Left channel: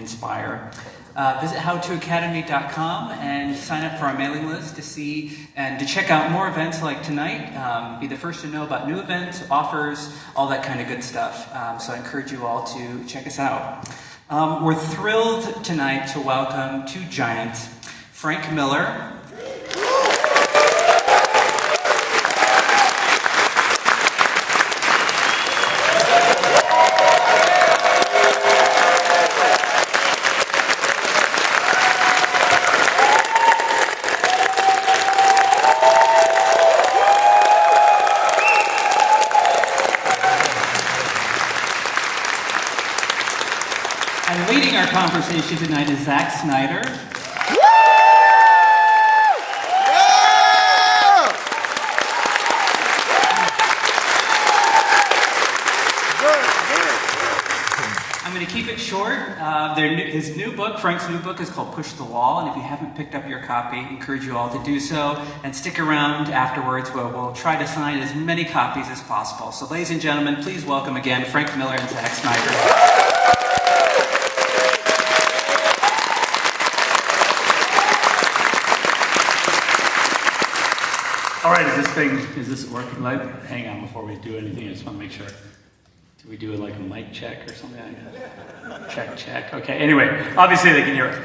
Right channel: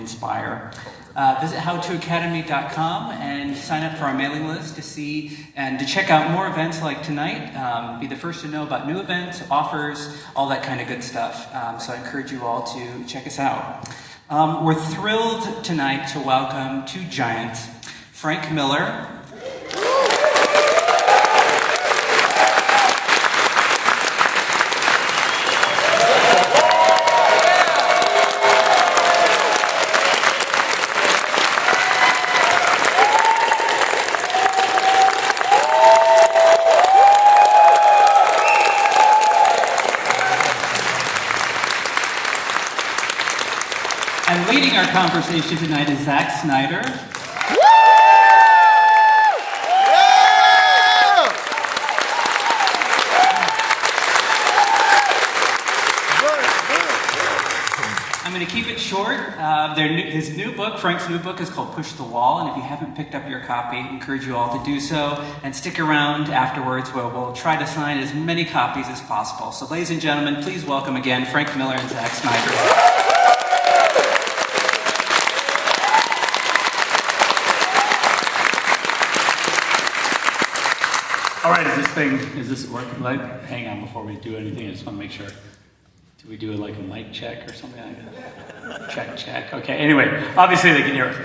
inspire. Visit howtoacademy.com and sign up for our mailing list to see and to check out more events like tonight. Be the first to know about new events, offers, all that kind of good stuff. So I encourage you all to check us out. We're thrilled tonight to welcome two giants, Frank Miller. And leading our conversation tonight is Zack Snyder. I'm going to keep it short. His new book, Frank's new book, is called Push the Wall, and if you haven't picked up your copy, I encourage you all to do so, and stick around afterwards where we'll try to sign as many copies as possible. So ladies and gentlemen, please welcome again Frank Miller and Zack Snyder. All right, is this working? Hang on before we do anything. I just want to make sure. Do we do like a mic check or something? Check. Okay, anyway, obviously they can hear us.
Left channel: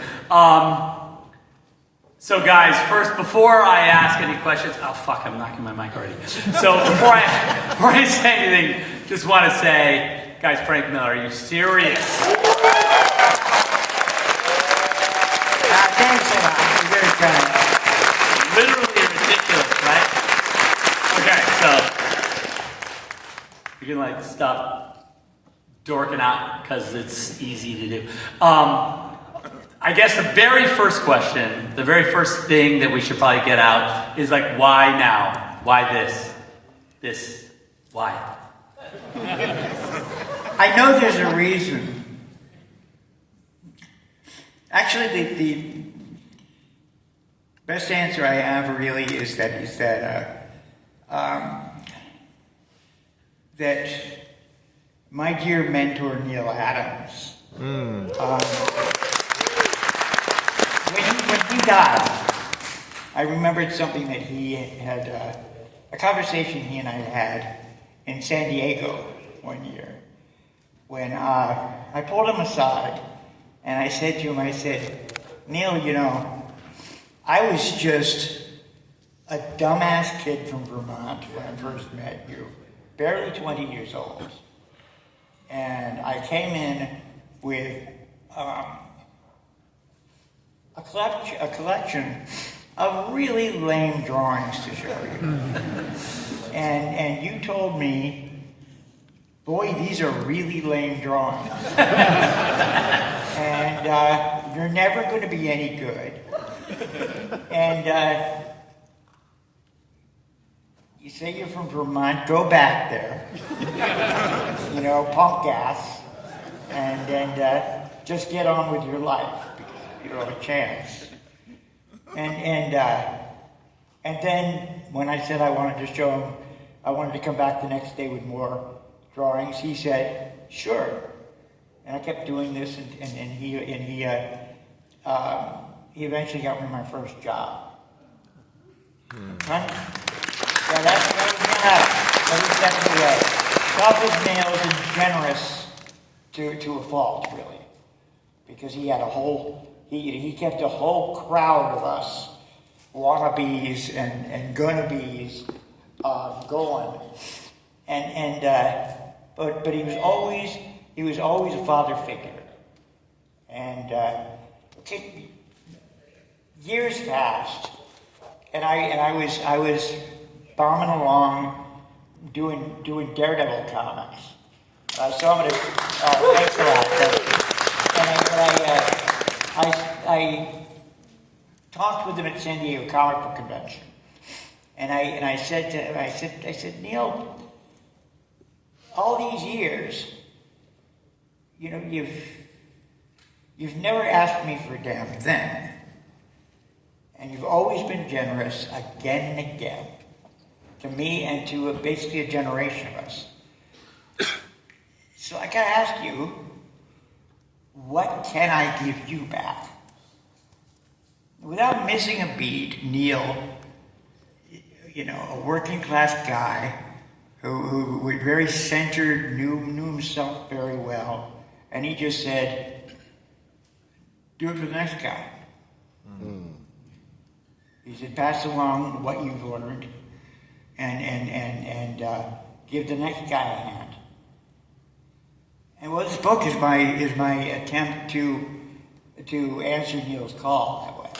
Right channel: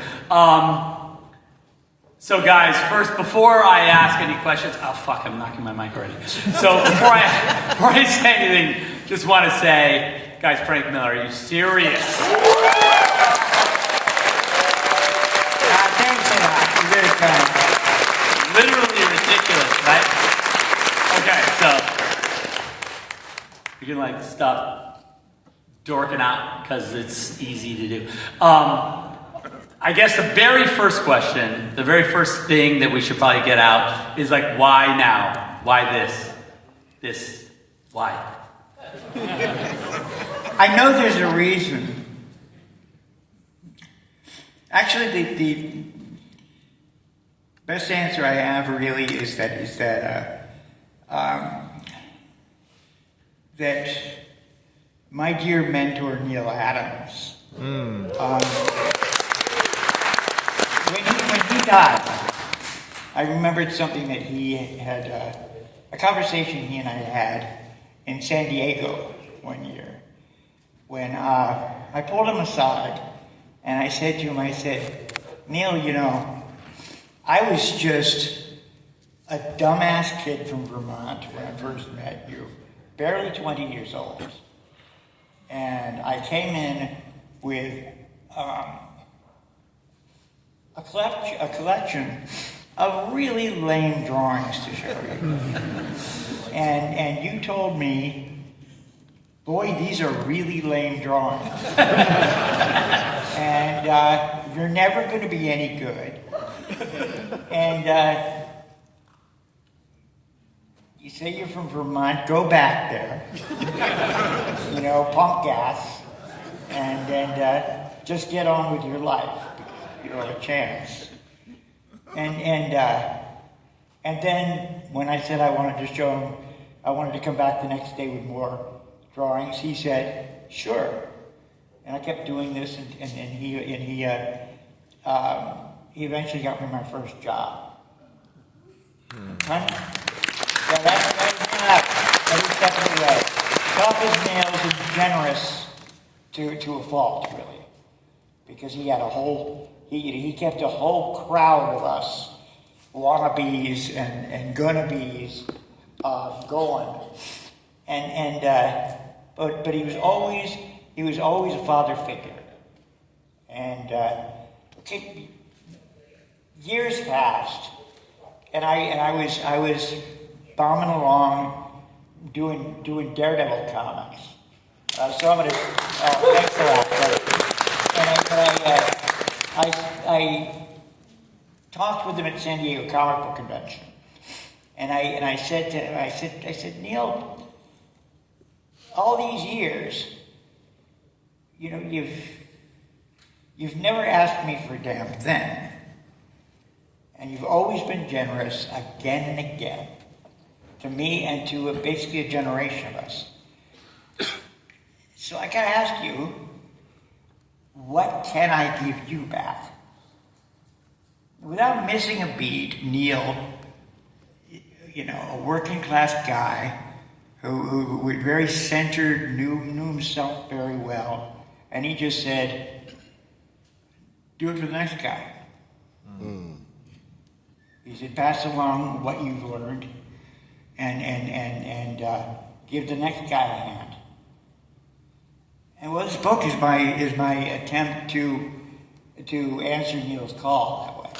So guys, first, before I ask any questions, oh fuck, I'm knocking my mic already. So before I say anything, just want to say, guys, Frank Miller, are you serious? Thanks a lot. You did it, Frank. Literally ridiculous, right? Okay, so you can like stop dorking out because it's easy to do. I guess the very first question, the very first thing that we should probably get out is like, why now? Why this? Why? I know there's a reason. Actually, the best answer I have really is that my dear mentor Neil Adams, when he died, I remembered something that he had a conversation he and I had in San Diego one year when I pulled him aside and I said to him, I said, Neil, you know, I was just a dumbass kid from Vermont when I first met you, barely 20 years old. And I came in with a collection of really lame drawings to show you. And you told me, boy, these are really lame drawings. And you're never going to be any good. And you say you're from Vermont, go back there, you know, pump gas, and just get on with your life. You don't have a chance. And then when I said I wanted to show him, I wanted to come back the next day with more drawings, he said, sure. And I kept doing this, and he eventually got me my first job. Right? Yeah, that was definitely tough as nails and generous to a fault, really. Because he had he kept a whole crowd of us, wannabes and gonna-bes, going. But he was always a father figure. And years passed, and I was bombing along doing Daredevil comics. I saw him at thanks a lot. I talked with him at San Diego Comic Book Convention, and I said, Neil, all these years, you know, you've never asked me for a damn thing. And you've always been generous again and again to me and to basically a generation of us. So I gotta ask you, what can I give you back? Without missing a beat, Neil, a working class guy who was very centered, knew himself very well, and he just said, do it for the next guy. He said, pass along what you've learned and give the next guy a hand. And well, this book is my attempt to answer Neil's call that way.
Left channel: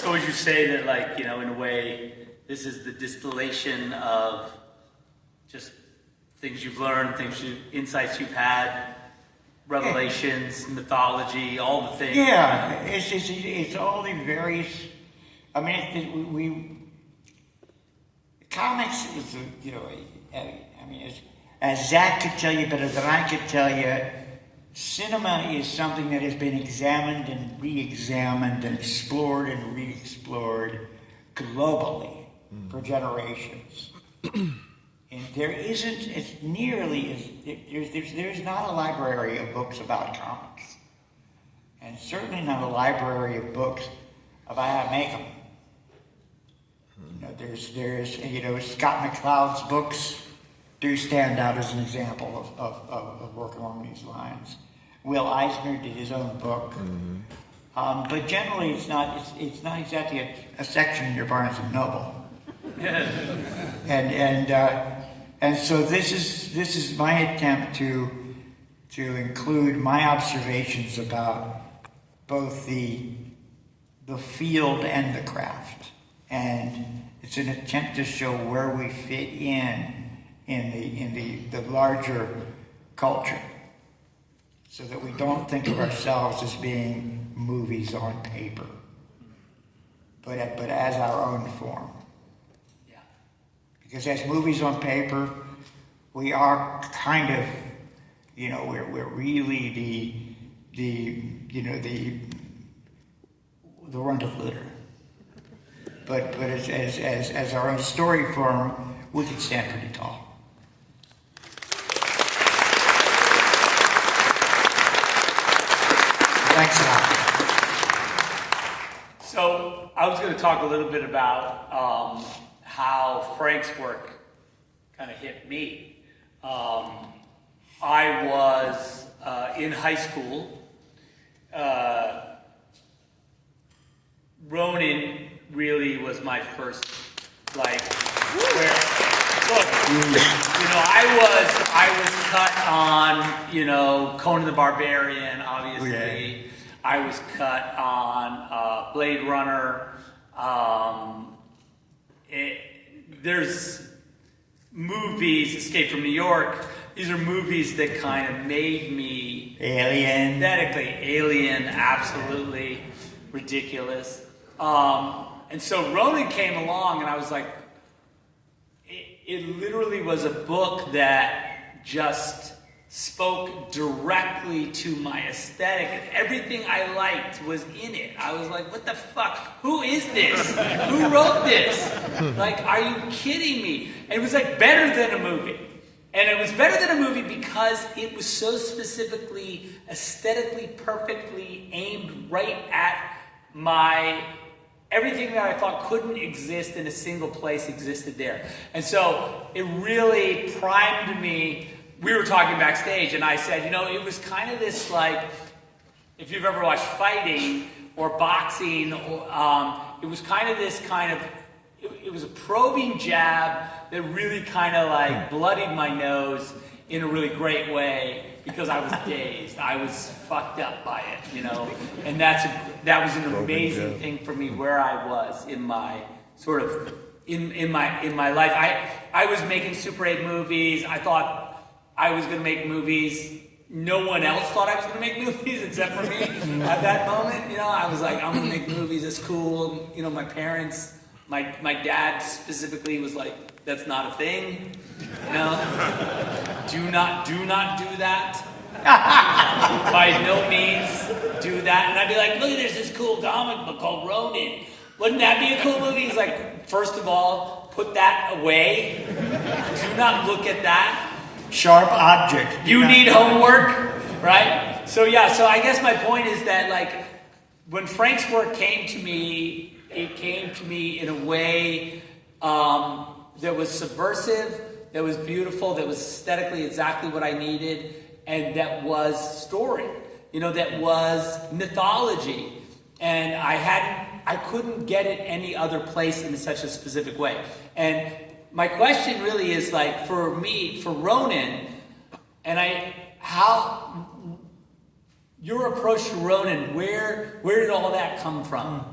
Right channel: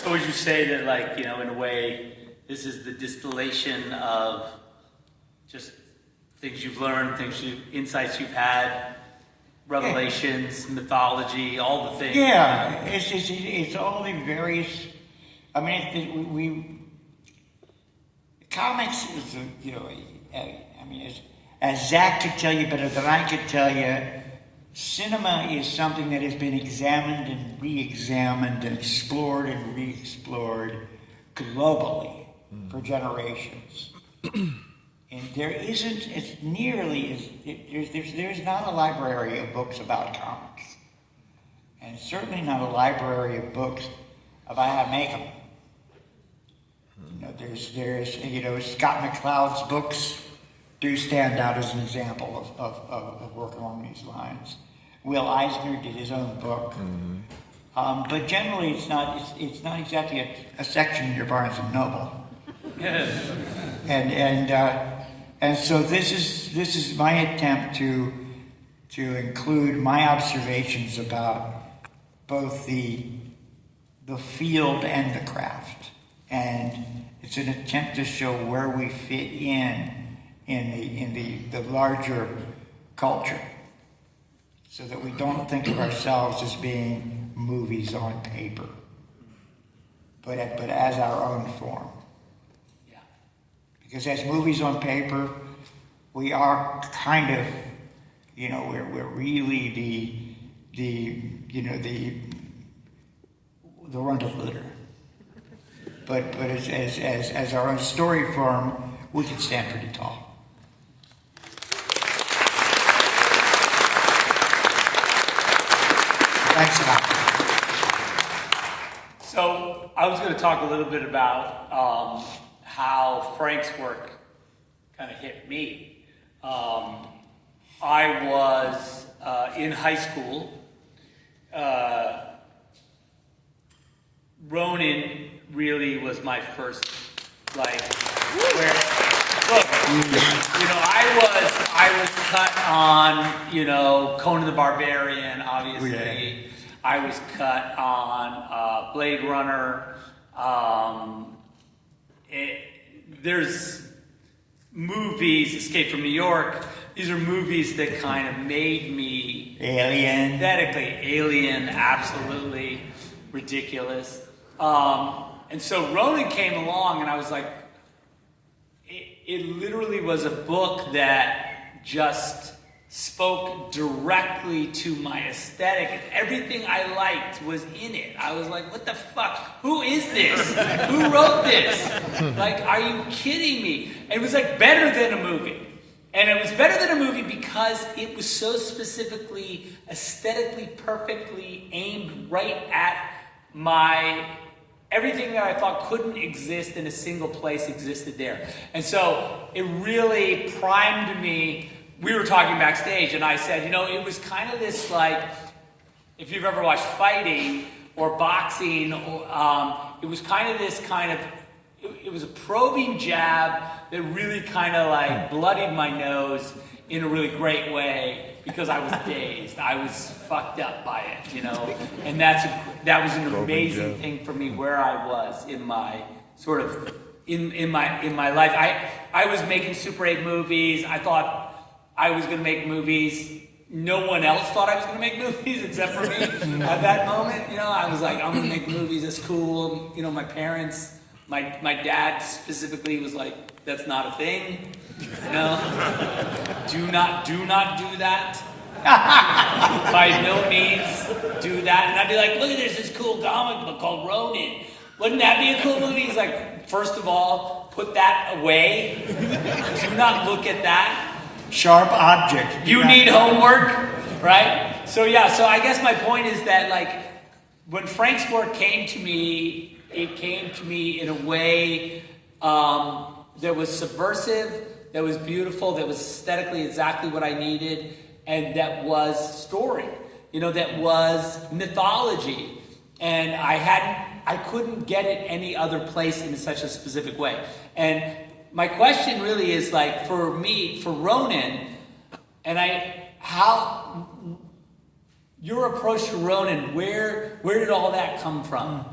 So would you say that, like, in a way, this is the distillation of just things you've learned, insights you've had, revelations, mythology, all the things? Yeah, it's all the various. I mean, comics is, as Zack could tell you better than I could tell you, cinema is something that has been examined and re-examined and explored and re-explored globally for generations. And there isn't as nearly as there's not a library of books about comics, and certainly not a library of books about how to make them. There's Scott McCloud's books do stand out as an example of work along these lines. Will Eisner did his own book, but generally it's not exactly a section in your Barnes and Noble. And so this is my attempt to include my observations about both the field and the craft, and it's an attempt to show where we fit in the larger culture, so that we don't think of ourselves as being movies on paper, but as our own form. Because as movies on paper, we are kind of, we're really the runt of litter. But as our own story form, we can stand pretty tall. Thanks a lot. So I was going to talk a little bit about how Frank's work kind of hit me. I was in high school. Ronin really was my first, look, I was cut on, Conan the Barbarian, obviously. Yeah. I was cut on Blade Runner. There's movies, Escape from New York. These are movies that kind of made me aesthetically Alien, absolutely ridiculous. And so Ronin came along, and I was like, it literally was a book that just spoke directly to my aesthetic. Everything I liked was in it. I was like, what the fuck? Who is this? Who wrote this? Like, are you kidding me? And it was like better than a movie. And it was better than a movie because it was so specifically, aesthetically, perfectly aimed right at everything that I thought couldn't exist in a single place existed there. And so it really primed me. We were talking backstage, and I said, it was kind of this, like, if you've ever watched fighting or boxing, it was kind of this it was a probing jab that really kind of, like, bloodied my nose in a really great way because I was dazed. I was fucked up by it, And that was an amazing thing for me where I was in my sort of, in my life. I was making Super 8 movies. I thought I was going to make movies. No one else thought I was going to make movies except for me at that moment. I was like, I'm going to make movies. It's cool. My parents, my dad specifically was like, that's not a thing. Do not do that. By no means do that. And I'd be like, look at this cool comic book called Ronin. Wouldn't that be a cool movie? He's like, first of all, put that away. Do not look at that. Sharp object. You need homework, right? So I guess my point is that like when Frank's work came to me, it came to me in a way that was subversive, that was beautiful, that was aesthetically exactly what I needed, and that was story. That was mythology. And I couldn't get it any other place in such a specific way. And my question really is like, for me, for Ronin, how your approach to Ronin, where did all that come from?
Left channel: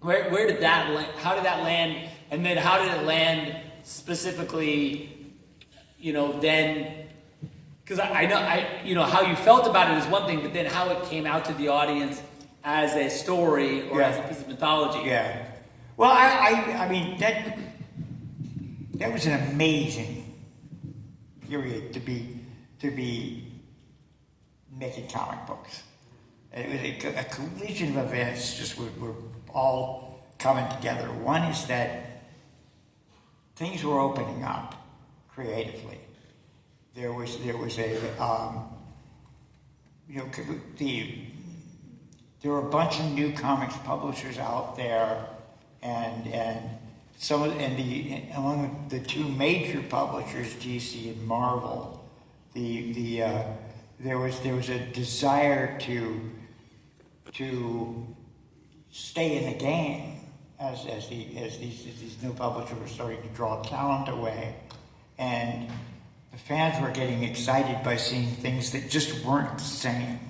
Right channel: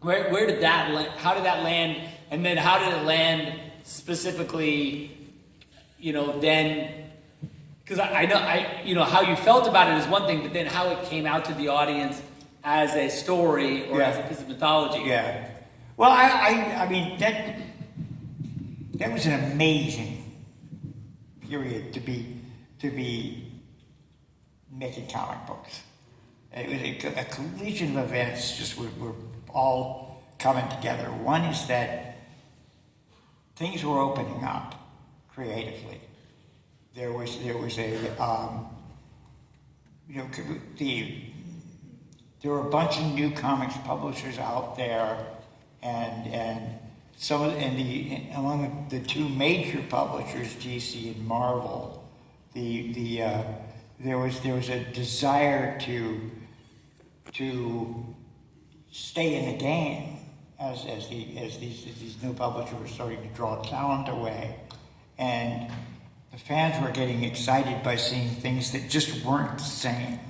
Where did that land? How did that land? And then how did it land specifically, then, because I know, how you felt about it is one thing, but then how it came out to the audience as a story or as a piece of mythology. Yeah. Well, I mean, that was an amazing period to be making comic books. It was a collision of events just were all coming together. One is that things were opening up creatively. There was there were a bunch of new comics publishers out there, and among the two major publishers, DC and Marvel, there was a desire to stay in the game as these new publishers were starting to draw talent away, and the fans were getting excited by seeing things that just weren't the same.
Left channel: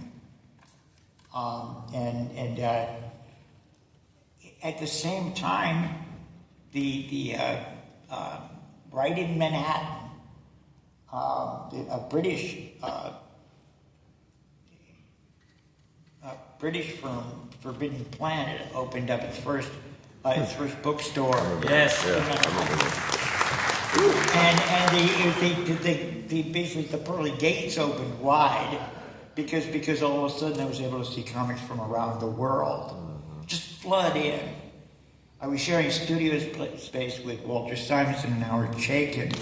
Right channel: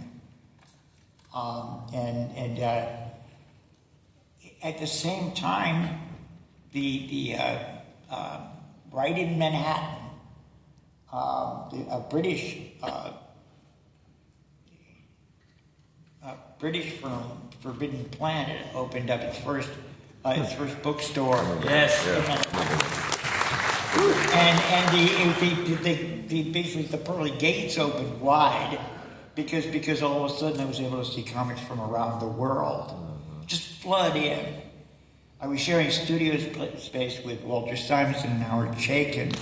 At the same time, the right in Manhattan, a British firm, Forbidden Planet, opened up its first bookstore. Yes. And basically the pearly gates opened wide because all of a sudden I was able to see comics from around the world just flood in. I was sharing studio space with Walter Simonson and Howard Chaykin,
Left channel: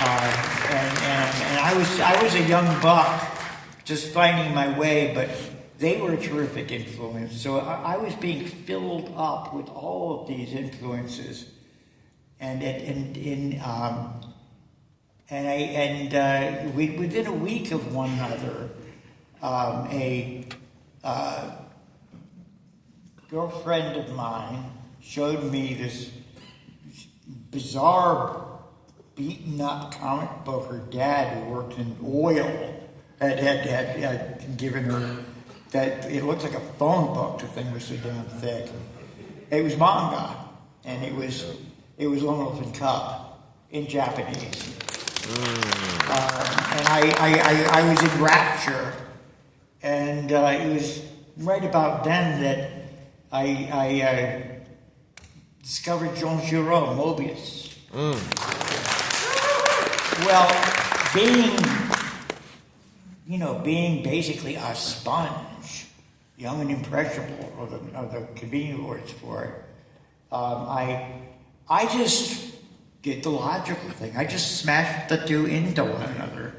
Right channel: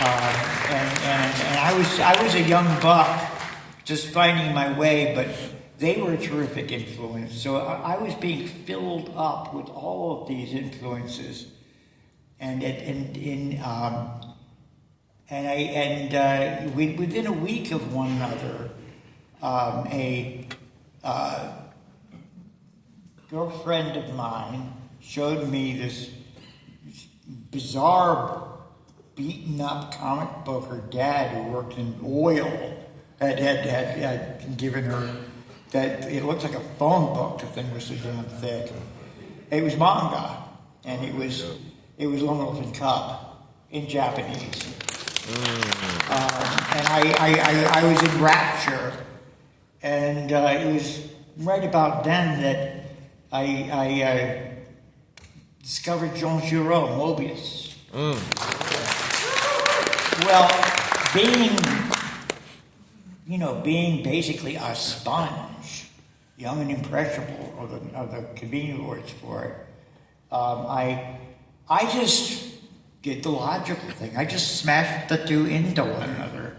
and I was a young buck just finding my way, but they were a terrific influence. So I was being filled up with all of these influences, within a week of one another, a girlfriend of mine showed me this bizarre, beaten-up comic book her dad, who worked in oil, had given her. That it looked like a phone book. The thing was so damn thick. It was manga, and it was Lone Elephant Cub in Japanese. And I was in rapture, and it was right about then that I discovered Jean Giraud, Mobius. Well, being basically a sponge, young and impressionable, are the convenient words for it. I just did the logical thing. I just smashed the two into one another,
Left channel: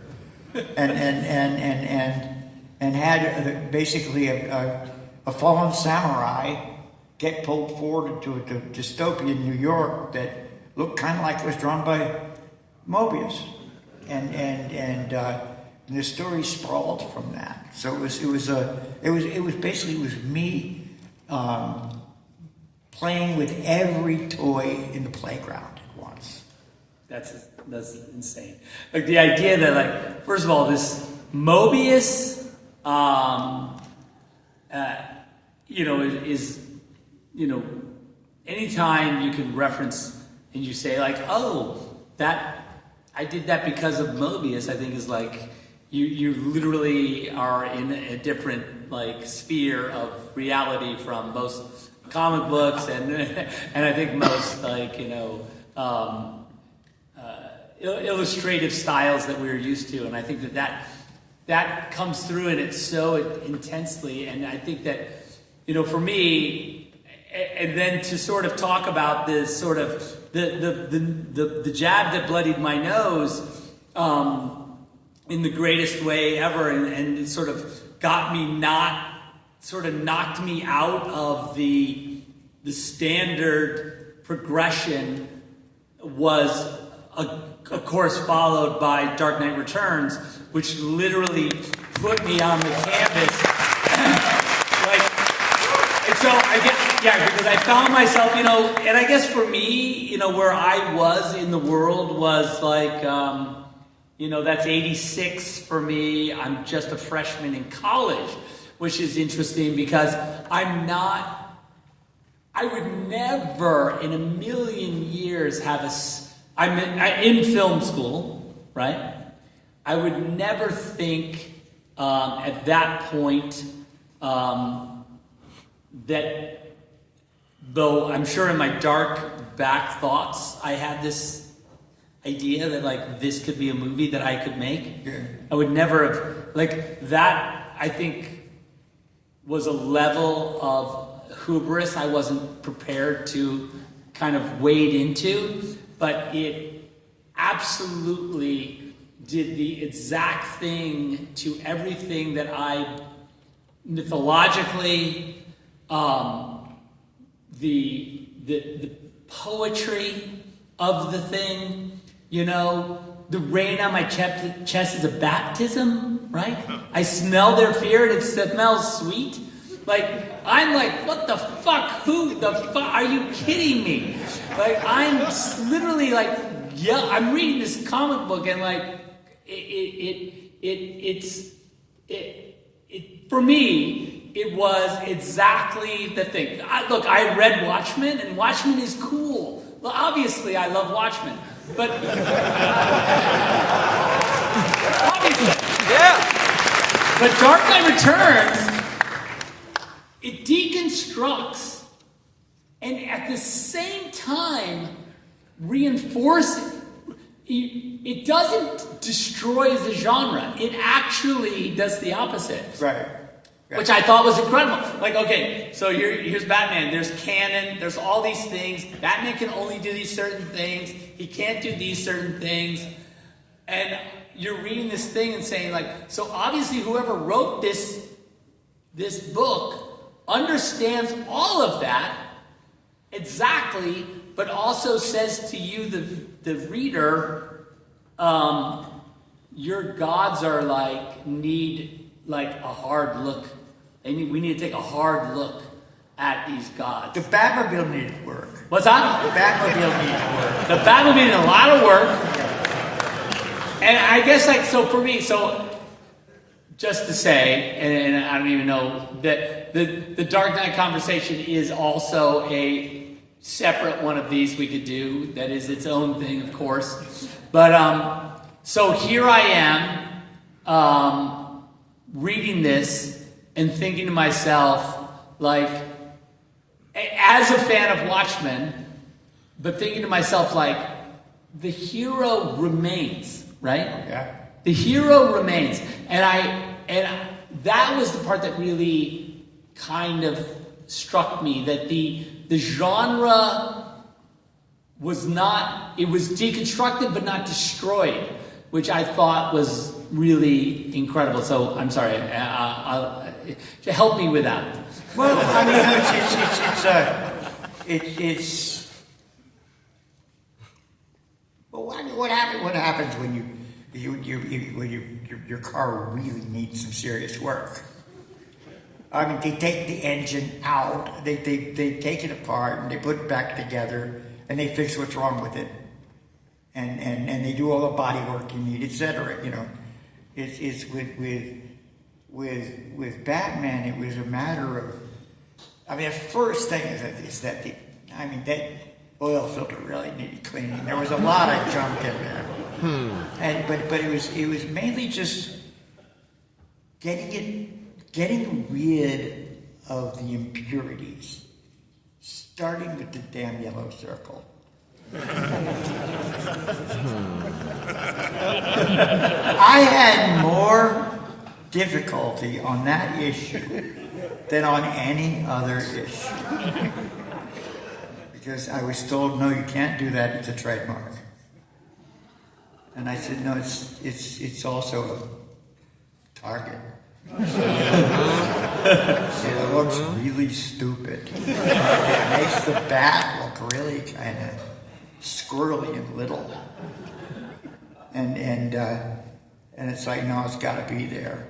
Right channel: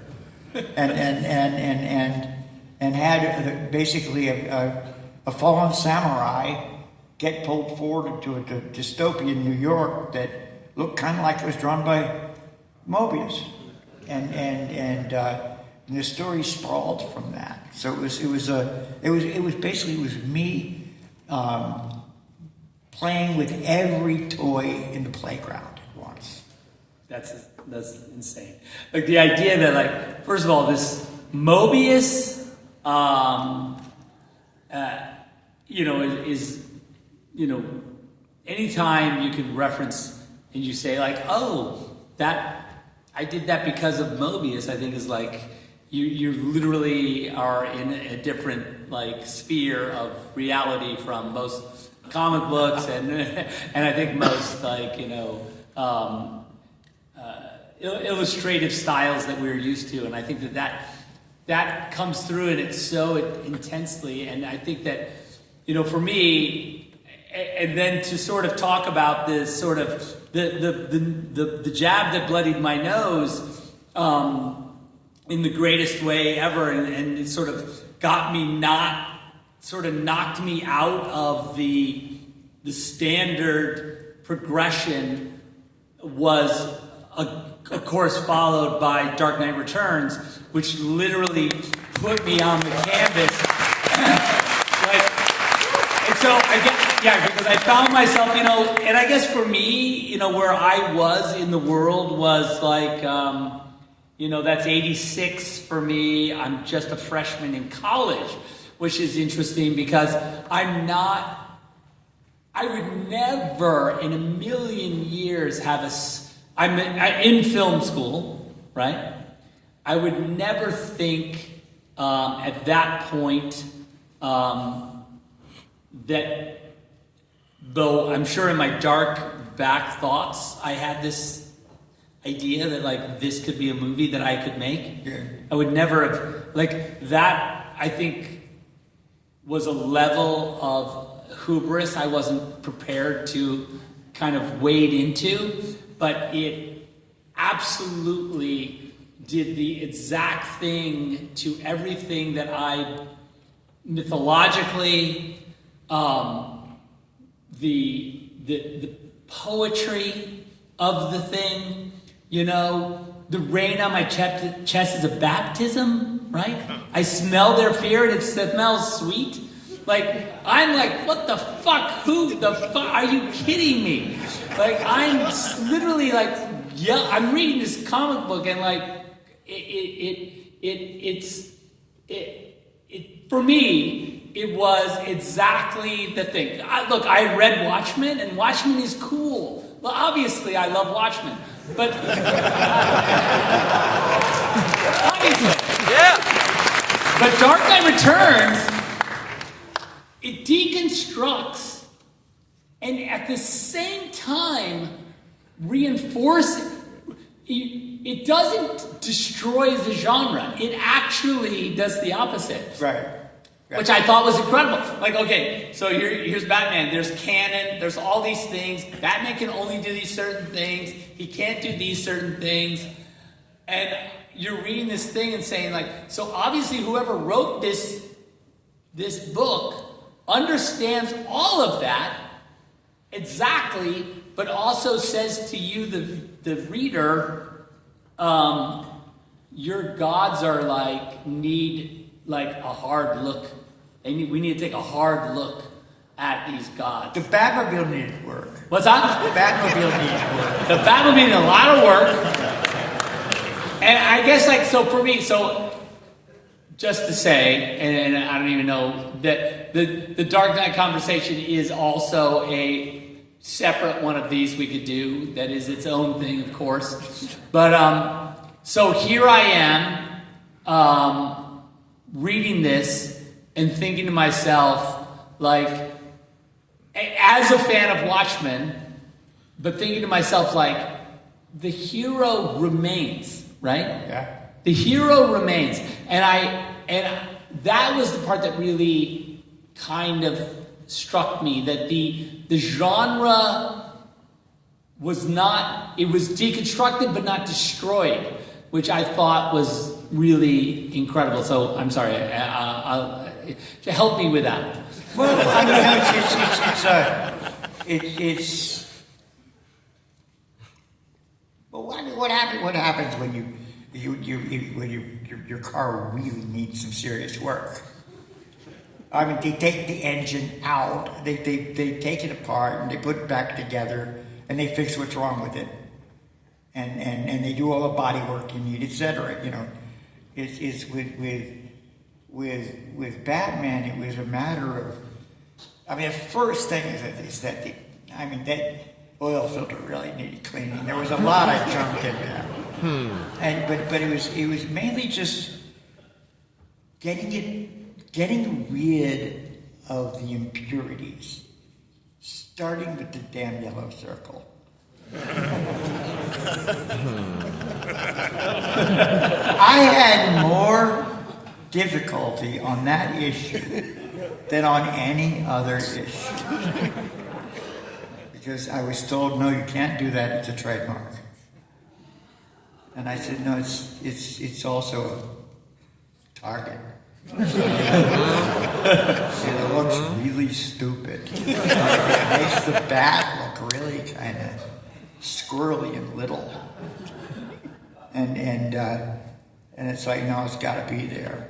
and had basically a fallen samurai get pulled forward into a dystopian New York that looked kind of like it was drawn by Mobius, and the story sprawled from that. So it was me playing with every toy in the playground at once. That's insane. Like the idea that, like, first of all, this Mobius, is anytime you can reference and you say like, oh, that I did that because of Mobius, I think is like you literally are in a different like sphere of reality from most comic books and I think most like illustrative styles that we're used to, and I think that comes through and it's so intensely, and I think that for me, and then to sort of talk about this sort of the jab that bloodied my nose in the greatest way ever, and it sort of knocked me out of the standard progression, was of course followed by Dark Knight Returns, which literally put me on the canvas. Because I found myself, and I guess for me, where I was in the world was like, that's 86 for me. I'm just a freshman in college, which is interesting because I would never in a million years I'm in film school, right? I would never think at that point that, though I'm sure in my dark back thoughts, I had this idea that like this could be a movie that I could make. Yeah. I would never have, like that, I think was a level of hubris I wasn't prepared to kind of wade into, but it absolutely did the exact thing to everything that I mythologically, the poetry of the thing, the rain on my chest is a baptism, right? I smell their fear and it smells sweet. Like, I'm like, what the fuck? Who the fuck? Are you kidding me? Like, I'm literally like, yeah, I'm reading this comic book and like, it's for me, it was exactly the thing. I read Watchmen, and Watchmen is cool. Well, obviously, I love Watchmen, but obviously, yeah. But Dark Knight Returns, it deconstructs, and at the same time reinforces. It doesn't destroy the genre. It actually does the opposite. Right. Which I thought was incredible. Like, okay, so here's Batman. There's canon. There's all these things. Batman can only do these certain things. He can't do these certain things. And you're reading this thing and saying, like, so obviously whoever wrote this book understands all of that exactly, but also says to you, the reader, your gods are need a hard look. We need to take a hard look at these gods. The Batmobile needs work. What's that? The Batmobile needs work. The Batmobile needs a lot of work. And I guess, so for me, just to say, and I don't even know, that the Dark Knight conversation is also a separate one of these we could do. That is its own thing, of course. But, so here I am, reading this and thinking to myself, like, as a fan of Watchmen, but thinking to myself, like, the hero remains, right? Yeah. The hero remains. And that was the part that really kind of struck me, that the genre was not, it was deconstructed but not destroyed, which I thought was really incredible. So I'm sorry, help me with that. Well, I mean, it's well, what happens when your car really needs some serious work? I mean, they take the engine out, they take it apart, and they put it back together, and they fix what's wrong with it, and they do all the body work you need, etc. It's with Batman, it was a matter of, I mean, the first thing is that that oil filter really needed cleaning. There was a lot of junk in there, but it was mainly just getting rid of the impurities, starting with the damn yellow circle. I had more difficulty on that issue than on any other issue. because I was told, no, you can't do that. It's a trademark. And I said, no, it's also a target. So it looks really stupid. It makes the bat look really kind of squirrely and little. And it's like, no, it's got to be there.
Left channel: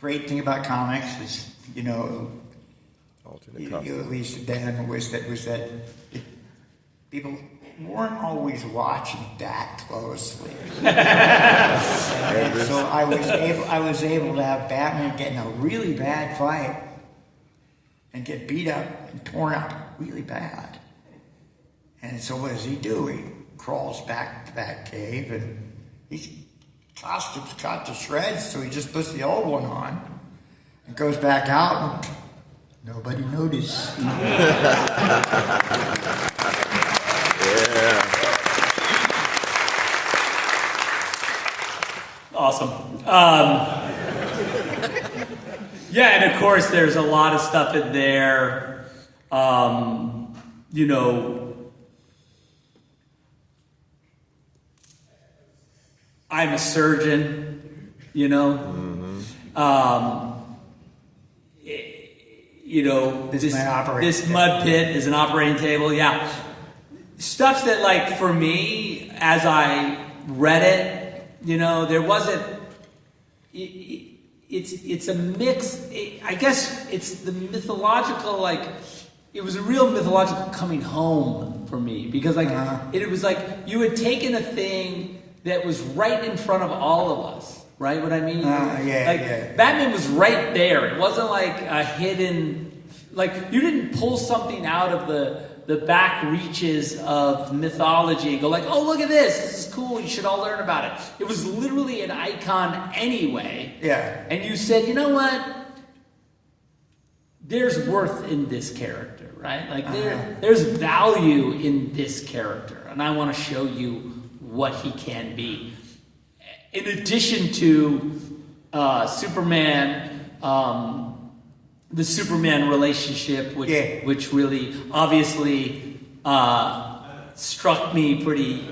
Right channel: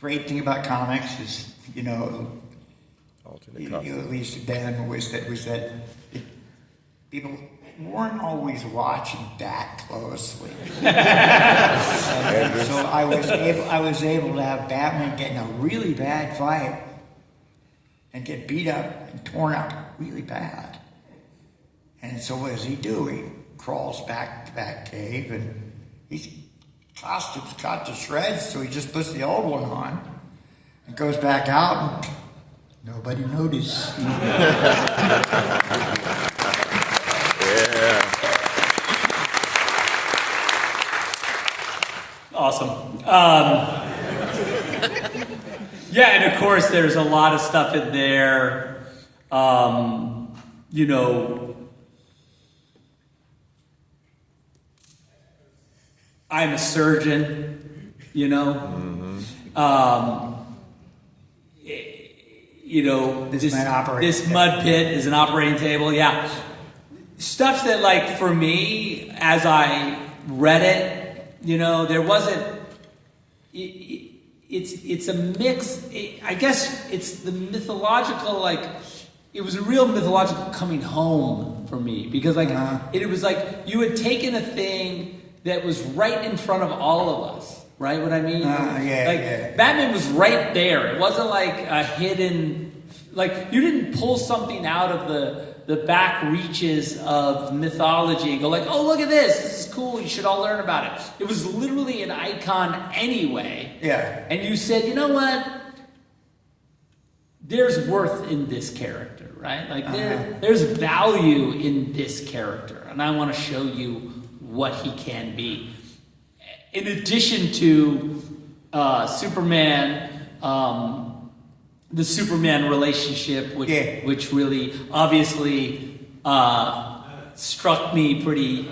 Great thing about comics is, you know, at least then was that people weren't always watching that closely. So I was able to have Batman get in a really bad fight and get beat up and torn up really bad. And so what does he do? He crawls back to that cave, and his costume's cut to shreds, so he just puts the old one on and goes back out, and nobody noticed. Yeah. Awesome. Yeah, and of course, there's a lot of stuff in there. You know, I'm a surgeon, you know. You know, this mud pit is an operating table, yeah. Stuff that, like, for me, as I read it, you know, there wasn't. It's a mix. I guess it's the mythological, like, it was a real mythological coming home for me, because, like, it was like you had taken a thing that was right in front of all of us. Right, what I mean? Batman was right there. It wasn't like a hidden, like, you didn't pull something out of the back reaches of mythology and go like, oh, look at this is cool, you should all learn about it. It was literally an icon anyway. Yeah. And you said, you know what? There's worth in this character, right? Like, there's value in this character, and I want to show you what he can be. In addition to Superman, the Superman relationship, which really obviously struck me pretty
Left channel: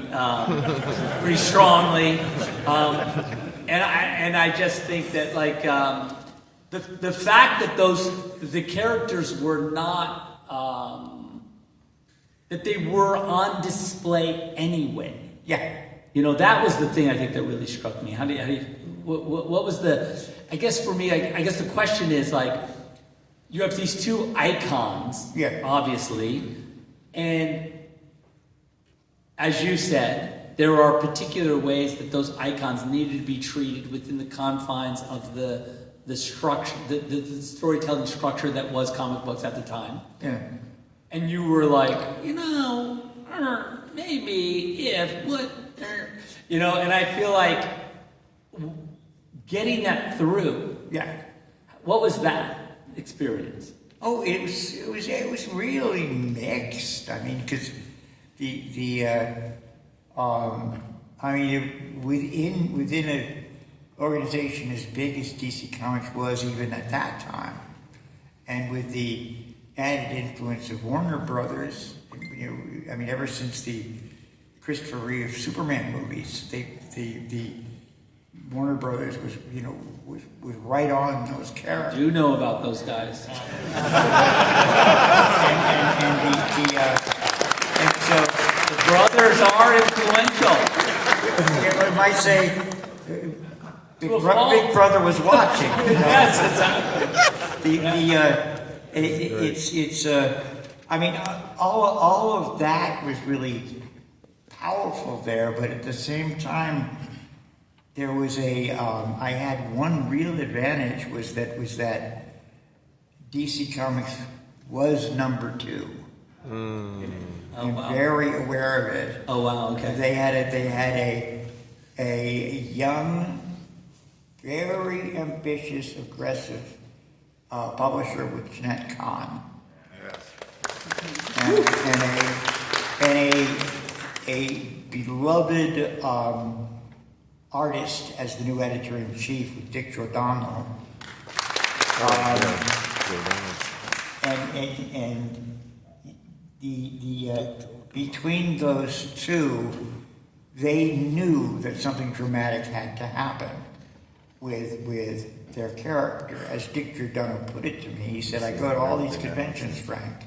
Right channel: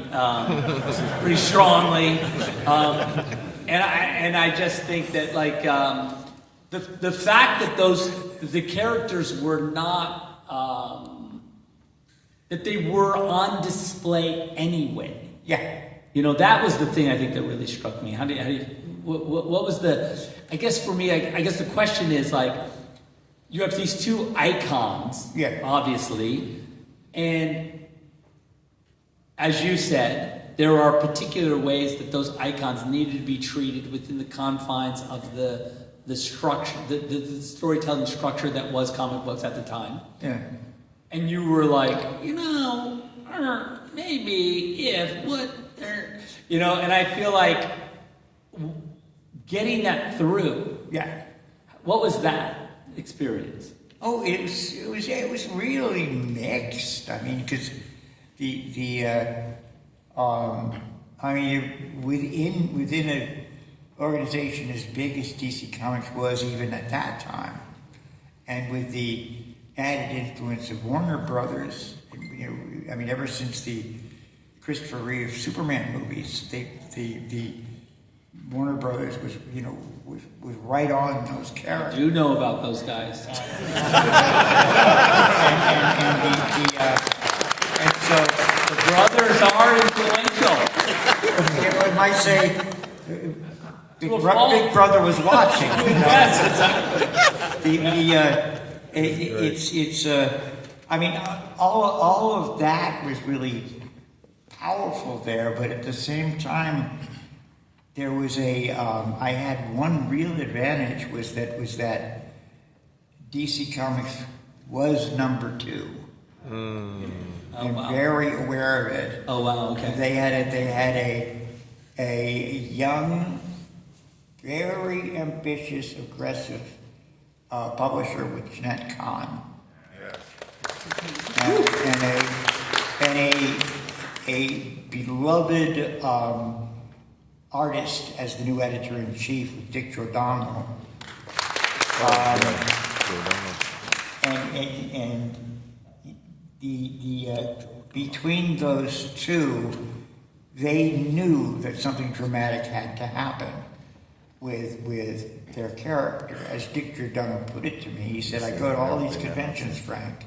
strongly, and I just think that, like, the fact that the characters were not that they were on display anyway. Yeah. You know, that was the thing I think that really struck me. What was the, I guess for me, I guess the question is, like, you have these two icons, obviously, and as you said, there are particular ways that those icons needed to be treated within the confines of the structure, the storytelling structure that was comic books at the time. Yeah. And you were like, you know, maybe if what. You know, and I feel like getting that through. Yeah. What was that experience? Oh, it was really mixed. I mean, because within an organization as big as DC Comics was even at that time, and with the added influence of Warner Brothers, you know, I mean, ever since the Christopher Reeve Superman movies, the Warner Brothers was right on those characters. You know about those guys. And so the brothers are influential. I might say the Big Brother was watching. You know? Yes, exactly. I mean, all of that was really powerful there, but at the same time, there was I had one real advantage was that DC Comics was number 2. I'm very aware of it. Oh wow! Okay. They had a young, very ambitious, aggressive publisher with Jeanette Kahn, and a beloved artist as the new editor-in-chief with Dick Giordano. And between those two, they knew that something dramatic had to happen with their character. As Dick Giordano put it to me, he said, I go to all these conventions, Frank,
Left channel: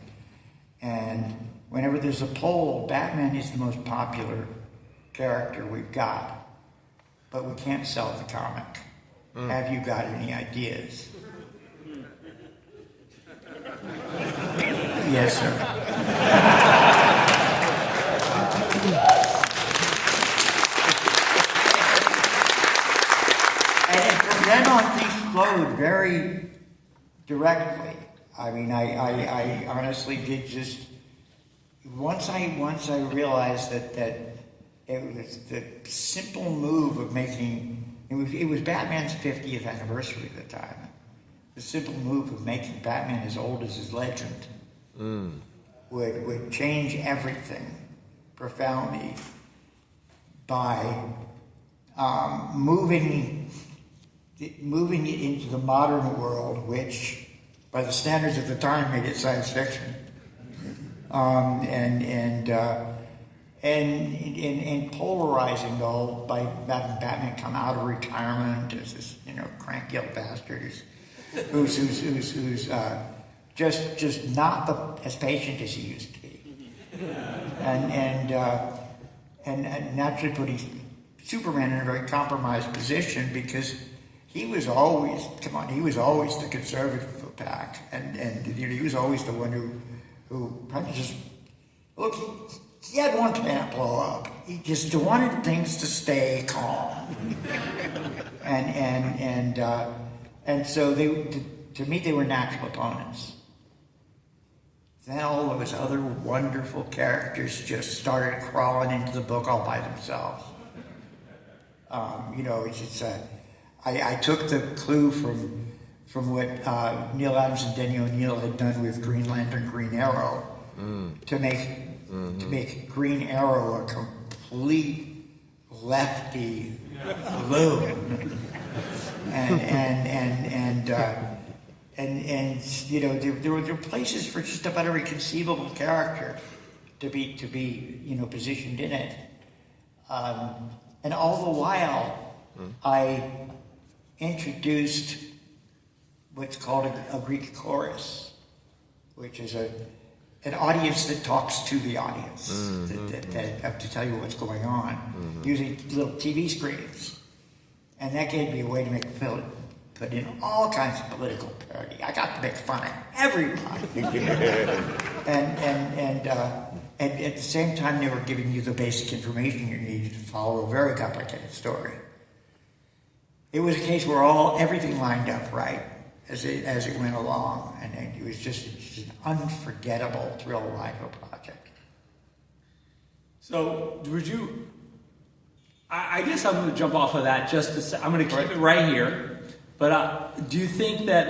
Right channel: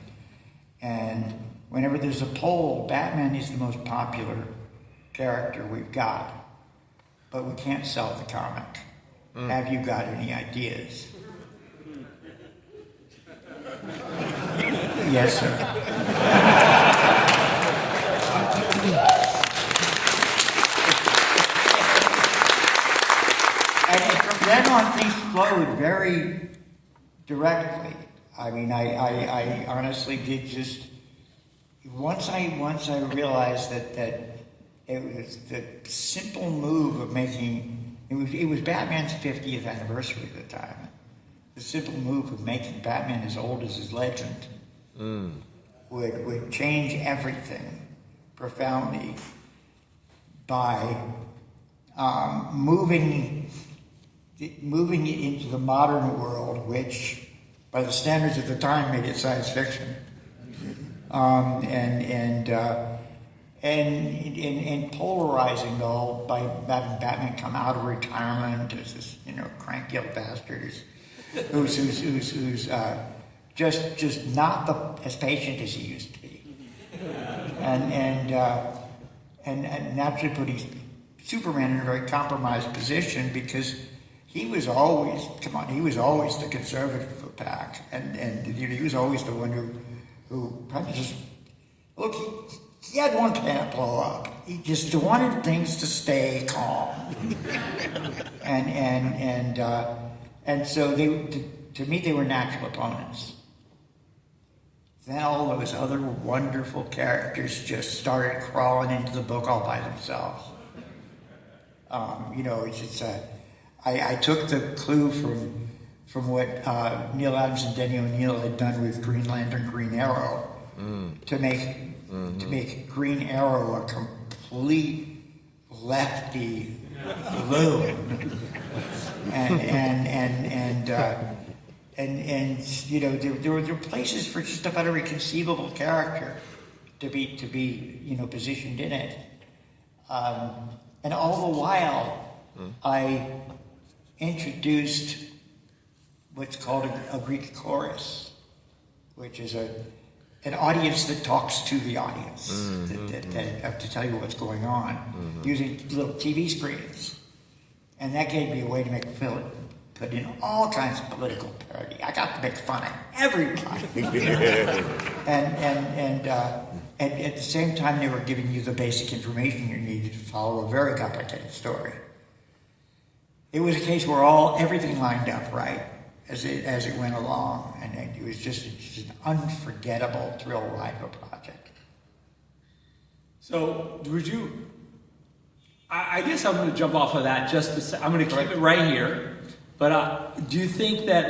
and whenever there's a poll, Batman is the most popular character we've got, but we can't sell the comic. Have you got any ideas? Yes, sir. And from then on, things flowed very directly. I mean, I honestly did just once I realized that it was the simple move of making it was Batman's 50th anniversary at the time. The simple move of making Batman as old as his legend would change everything profoundly by moving it into the modern world, which, by the standards of the time, made it science fiction, and polarizing though by having Batman come out of retirement as this cranky old bastard who's just not as patient as he used to be, and naturally putting Superman in a very compromised position because he was always the conservative of the pack, and he was always the one who kind of just look. He had one planet blow up. He just wanted things to stay calm, and so to me they were natural opponents. Then all those other wonderful characters just started crawling into the book all by themselves. I took the clue from what Neil Adams and Denny O'Neil had done with Green Lantern, Green Arrow, to make Green Arrow a complete lefty loon, and there were places for just about every conceivable character to be positioned in it, and all the while I introduced what's called a Greek chorus, which is an audience that talks to the audience to tell you what's going on, using little TV screens, and that gave me a way to make film. Put in all kinds of political parody. I got to make fun of everybody, and at the same time, they were giving you the basic information you needed to follow a very complicated story. It was a case where everything lined up right as it went along, and it was just an unforgettable thrill ride of a project. So, would you? I guess I'm going to jump off of that just to say, I'm going to keep it right here. But do you think that,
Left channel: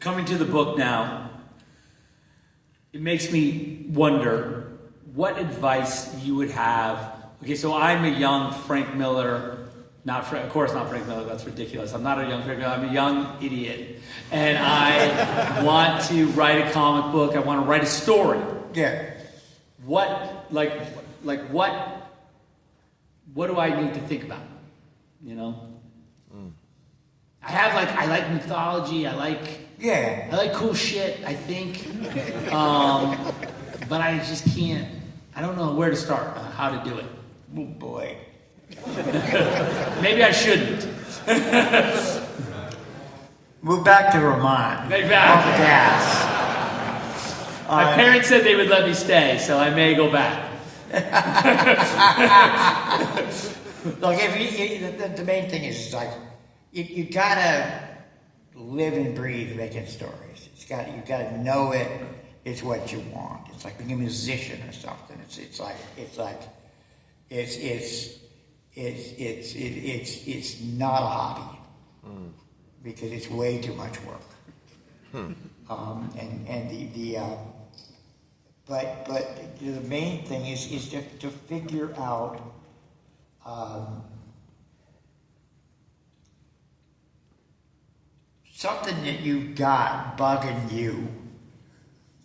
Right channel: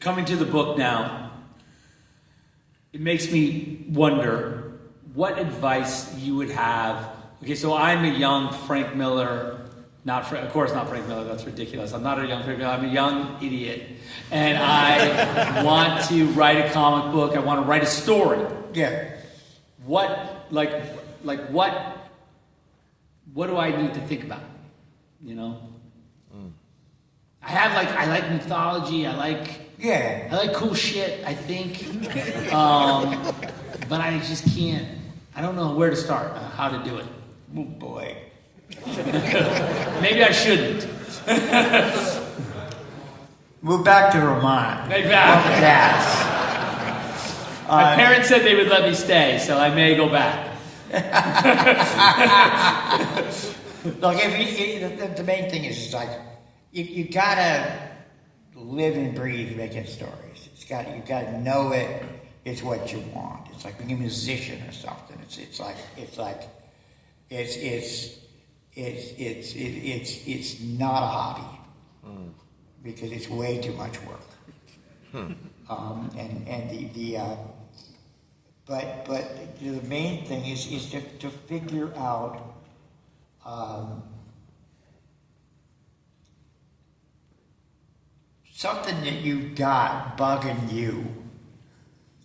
coming to the book now, it makes me wonder what advice you would have? Okay, so I'm a young Frank Miller, of course not Frank Miller, that's ridiculous. I'm not a young Frank Miller, I'm a young idiot. And I want to write a comic book, I want to write a story. Yeah. What do I need to think about? I like mythology. I like cool shit. I think, but I just can't. I don't know where to start. How to do it. Oh boy. Maybe I shouldn't. Move back to Ronin. Gas. My parents said they would let me stay, so I may go back. Look, the main thing is you gotta live and breathe making stories. You gotta know it. It's what you want. It's like being a musician or something. It's not a hobby because it's way too much work. But the main thing is to figure out something that you've got bugging you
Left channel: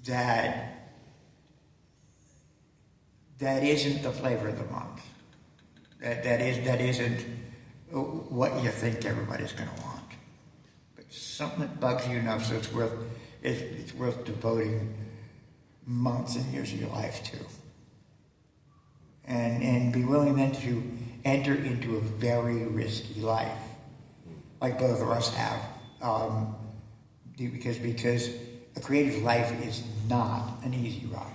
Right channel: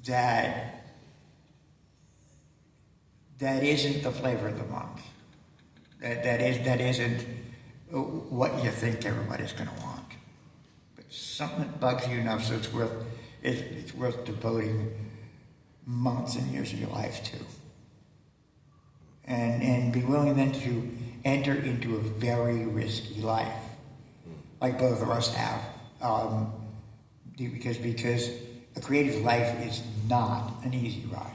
that isn't the flavor of the month. That isn't what you think everybody's going to want. But something that bugs you enough so it's worth devoting months and years of your life to. And be willing then to enter into a very risky life, like both of us have. Because a creative life is not an easy ride.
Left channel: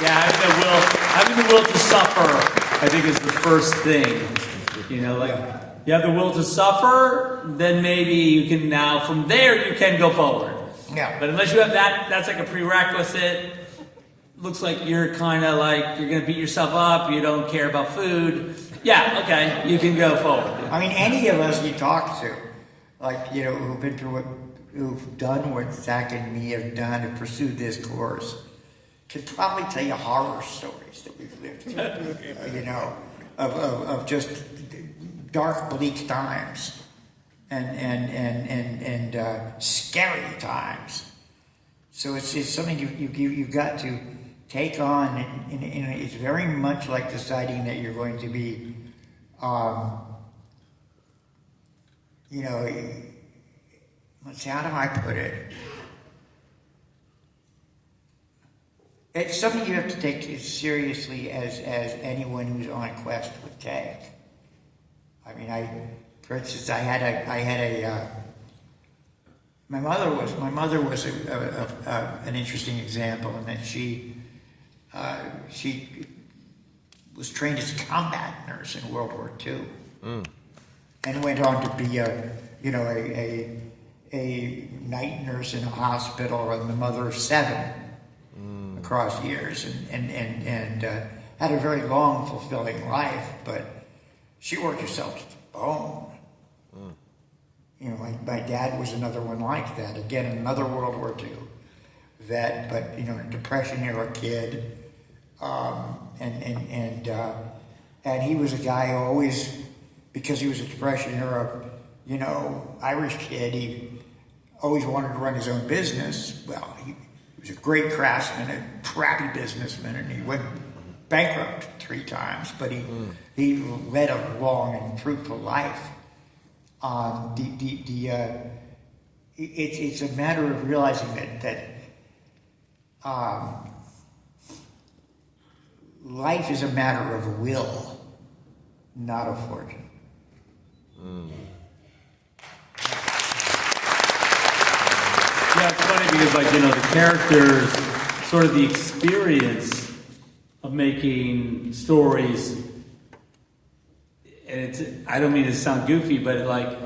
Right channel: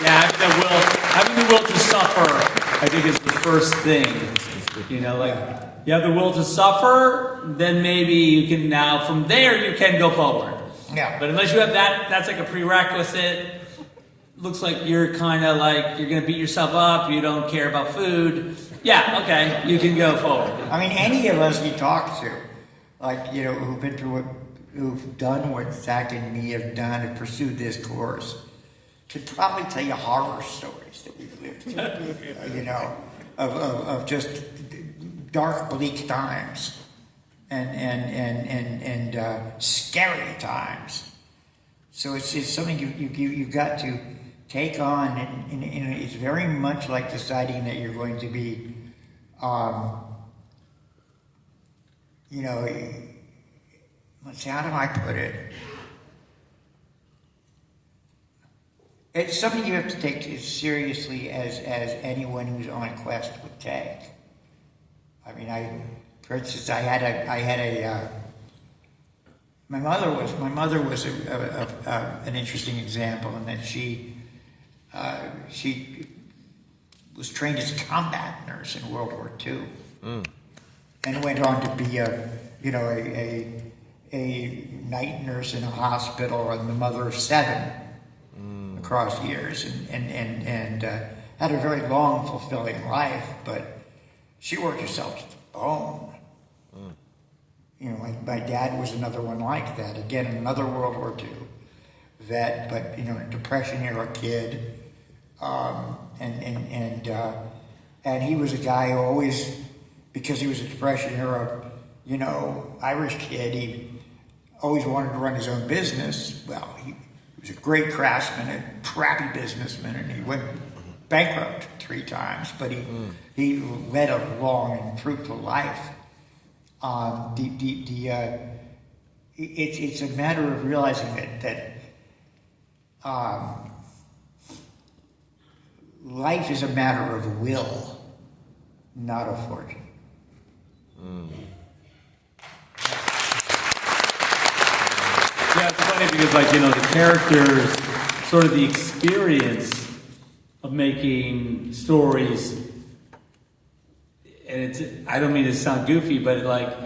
Yeah, having the will to suffer, I think, is the first thing. You know, like, you have the will to suffer, then maybe you can now, from there, you can go forward. Yeah. But unless you have that, that's like a prerequisite. Looks like you're kind of like, you're going to beat yourself up, you don't care about food. Yeah, okay, you can go forward. I mean, any of us you talk to, like, you know, who've been through who've done what Zack and me have done and pursued this course, could probably tell you horror stories that we've lived through, you know, of just dark, bleak times and scary times. So it's something you've got to take on, and it's very much like deciding that you're going to be, you know, let's see, how do I put it? It's something you have to take as seriously as anyone who's on a quest would take. I mean, for instance, I had a my mother was an interesting example in that she was trained as a combat nurse in World War II, and went on to be a night nurse in a hospital and the mother of 7 across years, and had a very long, fulfilling life. But she worked herself to the bone. You know, my dad was another one like that. Again, another World War II vet, but, you know, Depression era kid, and he was a guy who always, because he was a Depression era, you know, Irish kid, he always wanted to run his own business. Well, he was a great craftsman, a crappy businessman, and he went bankrupt 3 times, but he led a long and fruitful life. It's a matter of realizing that life is a matter of will, not of fortune. Yeah, it's funny because, like, you know, the characters, sort of the experience of making stories, and I don't mean to sound goofy, but like,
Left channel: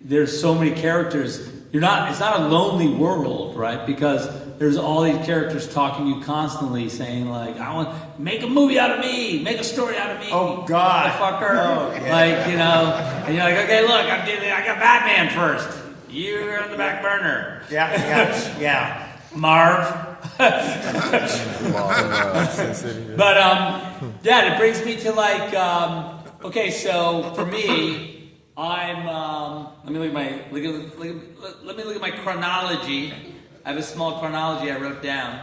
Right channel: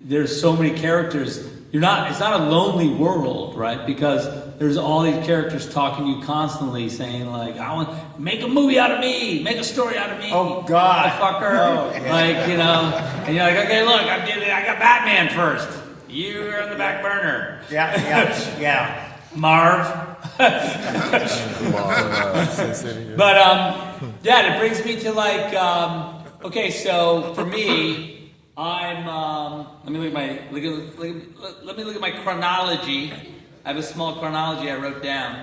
there's so many characters. It's not a lonely world, right? Because there's all these characters talking to you constantly, saying like, "I want make a movie out of me, make a story out of me." Oh God, motherfucker! Oh, yeah. Like, you know, and you're like, "Okay, look, I got Batman first. You're on the back burner." Yeah. Marv. But yeah, it brings me to like, okay, so for me, I'm let me look at my chronology. I have a small chronology I wrote down.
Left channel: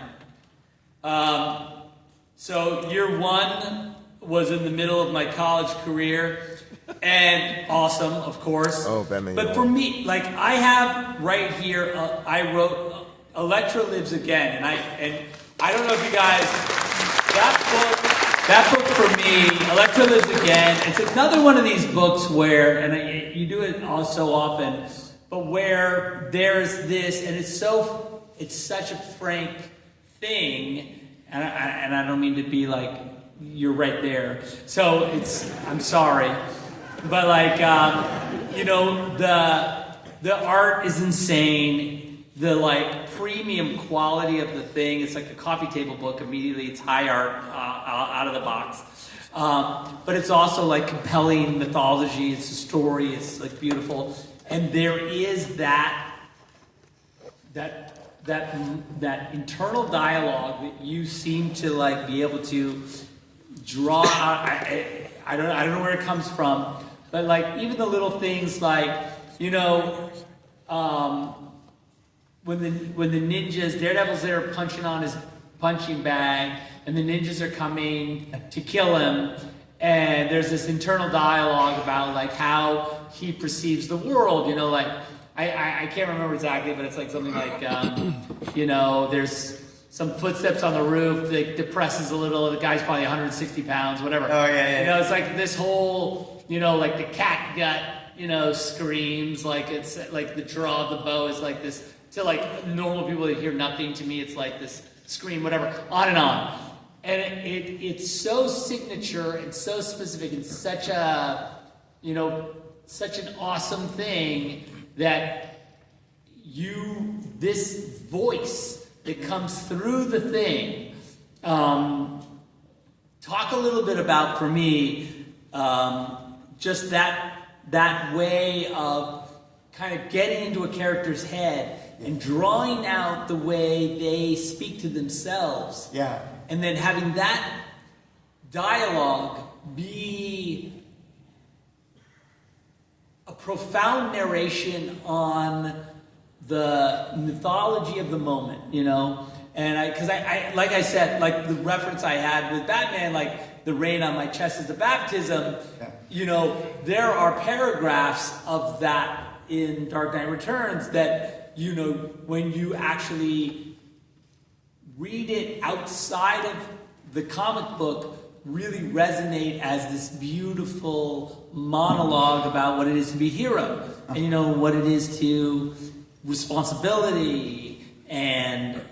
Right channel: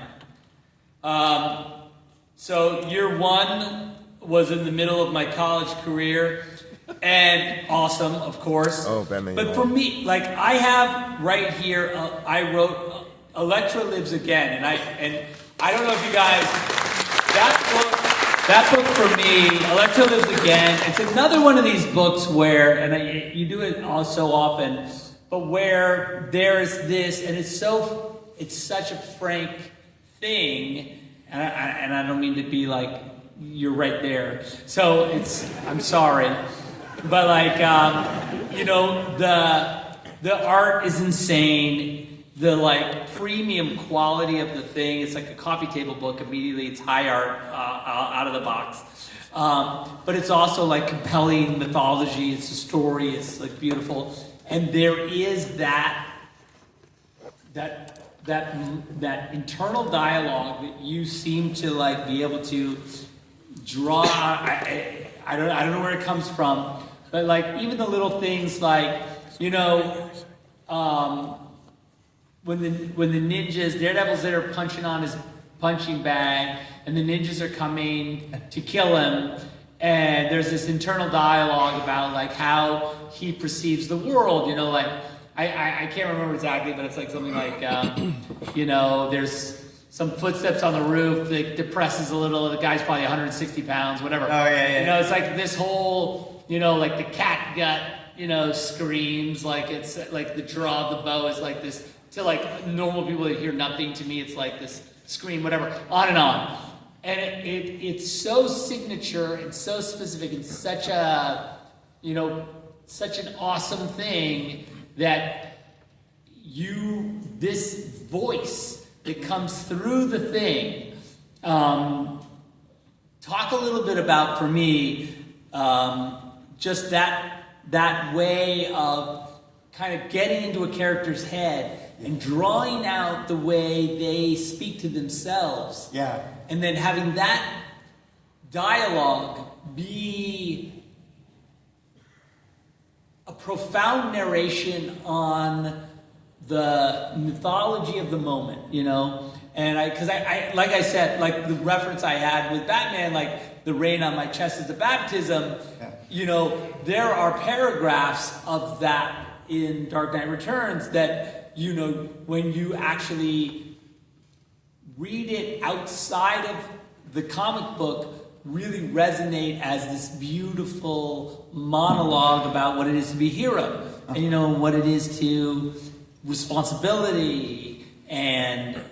So year 1 was in the middle of my college career, and awesome, of course. Oh, Batman. But for me, like, I have right here, I wrote Elektra Lives Again, and I don't know if you guys, that book for me, Elektra Lives Again, it's another one of these books where, and you do it so often, but where there's this, and it's such a frank thing, and I don't mean to be like, you're right there. So I'm sorry, but like, you know, the art is insane. The like premium quality of the thing, it's like a coffee table book. Immediately, it's high art out of the box. But it's also like compelling mythology. It's a story. It's like beautiful, and there is that internal dialogue that you seem to like be able to draw out. I don't know where it comes from, but like even the little things like, you know, when the ninjas, Daredevil's there punching on his punching bag, and the ninjas are coming to kill him, and there's this internal dialogue about like how he perceives the world, you know, like I can't remember exactly, but it's like something like you know, there's some footsteps on the roof that depresses a little, the guy's probably 160 pounds, whatever. Oh yeah. You know, it's like this whole, you know, like the cat gut, you know, screams, like it's like the draw of the bow is like this, to like normal people that hear nothing, to me it's like this scream, whatever, on and on. And it's so signature and so specific and such a, you know, such an awesome thing that this voice that comes through the thing, talk a little bit about, for me, just that way of kind of getting into a character's head and drawing out the way they speak to themselves. Yeah. And then having that dialogue be a profound narration on the mythology of the moment, you know? And because I like I said, like the reference I had with Batman, like the rain on my chest is the baptism, you know, there are paragraphs of that in Dark Knight Returns that, you know, when you actually read it outside of the comic book, really resonate as this beautiful monologue about what it is to be a hero, and you know what it is to responsibility and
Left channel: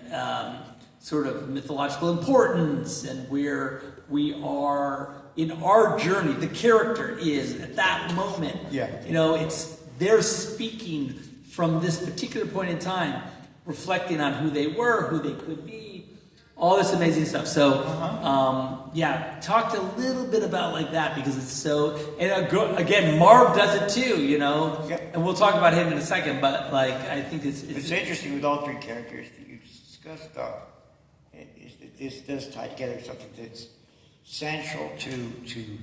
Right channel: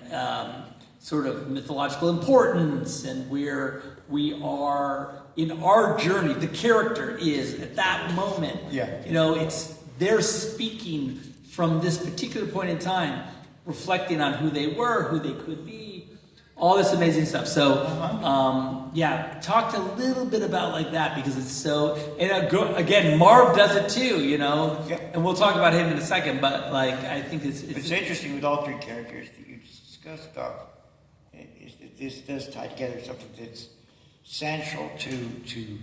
sort of mythological importance, and where we are in our journey. The character is at that moment. Yeah. You know, they're speaking from this particular point in time, reflecting on who they were, who they could be, all this amazing stuff. So, yeah, talked a little bit about like that, because it's so, and again, Marv does it too, you know, and we'll talk about him in a second, but like, I think it's interesting with all three characters that you discussed, though, is that this does tie together something that's central to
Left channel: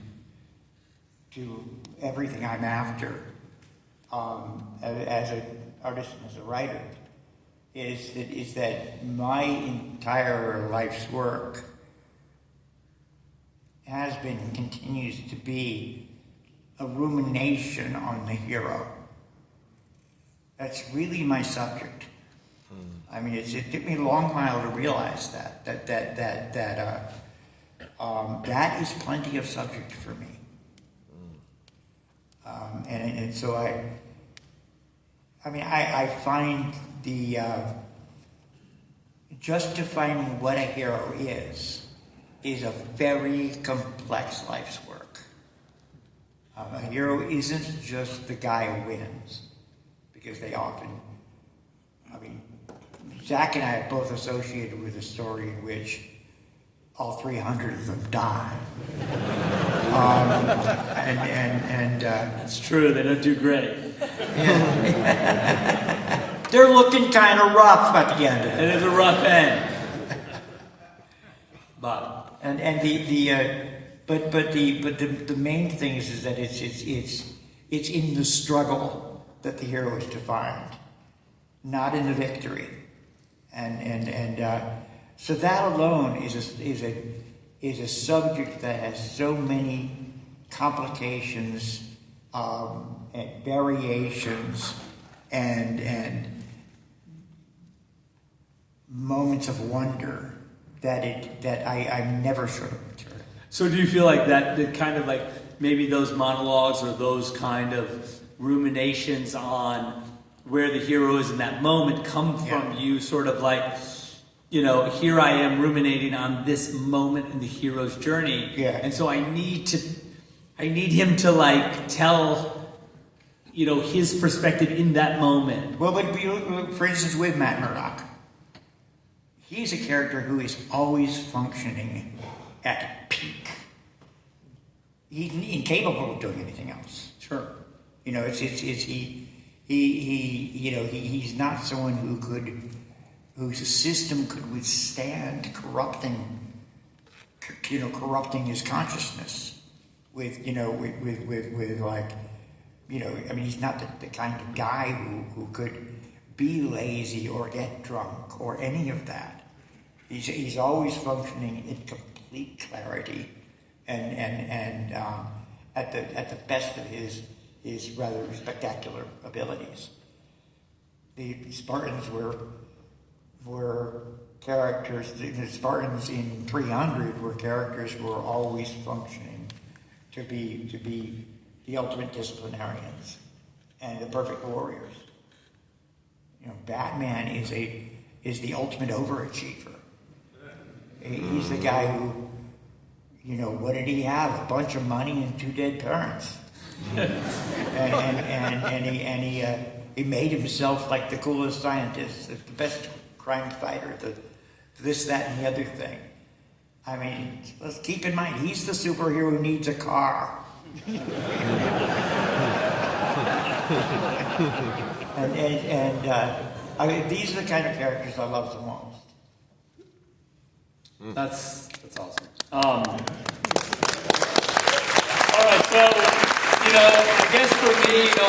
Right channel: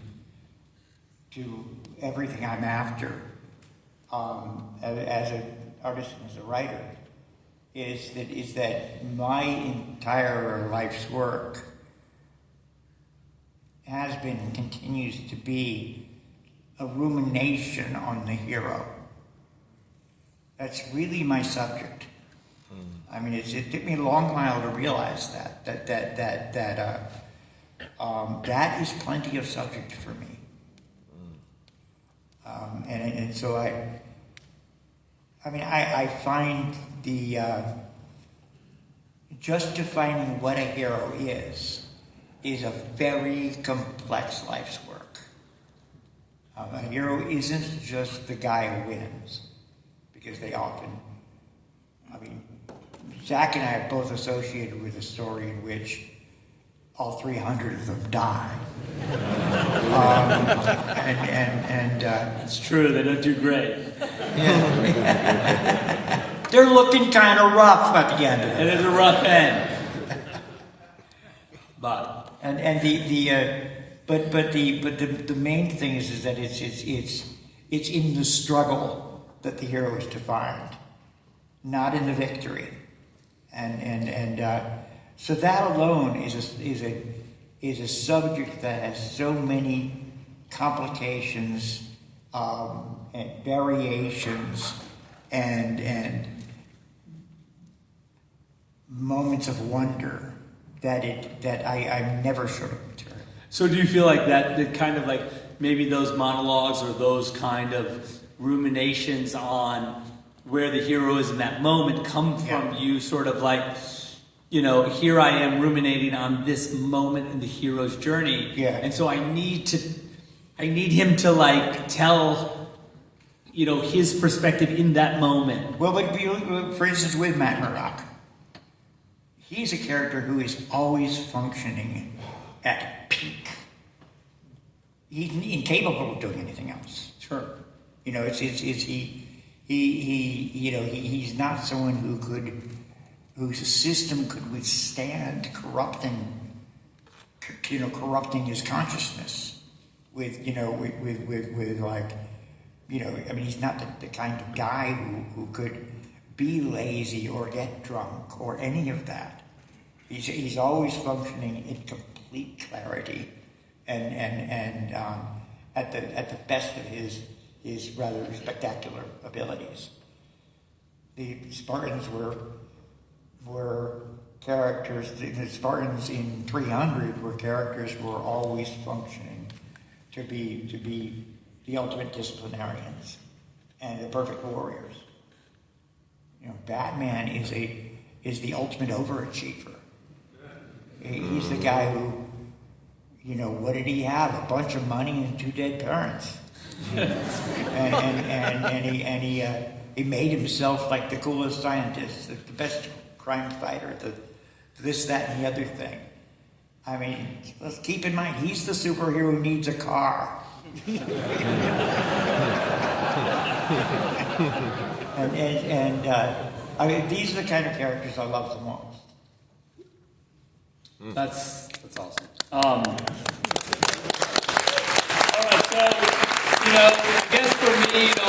everything I'm after, as an artist and as a writer, is that my entire life's work has been and continues to be a rumination on the hero. That's really my subject. I mean, it took me a long while to realize that is plenty of subject for me. And so I find the just defining what a hero is a very complex life's work. A hero isn't just the guy who wins, because they often, Zack and I are both associated with a story in which all 300 of them die. it's true, they don't do great. They're looking kind of rough at the end of it. It is a rough end. But the main thing is that it's in the struggle that the hero is defined, not in the victory, and so that alone is a subject that has so many complications and variations and moments of wonder that I'm never sure of. So do you feel like that kind of like maybe those monologues or those kind of ruminations on where the hero is in that moment come from you sort of like, you know, here I am ruminating on this moment in the hero's journey. Yeah. And so I need him to like tell, you know, his perspective in that moment. Well, but for instance, with Matt Murdock, he's a character who is always functioning at peak. He's incapable of doing anything else. Sure. You know, he's not someone whose system could withstand corrupting his consciousness with he's not the kind of guy who could be lazy or get drunk or any of that. He's always functioning in complete clarity, and at the best of his rather spectacular abilities. The Spartans were characters. The Spartans in 300 were characters who were always functioning to be the ultimate disciplinarians and the perfect warriors. You know, Batman is the ultimate overachiever. He's the guy who, you know, what did he have? A bunch of money and 2 dead parents, and he made himself like the coolest scientist, the best crime fighter, this, that, and the other thing. I mean, let's keep in mind, he's the superhero who needs a car. I mean, these are the kind of characters I love the most. That's awesome. All right, so, you know, I guess for me, you know,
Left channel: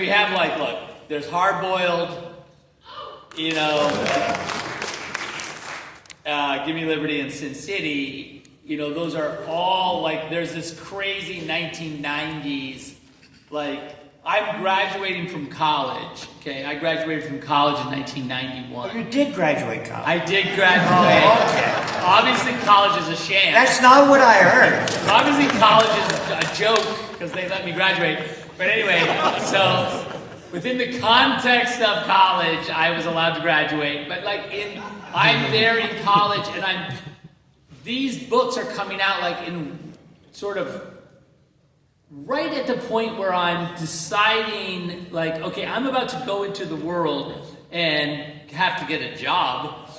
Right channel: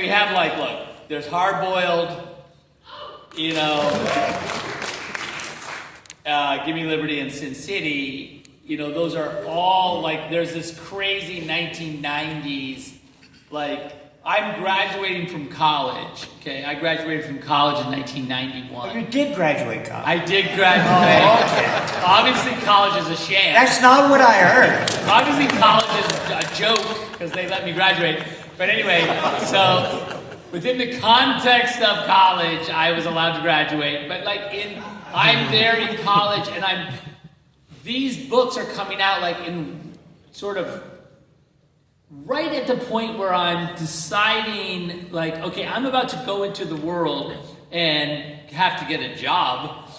we have like, look, there's Hard Boiled, you know, Give Me Liberty and Sin City. You know, those are all like, there's this crazy 1990s, like, I'm graduating from college, okay? I graduated from college in 1991. Oh, you did graduate college? I did graduate. Oh, okay. Obviously, college is a sham. That's not what I heard. Obviously, college is a joke because they let me graduate. But anyway, so within the context of college, I was allowed to graduate. But like I'm there in college, and these books are coming out like in sort of right at the point where I'm deciding, like, okay, I'm about to go into the world and have to get a job.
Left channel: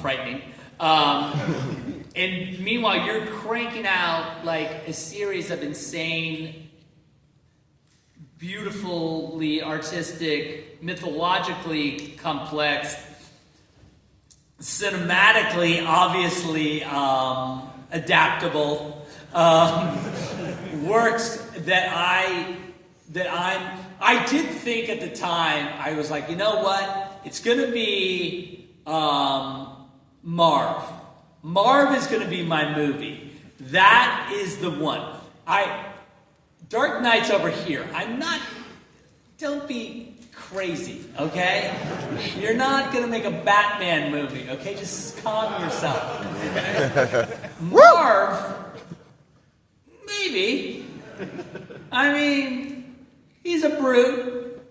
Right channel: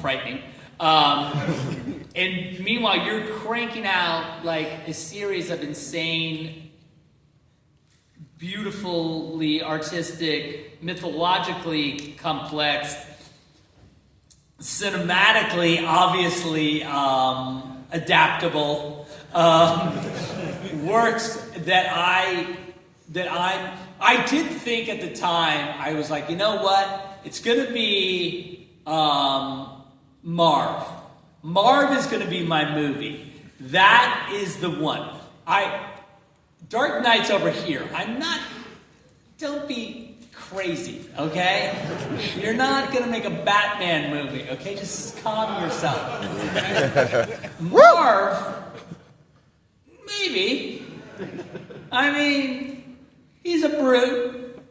Frightening. And meanwhile, you're cranking out like a series of insane, beautifully artistic, mythologically complex, cinematically, obviously adaptable works that I did think at the time, I was like, you know what? It's going to be Marv. Marv is going to be my movie. That is the one. Dark Knight's over here. Don't be crazy, okay? You're not going to make a Batman movie, okay? Just calm yourself. Marv, maybe. I mean, he's a brute.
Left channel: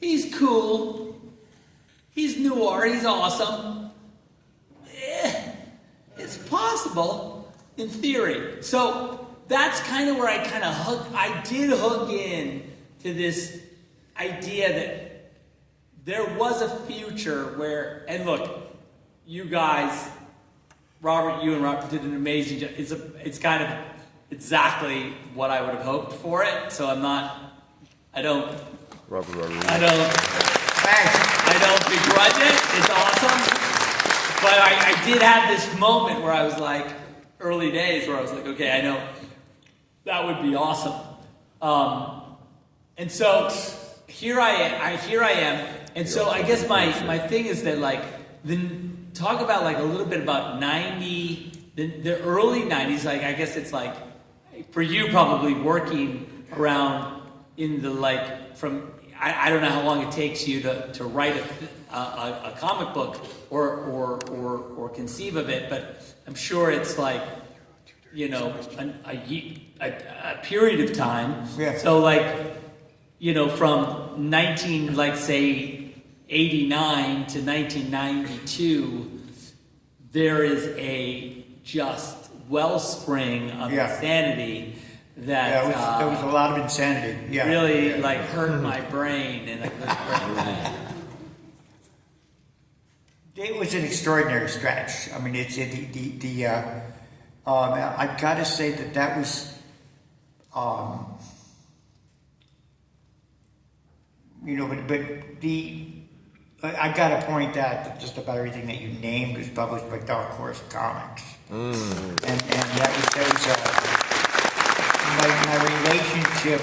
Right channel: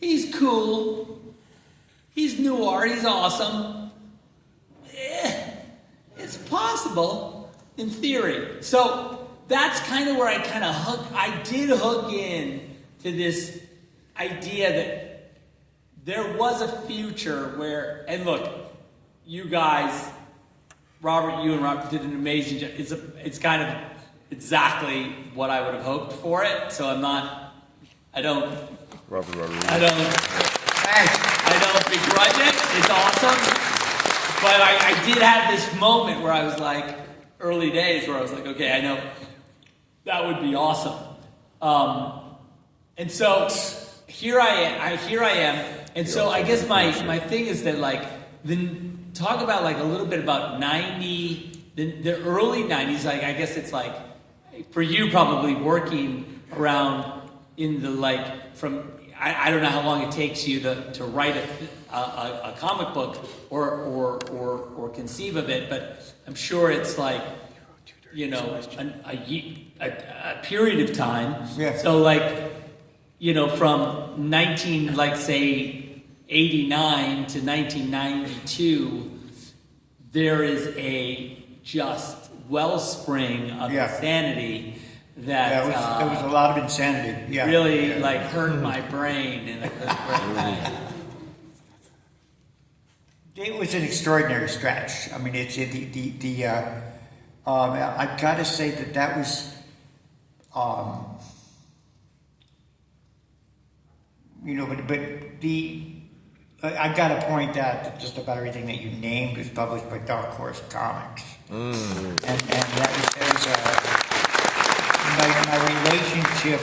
He's cool. He's noir. He's awesome. It's possible in theory. So that's kind of where I did hook in to this idea that there was a future where, and look, you guys, Robert, you and Robert did an amazing job. It's kind of exactly what I would have hoped for it. So I don't begrudge it. It's awesome. But I did have this moment where I was like, early days, where I was like, okay, I know that would be awesome. And so here I am. And so I guess my thing is that like, talk about like a little bit about the early 90s. Like, I guess it's like, for you probably working around in the like, from, I don't know how long it takes you to write a comic book or conceive of it, but I'm sure it's like, you know, a period of time. Yeah. So like, you know, from 89 to 1992, there is a just wellspring of insanity that there was a lot of insanity. Yeah. Really like hurt my brain in a good way. It was an extraordinary stretch. I mean, it's I've got to say that was, you know, but I got to point out that just about everything that you named was published by Dark Horse Comics, and that was my relationship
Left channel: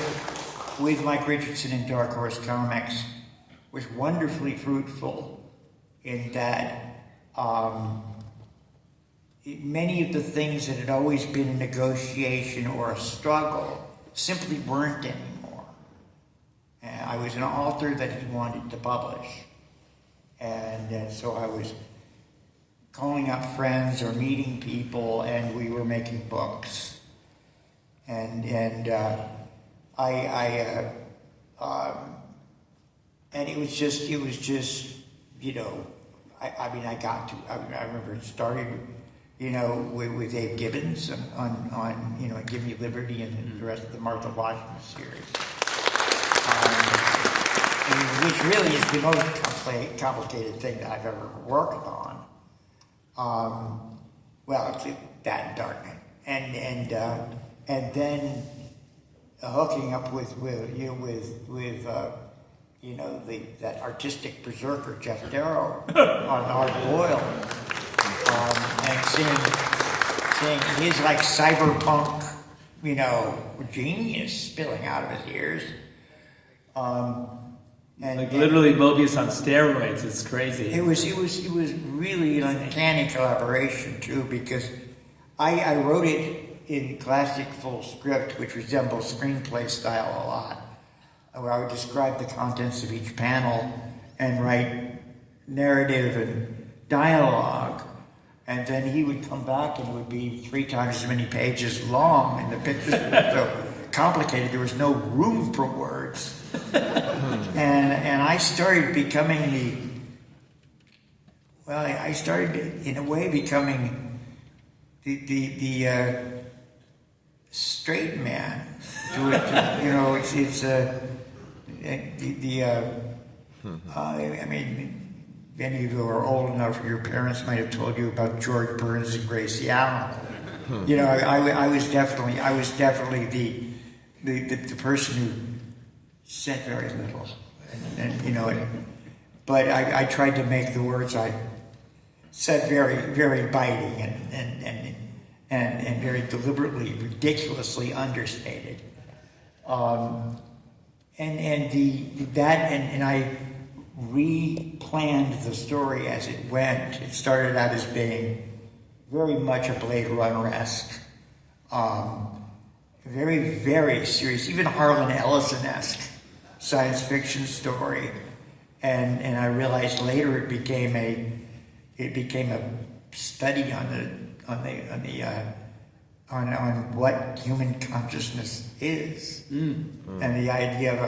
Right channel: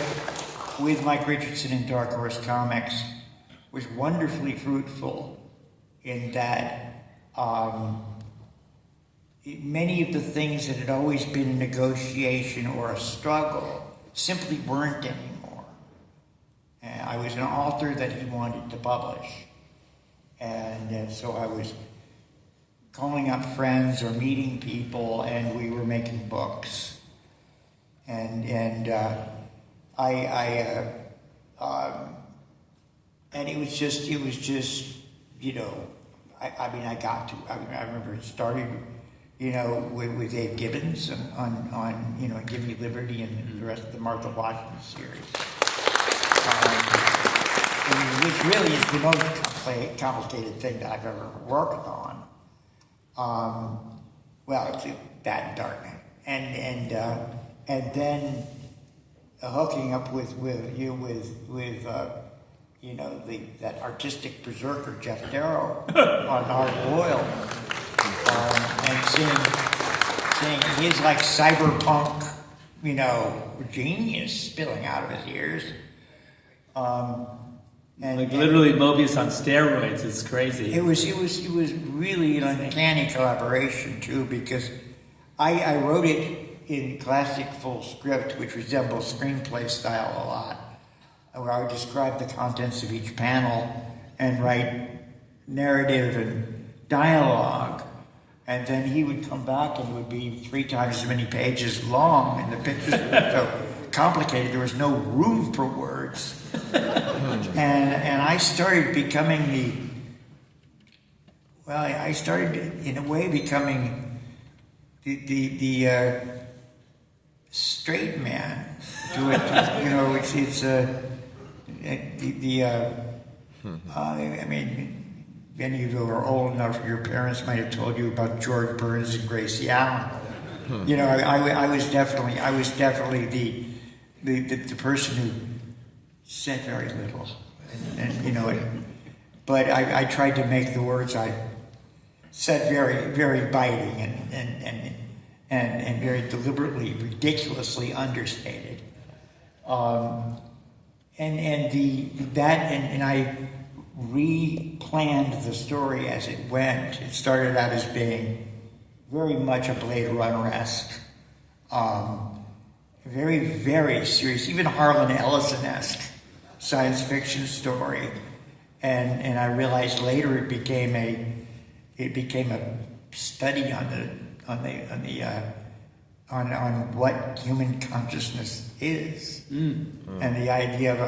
with Mike Richardson and Dark Horse Comics was wonderfully fruitful in that many of the things that had always been a negotiation or a struggle simply weren't anymore. And I was an author that he wanted to publish. And so I was calling up friends or meeting people, and we were making books. And it was just, I remember it started, with Dave Gibbons on Give Me Liberty and the rest of the Martha Washington series. Which really is the most complicated thing that I've ever worked on. It's that and Darkman. And then hooking up with that artistic berserker Jeff Darrow on Hard Boiled, and seeing his like cyberpunk, genius spilling out of his ears. And like literally Mobius on steroids. It's crazy. It was really an uncanny collaboration too, because I wrote it in classic full script, which resembles screenplay style a lot, where I would describe the contents of each panel and write narrative and dialogue, and then he would come back and it would be 3 times as many pages long, and the pictures were so complicated there was no room for words. And I started becoming I started in a way becoming the straight man to it. Many of you are old enough, your parents might have told you about George Burns and Gracie Allen. I was definitely the person who said very little, but I tried to make the words I said very, very biting and very deliberately, ridiculously understated. And I replanned the story as it went. It started out as being very much a Blade Runner-esque, very, very serious, even Harlan Ellison-esque science fiction story. And I realized later it became a study on what human consciousness is, and the idea of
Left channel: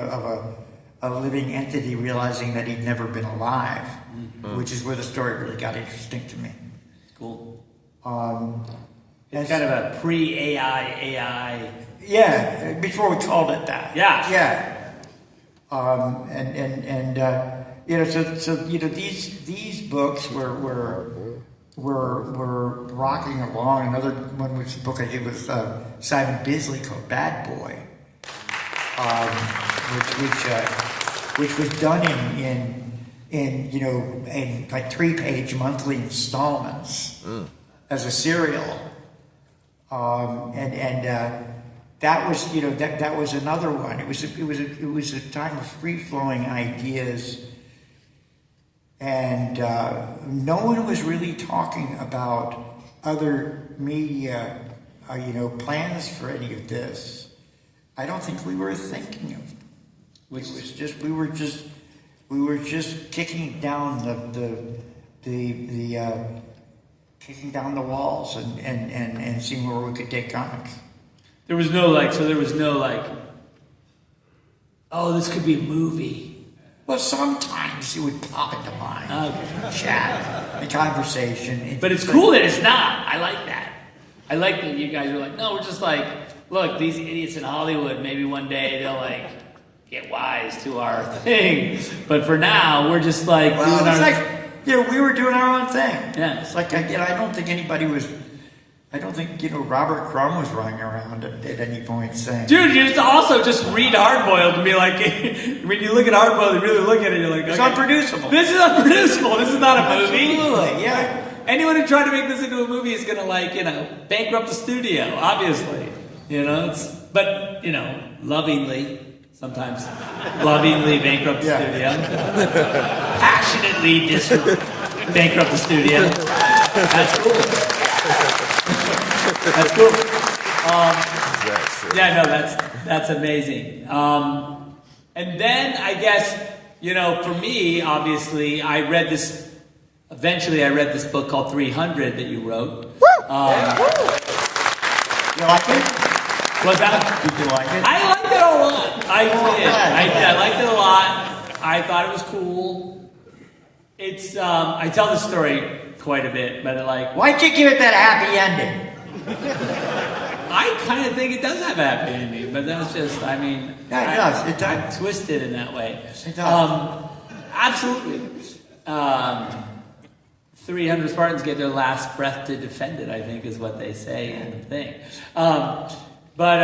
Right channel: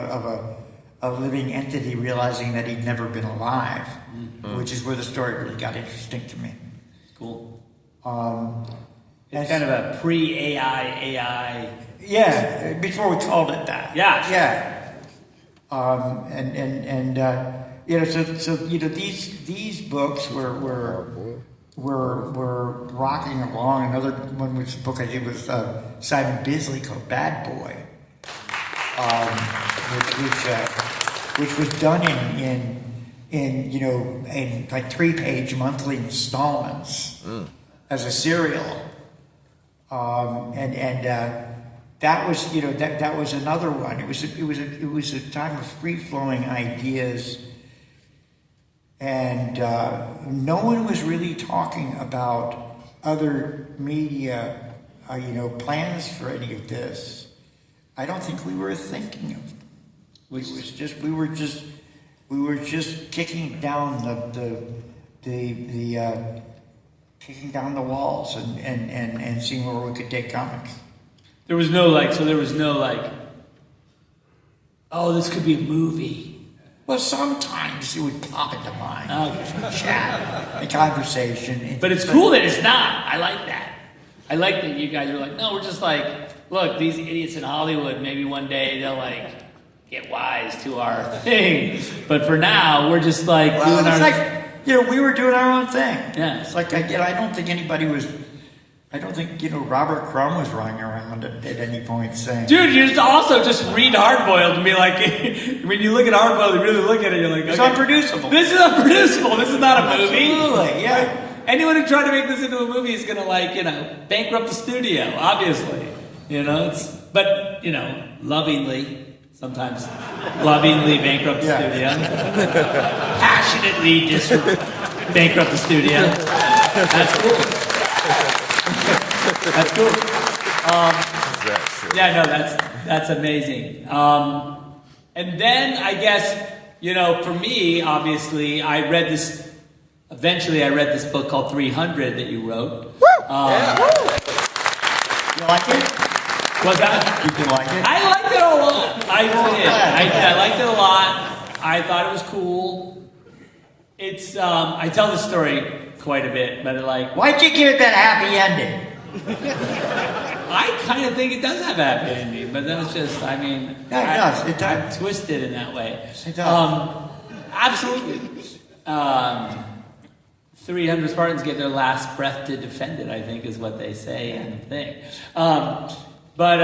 a living entity realizing that he'd never been alive, which is where the story really got interesting to me. Cool. It's kind of a pre-AI. Yeah, before we called it that. Yeah. Yeah. These books were rocking along. Another one was a book I did with Simon Bisley called Bad Boy, which was done in like 3-page monthly installments as a serial, that was that was another one. It was a time of free flowing ideas. And no one was really talking about other media, plans for any of this. I don't think we were thinking of them. We were just kicking down kicking down the walls and seeing where we could take comics. There was no oh, this could be a movie. Well, sometimes it would pop into mind. Chat, a conversation. But it's cool that it's not. I like that. I like that you guys are like, no, we're just like, look, these idiots in Hollywood, maybe one day they'll get wise to our thing. But for now, we're just like... Well, we were doing our own thing. Yeah. It's like, I don't think anybody was... I don't think, Robert Crumb was running around at any point saying... Dude, you also just read Hardboiled and be like... when you look at Hardboiled and really look at it, you're like... It's okay, unproducible. This is unproducible. This is not a movie. Absolutely, yeah. Anyone who tried to make this into a movie is going to, bankrupt the studio, obviously. But, lovingly, sometimes lovingly bankrupt the studio, passionately bankrupt the studio. That's cool. That's cool. Yeah, no, that's amazing. And then I guess, for me, obviously, eventually I read this book called 300 that you wrote. You like it? What's that? You like it? I liked it a lot. I really did. I liked it a lot. I thought it was cool. It's, I tell the story quite a bit, but Why'd you give it that happy ending? I kind of think it does have a happy ending, but that's just, Yeah, it does. It does. I'm twisted in that way. It does. Absolutely. 300 Spartans gave their last breath to defend it, I think, is what they say in the thing. But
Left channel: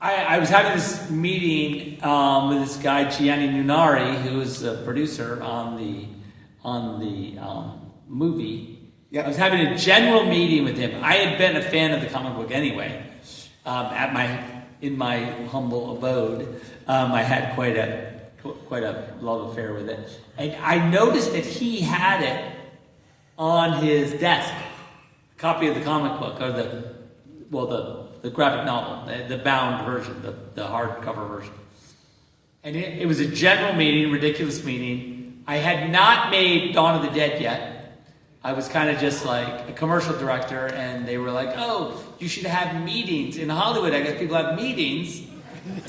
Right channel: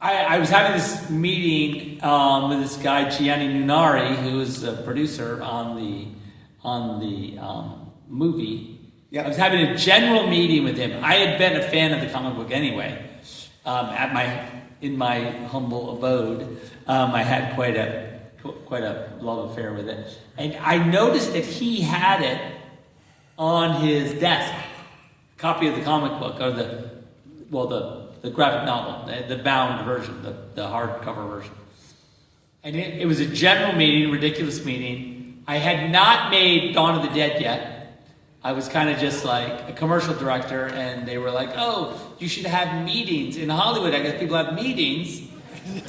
I was having this meeting with this guy, Gianni Nunari, who is a producer on the movie. Yep. I was having a general meeting with him. I had been a fan of the comic book anyway. In my humble abode, I had quite a love affair with it, and I noticed that he had it on his desk, a copy of the comic book or the graphic novel, the bound version, the hardcover version, and it was a general meeting, ridiculous meeting. I had not made Dawn of the Dead yet. I was kind of just like a commercial director, and they were like, "Oh, you should have meetings in Hollywood. I guess people have meetings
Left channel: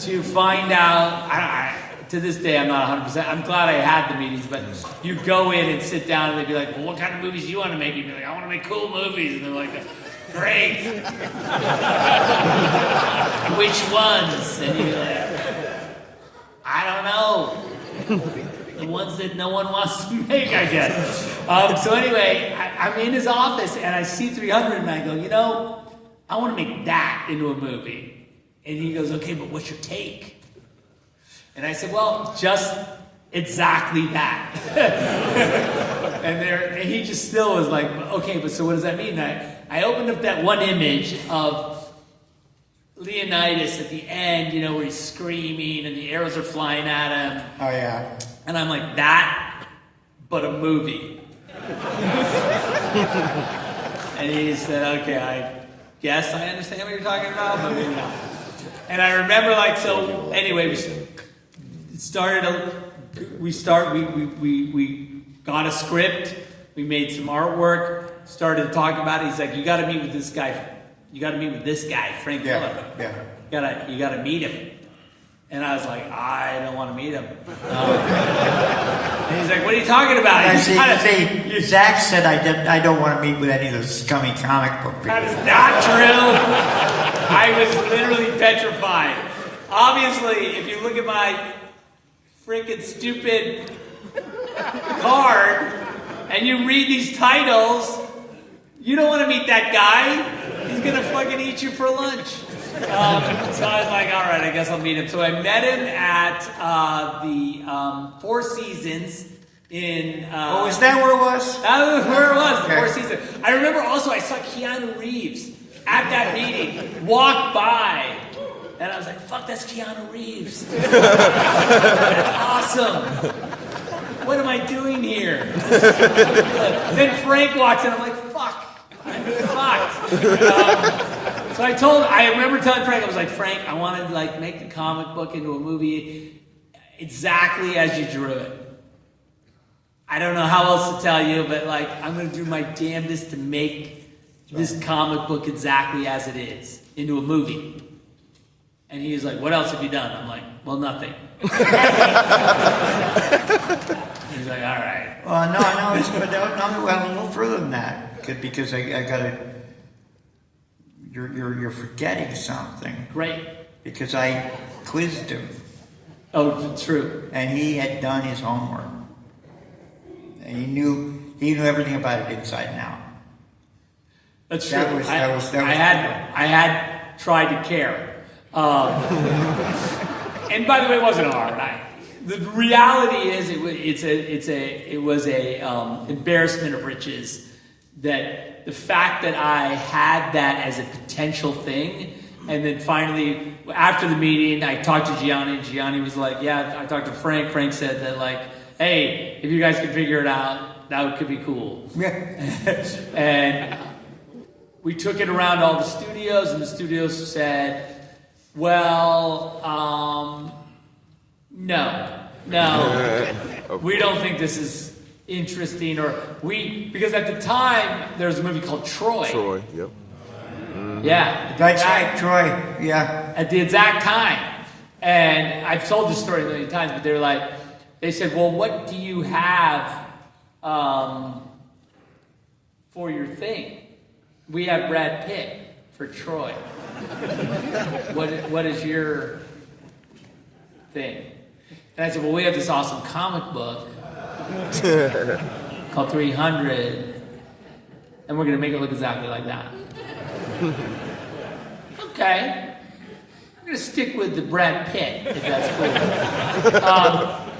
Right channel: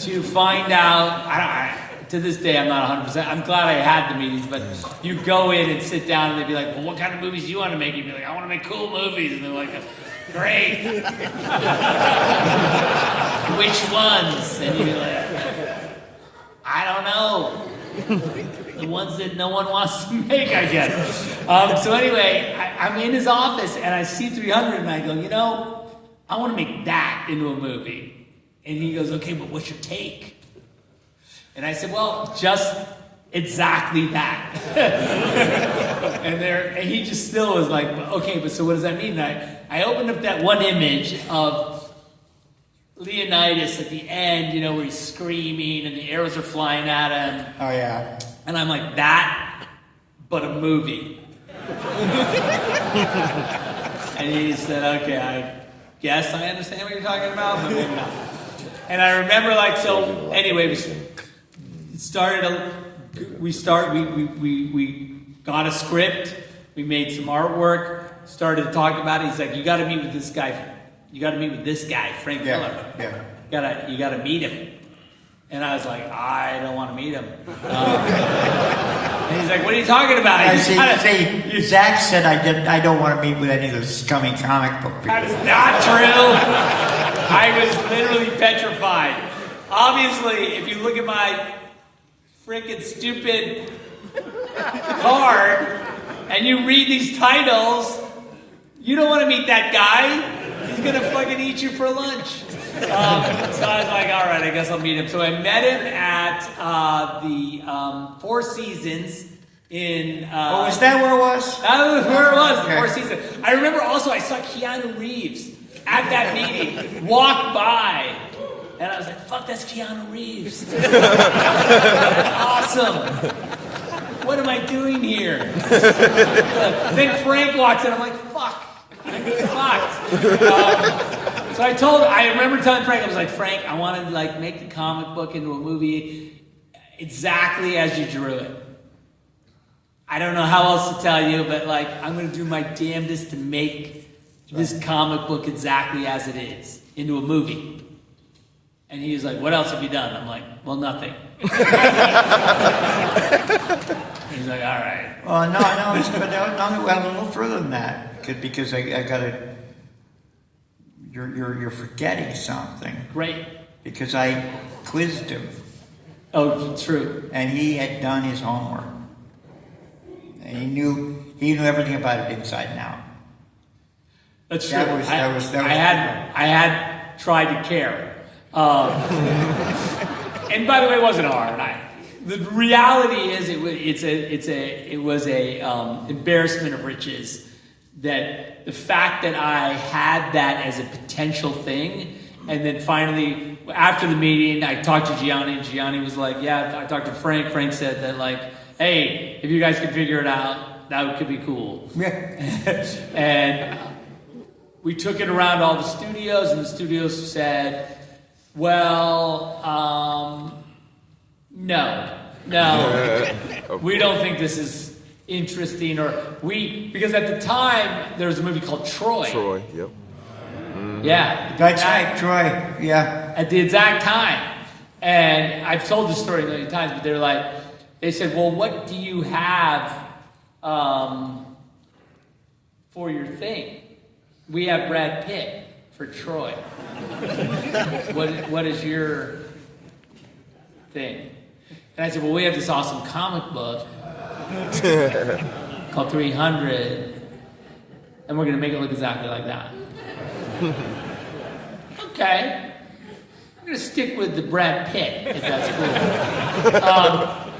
to find out." To this day, I'm not 100%. I'm glad I had the meetings, but you go in and sit down, and they'd be like, "Well, what kind of movies do you want to make?" You'd be like, "I want to make cool movies," and they're like, "Great." Which ones? And you're like, "I don't know." The ones that no one wants to make, I guess. So anyway, I'm in his office and I see 300 and I go, I want to make that into a movie. And he goes, "Okay, but what's your take?" And I said, "Well, just exactly that." and he just still was like, "Okay, but so what does that mean?" I opened up that one image of Leonidas at the end, where he's screaming and the arrows are flying at him. Oh, yeah. And I'm like, that, but a movie. And he said, "Okay, I guess I understand what you're talking about, but maybe not." And I remember, anyway, we got a script, we made some artwork, started to talk about it. He's like, "You got to meet with this guy. You got to meet with this guy, Frank Miller. Yeah. You got to meet him." And I was like, "I don't want to meet him." And he's like, "What are you talking about?" I see, Zack said I don't want to meet with any of those scummy comic book people. That is not true. I was literally petrified. Obviously, if you look at my freaking stupid card and you read these titles, you don't want to meet that guy. He's going to fucking eat you for lunch. So I was like, all right, I guess I'll meet him. So I met him at the Four Seasons in... is that where it was? That was where it was, the Okay. Four Seasons. I remember also I saw Keanu Reeves at that meeting, walk by. And I was like, fuck, that's Keanu Reeves. Awesome. What am I doing here? Then Frank walks in, I'm like, fuck. I'm fucked. So I remember telling Frank, I was like, "Frank, I want to make the comic book into a movie exactly as you drew it. I don't know how else to tell you, but I'm going to do my damnedest to make this comic book exactly as it is into a movie." And he was like, "What else have you done?" I'm like, "Well, nothing." He's like, "All right." Well, no, but no further than that, because I gotta. You're forgetting something. Great. Because I quizzed him. Oh, true. And he had done his homework. And he knew everything about it inside and out. That's true. That was I had tried to care. And by the way, it wasn't hard. The reality is, it was a embarrassment of riches that the fact that I had that as a potential thing And then finally, after the meeting, I talked to Gianni, and Gianni was like, yeah, I talked to Frank. Frank said that, like, hey, if you guys can figure it out, that could be cool. Yeah. And we took it around all the studios, and the studios said, well, no, we don't think this is interesting, because at the time, there was a movie called Troy. Troy, yep. Yeah. That's right, Troy. Yeah. At the exact time. And I've told this story a million times, but they said, well, what do you have for your thing? We have Brad Pitt for Troy. What is your thing? And I said, well, we have this awesome comic book called 300, and we're going to make it look exactly like that. Okay. I'm going to stick with the Brad Pitt, if that's cool.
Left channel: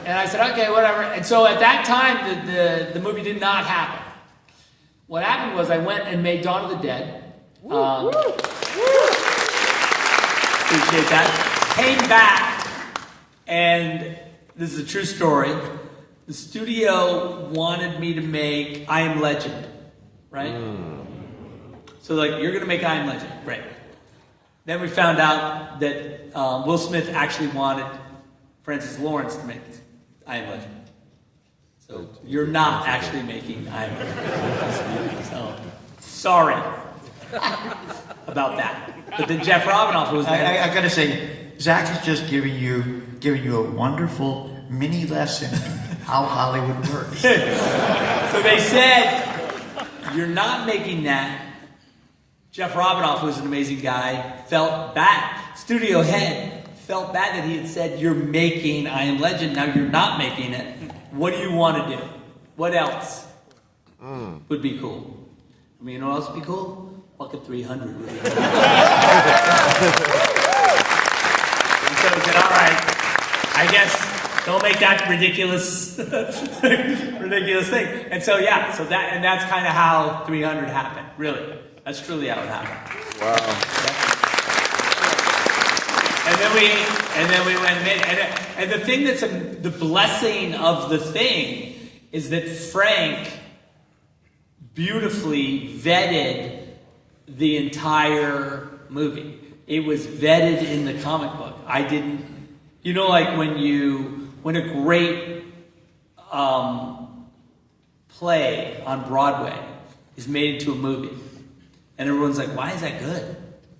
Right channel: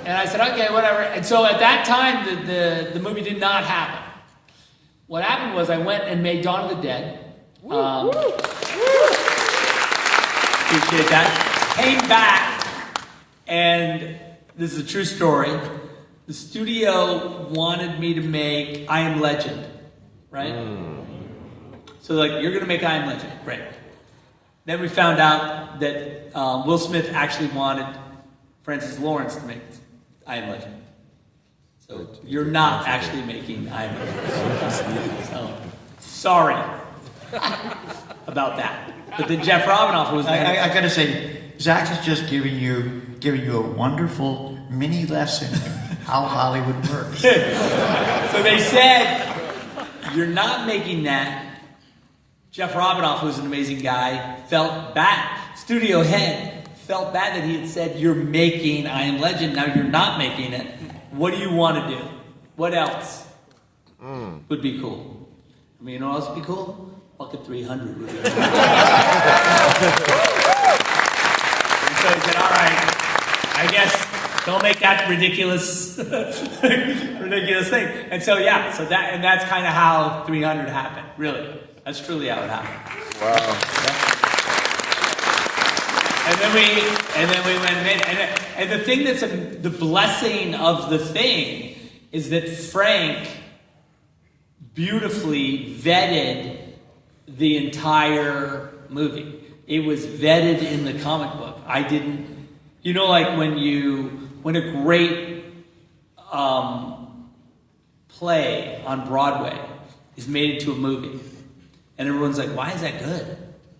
And I said, okay, whatever. And so at that time, the movie did not happen. What happened was I went and made Dawn of the Dead. Appreciate that. Came back, and this is a true story. The studio wanted me to make I Am Legend, right? So like, you're going to make I Am Legend. Great. Then we found out that Will Smith actually wanted Francis Lawrence to make I Am Legend. So you're not actually making I Am Legend. So, sorry about that. But then Jeff Robinoff was there. I gotta say, Zach is just giving you a wonderful mini lesson how Hollywood works. So they said, you're not making that. Jeff Robinoff, who's an amazing guy, felt bad. Studio head felt bad that he had said, you're making I Am Legend, now you're not making it. What do you want to do? What else would be cool? I mean, you know what else would be cool? Fucking 300 would be cool. And so he said, all right, I guess don't make that ridiculous thing. And so, yeah, that's kind of how 300 happened, really. That's truly how it happened. Wow. And then we went and the thing that's the blessing of the thing is that Frank beautifully vetted the entire movie. It was vetted in the comic book. I didn't, like when a great play on Broadway is made into a movie. And everyone's like, why is that good?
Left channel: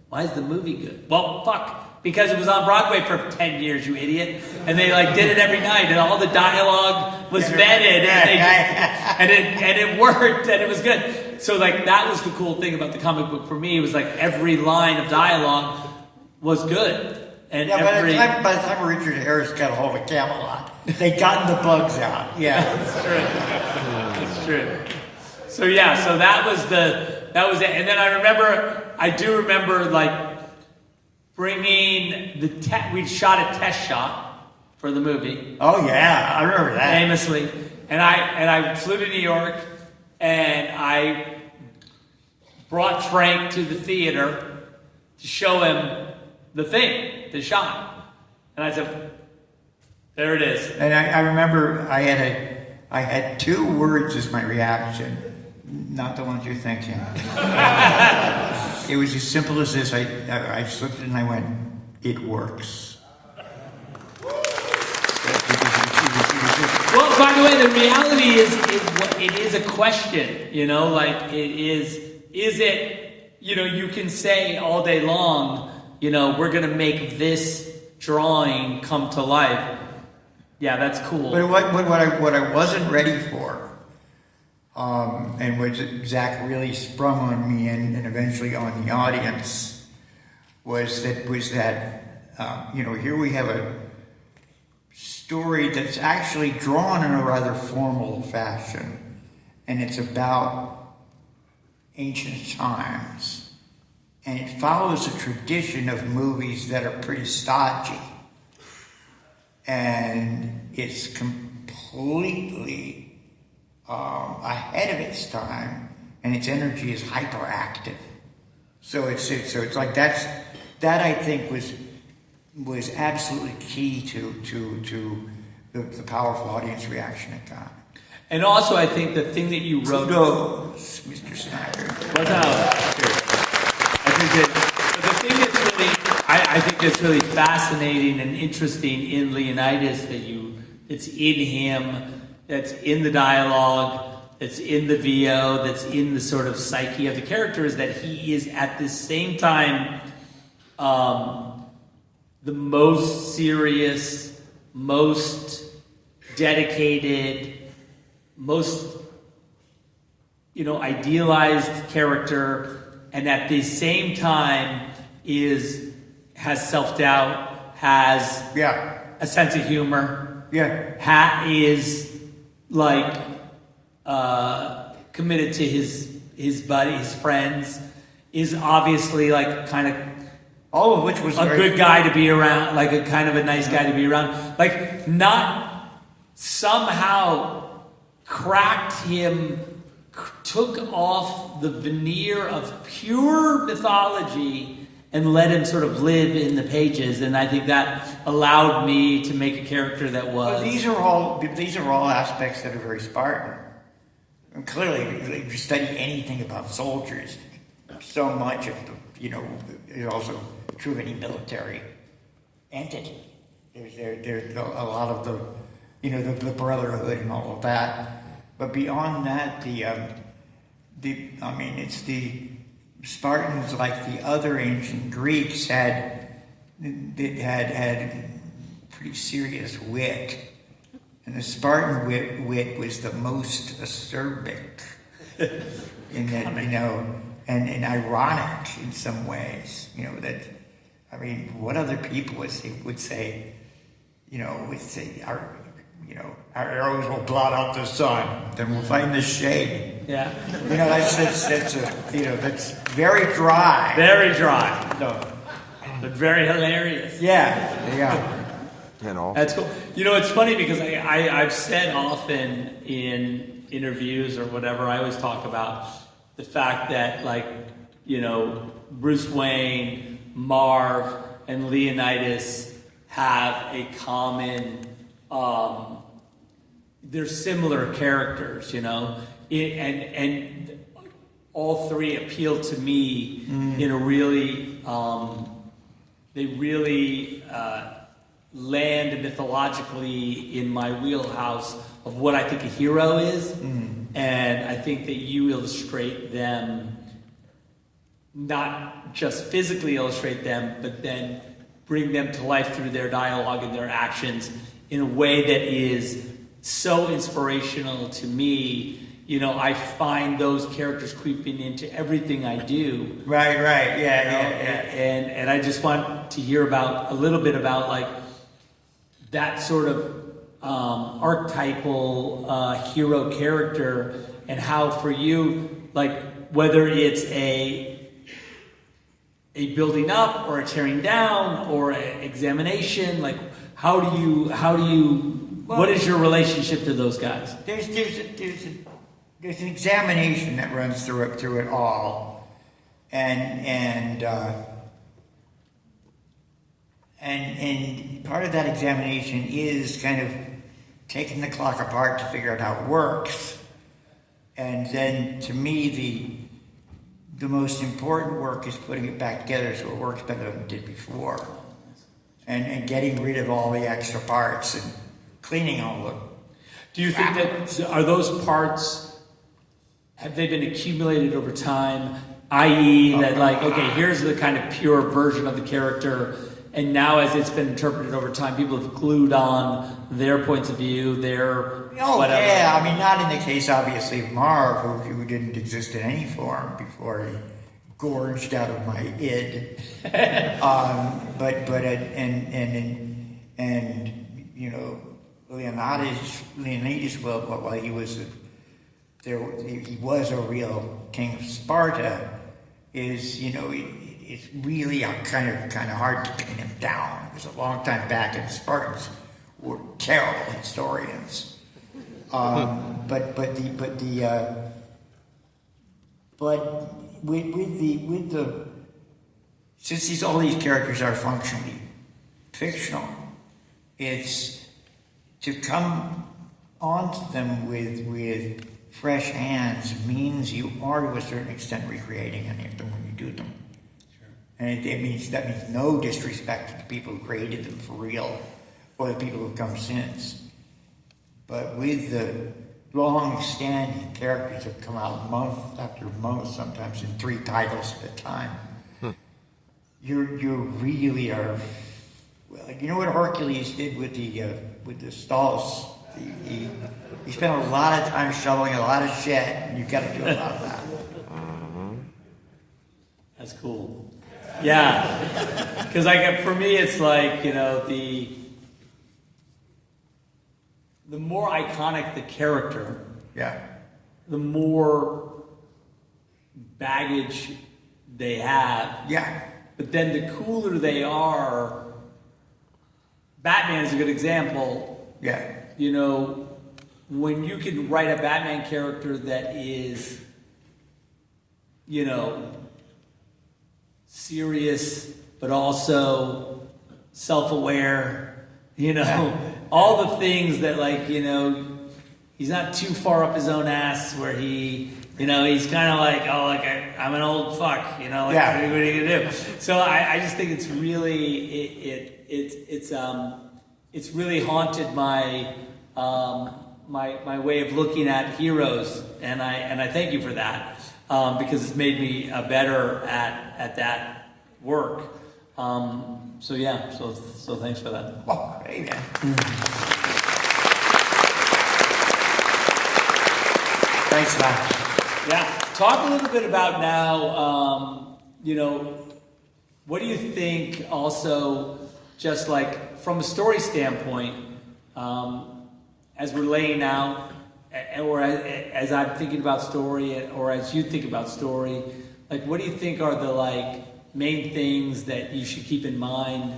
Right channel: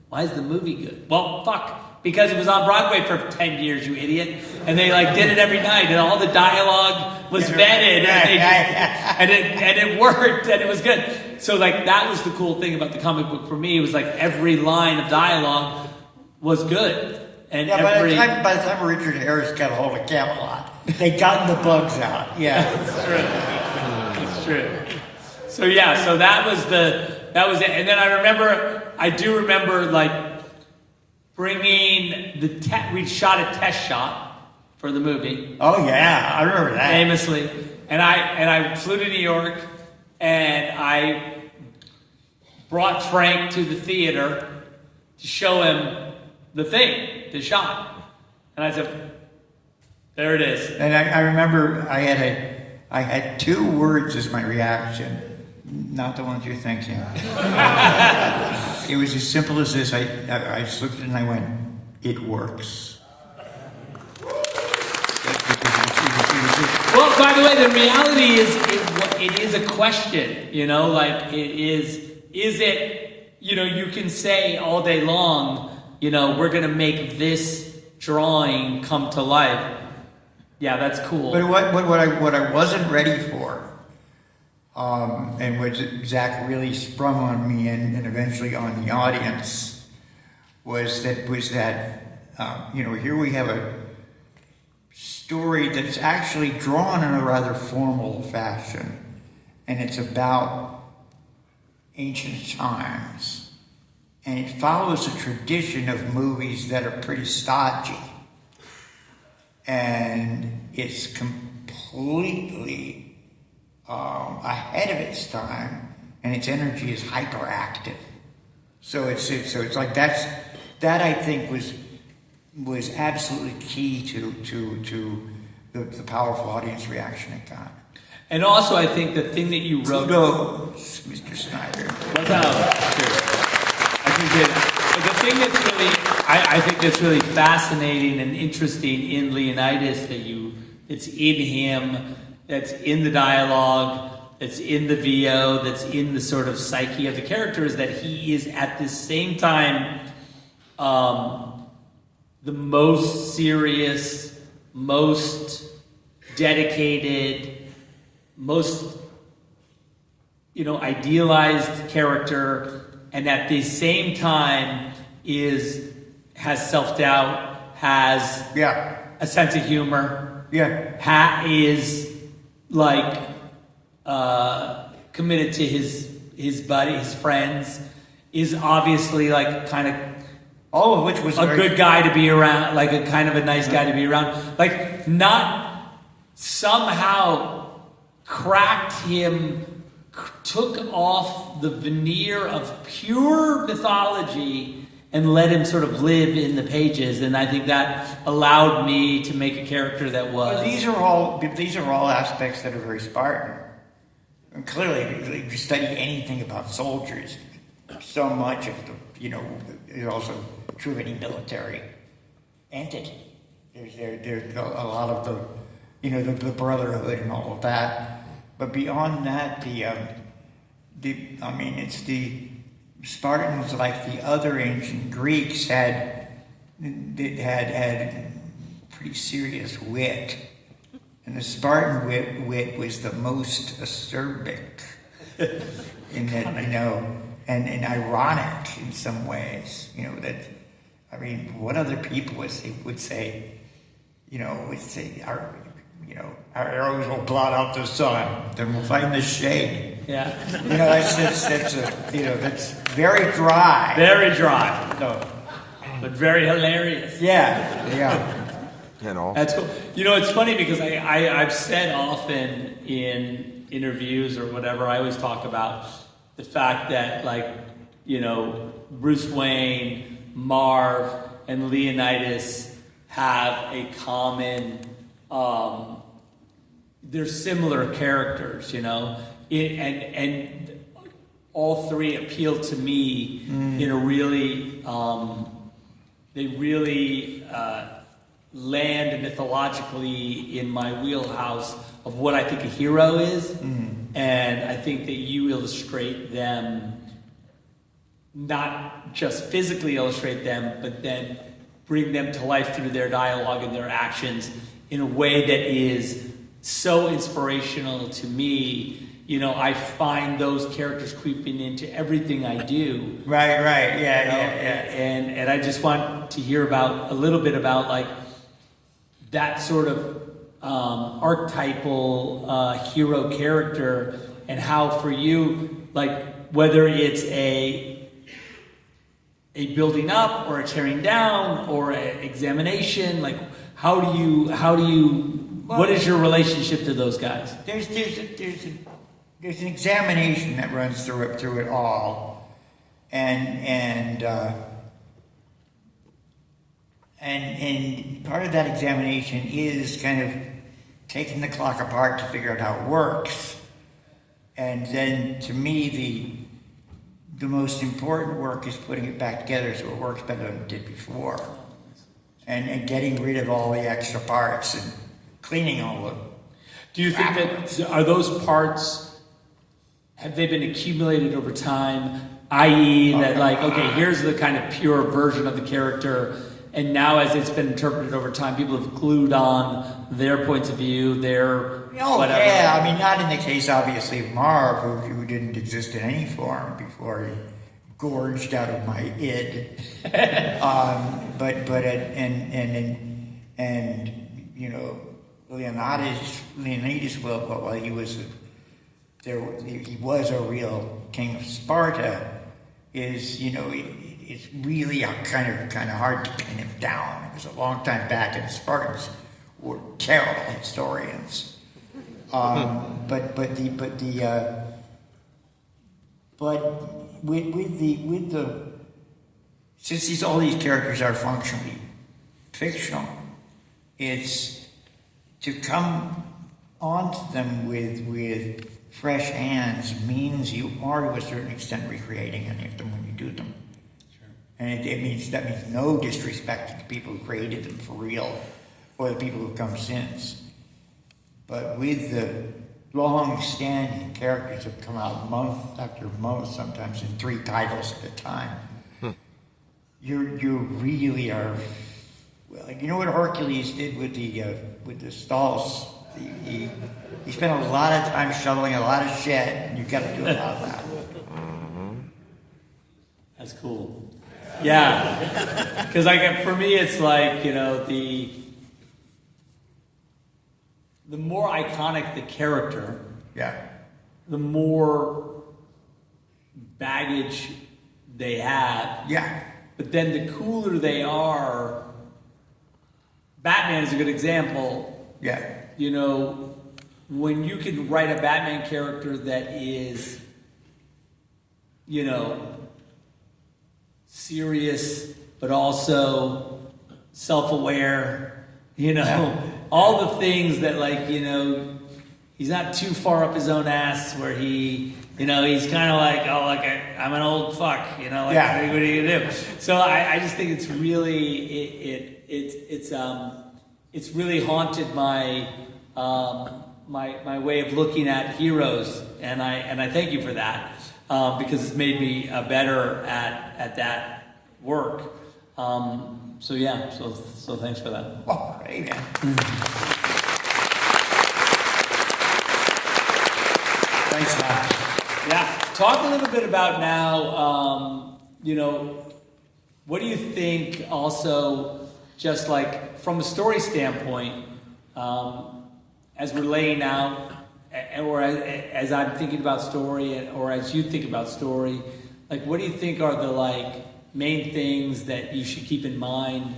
Why is the movie good? Well, fuck. Because it was on Broadway for 10 years, you idiot. And they did it every night, and all the dialogue was vetted, and it worked, and it was good. So that was the cool thing about the comic book for me. It was every line of dialogue was good. And by the time Richard Harris got a hold of Camelot, they'd gotten the bugs out. Yeah. It's true. So yeah, so that was it. And then I do remember bringing we shot a test shot for the movie. Oh yeah, I remember that. Famously. And I flew to New York, and I brought Frank to the theater to show him the shot. And I said, there it is. And I remember I had 2 words as my reaction. Not the ones you're thinking. It was as simple as this. I just looked at it and I went, it works. Well, by the way, the reality is it is a question, is it, you can say all day long, we're going to make this drawing come to life. Yeah, that's cool. But what I wasn't ready for, and which Zach really sprung on me and eventually on the audience, was that here we have a story that's actually drawn in a rather formal fashion, and it's about ancient times, and it follows a tradition of movies that are pretty stodgy, and it's completely ahead of its time, and its energy is hyperactive. So it's like that's that I think was absolutely key to the powerful audience reaction at that. And also, I think the thing that you wrote. Kudos, Mr. Snyder. What's up? I think that the thing that's really, I think that's really fascinating and interesting in Leonidas it's in him, that's in the dialogue, that's in the VO, that's in the sort of psyche of the character, is that he is at the same time the most serious, most dedicated, most idealized character, and at the same time has self-doubt, has a sense of humor, is like committed to his buddy, his friends, is obviously like kind of all of which was a good guy to be around, like a kind of a nice guy to be around, like not somehow cracked him, took off the veneer of pure mythology and let him sort of live in the pages. And I think that allowed me to make a character that was. Well, these are all aspects that are very Spartan. And clearly, if you study anything about soldiers, so much of is also true of any military entity. There's a lot of the brotherhood and all of that. But beyond that, it's the Spartans, like the other ancient Greeks, had pretty serious wit, and the Spartan wit was the most acerbic, in that and ironic in some ways. What other people would say, our arrows will blot out the sun, then we'll find the shade. Yeah. That's very dry. Very dry. No. But very hilarious. Yeah. That's cool. It's funny because I've said often in interviews or whatever, I always talk about the fact that, Bruce Wayne, Marv, and Leonidas have a common, they're similar characters, and all three appeal to me in a really, they really land mythologically in my wheelhouse of what I think a hero is, and I think that you illustrate them, not just physically illustrate them, but then bring them to life through their dialogue and their actions in a way that is so inspirational to me. I find those characters creeping into everything I do. Right, yeah. And I just want to hear a little bit about like that sort of archetypal hero character, and how for you, like whether it's a building up or a tearing down or an examination, like how do you what is your relationship to those guys? There's an examination that runs through it all, and part of that examination is kind of taking the clock apart to figure out how it works, and then to me the most important work is putting it back together so it works better than it did before, and getting rid of all the extra parts and cleaning all of them. Do you think that are those parts? Have they been accumulated over time? I.e., that okay, here's the kind of pure version of the character, and now as it's been interpreted over time, people have glued on their points of view, their whatever. Yeah, not in the case, obviously, of Marv, who didn't exist in any form before he gorged out of my id. Leonidas, while he was he was a real king of Sparta, it's really kind of hard to pin him down. It was a long time back, and the Spartans were terrible historians. But with the since all these characters are functionally fictional, it's to come onto them with fresh hands means you are to a certain extent recreating any of them when you do them. Sure. And that means no disrespect to the people who created them for real, or the people who've come since. But with the long-standing characters that come out month after month, sometimes in 3 titles at a time, you really are. Well, you know what Hercules did with the stalls. He spent a lot of time shoveling a lot of shit, and you've got to do a lot of that. That's cool. Yeah, because for me, it's like, you know, the more iconic the character, the more baggage they have. Yeah. But then the cooler they are. Batman is a good example. Yeah. You know, when you can write a Batman character that is, you know, serious, but also self-aware, you know, all the things that, like, you know, he's not too far up his own ass where he, you know, he's kind of like, oh, like, I'm an old fuck, you know, like, what are you gonna do? So I just think it's really, it's really haunted my my way of looking at heroes, and I thank you for that, because it's made me better at that work. So thanks for that. Oh, amen. Thanks, Matt. Yeah, talk a little bit about now. You know, what do you think? Also, just like from a story standpoint, as we're laying out, or as I'm thinking about story, or as you think about story, like, what do you think are the like main things that you should keep in mind?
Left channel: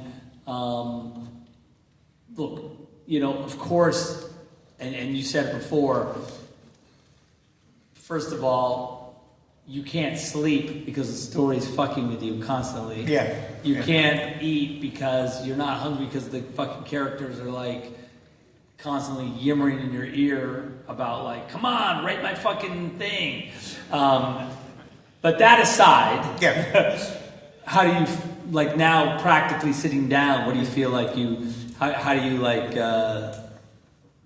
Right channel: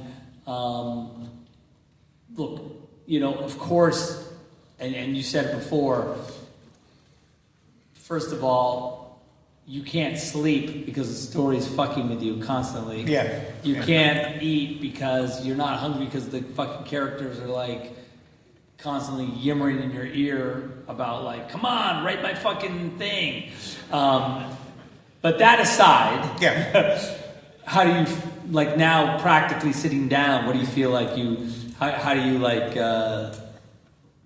Look, you know, of course, and you said it before. First of all, you can't sleep because the story is fucking with you constantly. Yeah. You can't eat because you're not hungry because the fucking characters are like constantly yimmering in your ear about like, come on, write my fucking thing. But that aside, how do you, like, now practically sitting down, what do you feel like how do you like,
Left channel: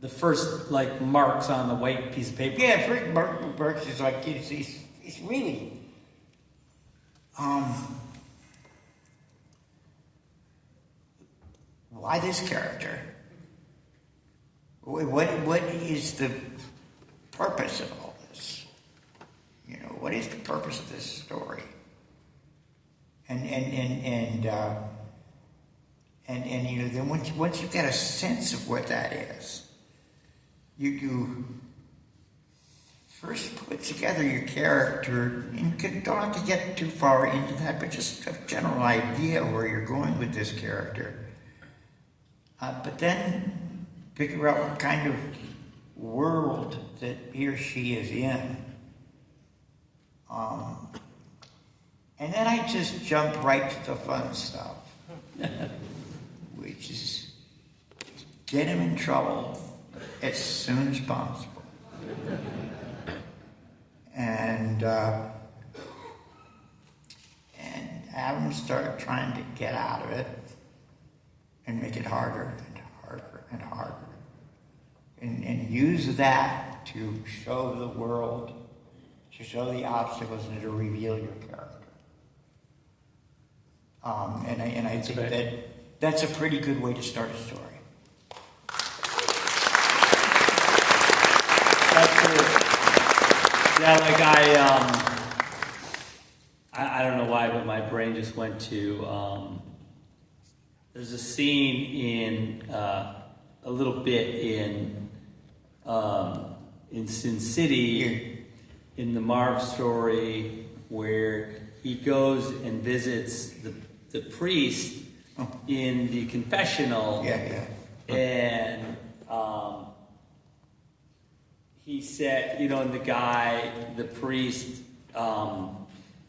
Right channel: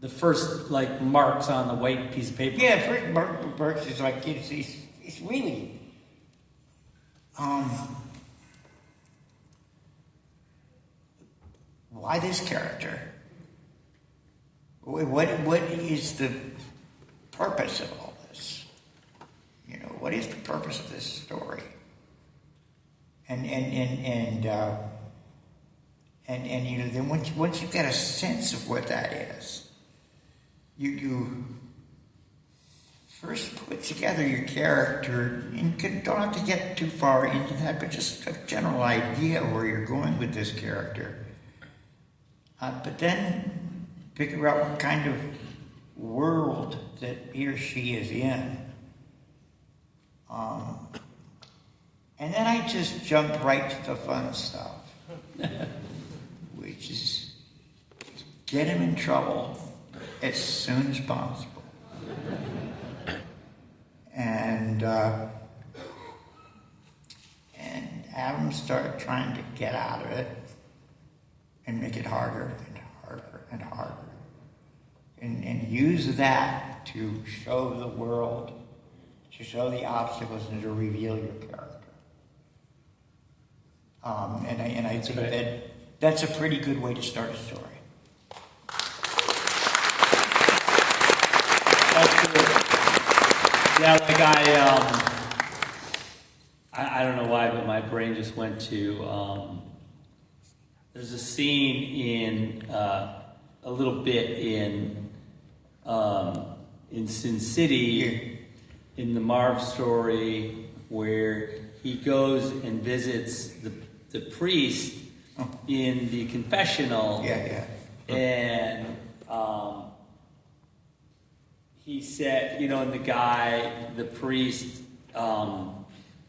the first like marks on the white piece of paper? Yeah, first marks is like, it's really, why this character? What is the purpose of all this? You know, what is the purpose of this story? And you know, then once you get a sense of what that is, you first put together your character, and you don't have to get too far into that, but just a general idea where you're going with this character. But then figure out what kind of world that he or she is in. And then I just jump right to the fun stuff, which is get him in trouble as soon as possible. And have him start trying to get out of it and make it harder and harder and harder. And use that to show the world, to show the obstacles, and to reveal your character. And I think that's a pretty good way to start a story. That's cool. Yeah, like I don't know why, but my brain just went to, there's a scene in, a little bit in Sin City, in the Marv story, where he goes and visits the priest in the confessional. And he said, you know, and the priest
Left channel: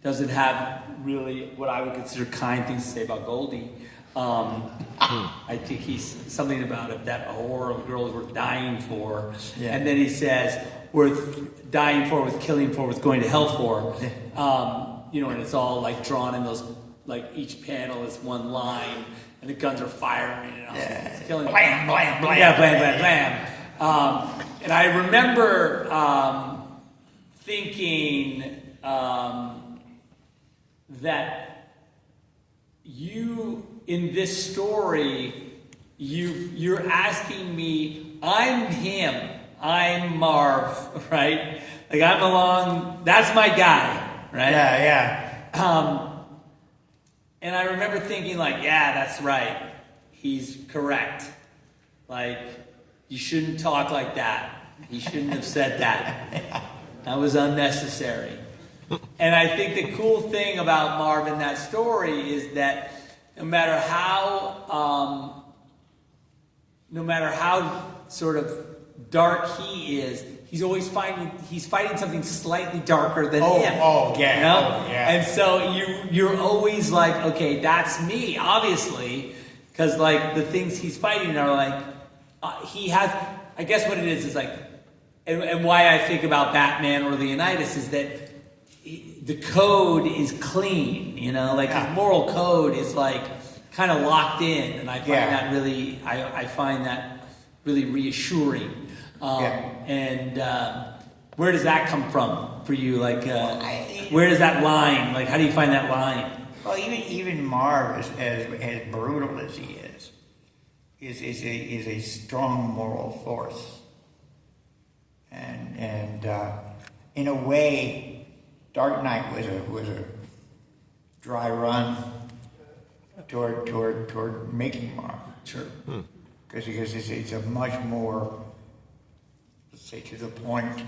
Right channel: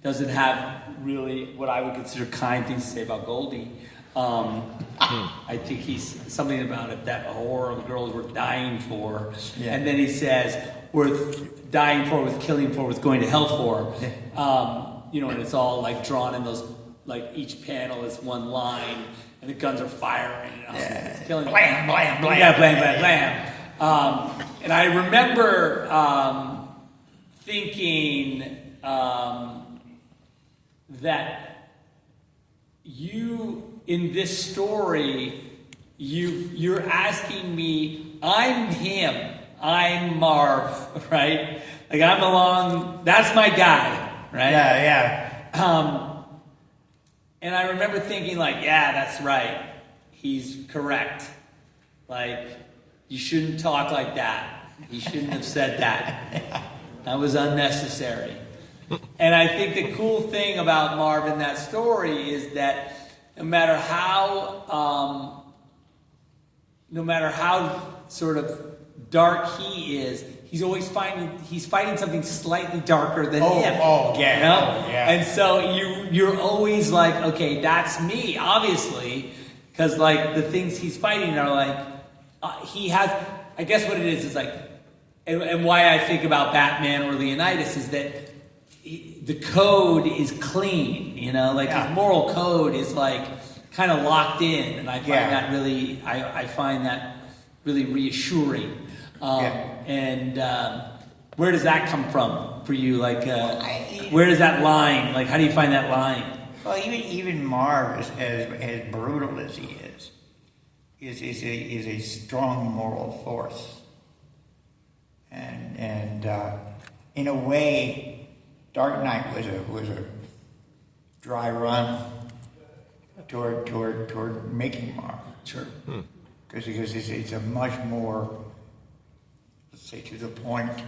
doesn't have really what I would consider kind things to say about Goldie. I think he's something about it that a horror of girls were dying for, and then he says worth dying for, worth killing for, worth going to hell for. And it's all like drawn in those, like each panel is one line, and the guns are firing. Killing. Blam, blam, blam. Yeah, blam, blam, blam. And I remember thinking that you, in this story, you're asking me, I'm him, I'm Marv, right? Like I'm along, that's my guy, right? Yeah. And I remember thinking like, yeah, that's right. He's correct. Like, you shouldn't talk like that. He shouldn't have said that. That was unnecessary. And I think the cool thing about Marv in that story is that no matter how sort of dark he is, he's always fighting something slightly darker than him. Yeah. And so you're always like, okay, that's me, obviously, because like the things he's fighting are like he has. I guess what it is like, and why I think about Batman or Leonidas is that the code is clean, his moral code is like kind of locked in, and I find that really, I find that really reassuring. And where does that come from for you? Like, where does that line? Like, how do you find that line? Well, even Marv, as brutal as he is a strong moral force, and in a way, Dark Knight was a dry run toward making Marv. Sure. Because it's a much more, let's say, to the point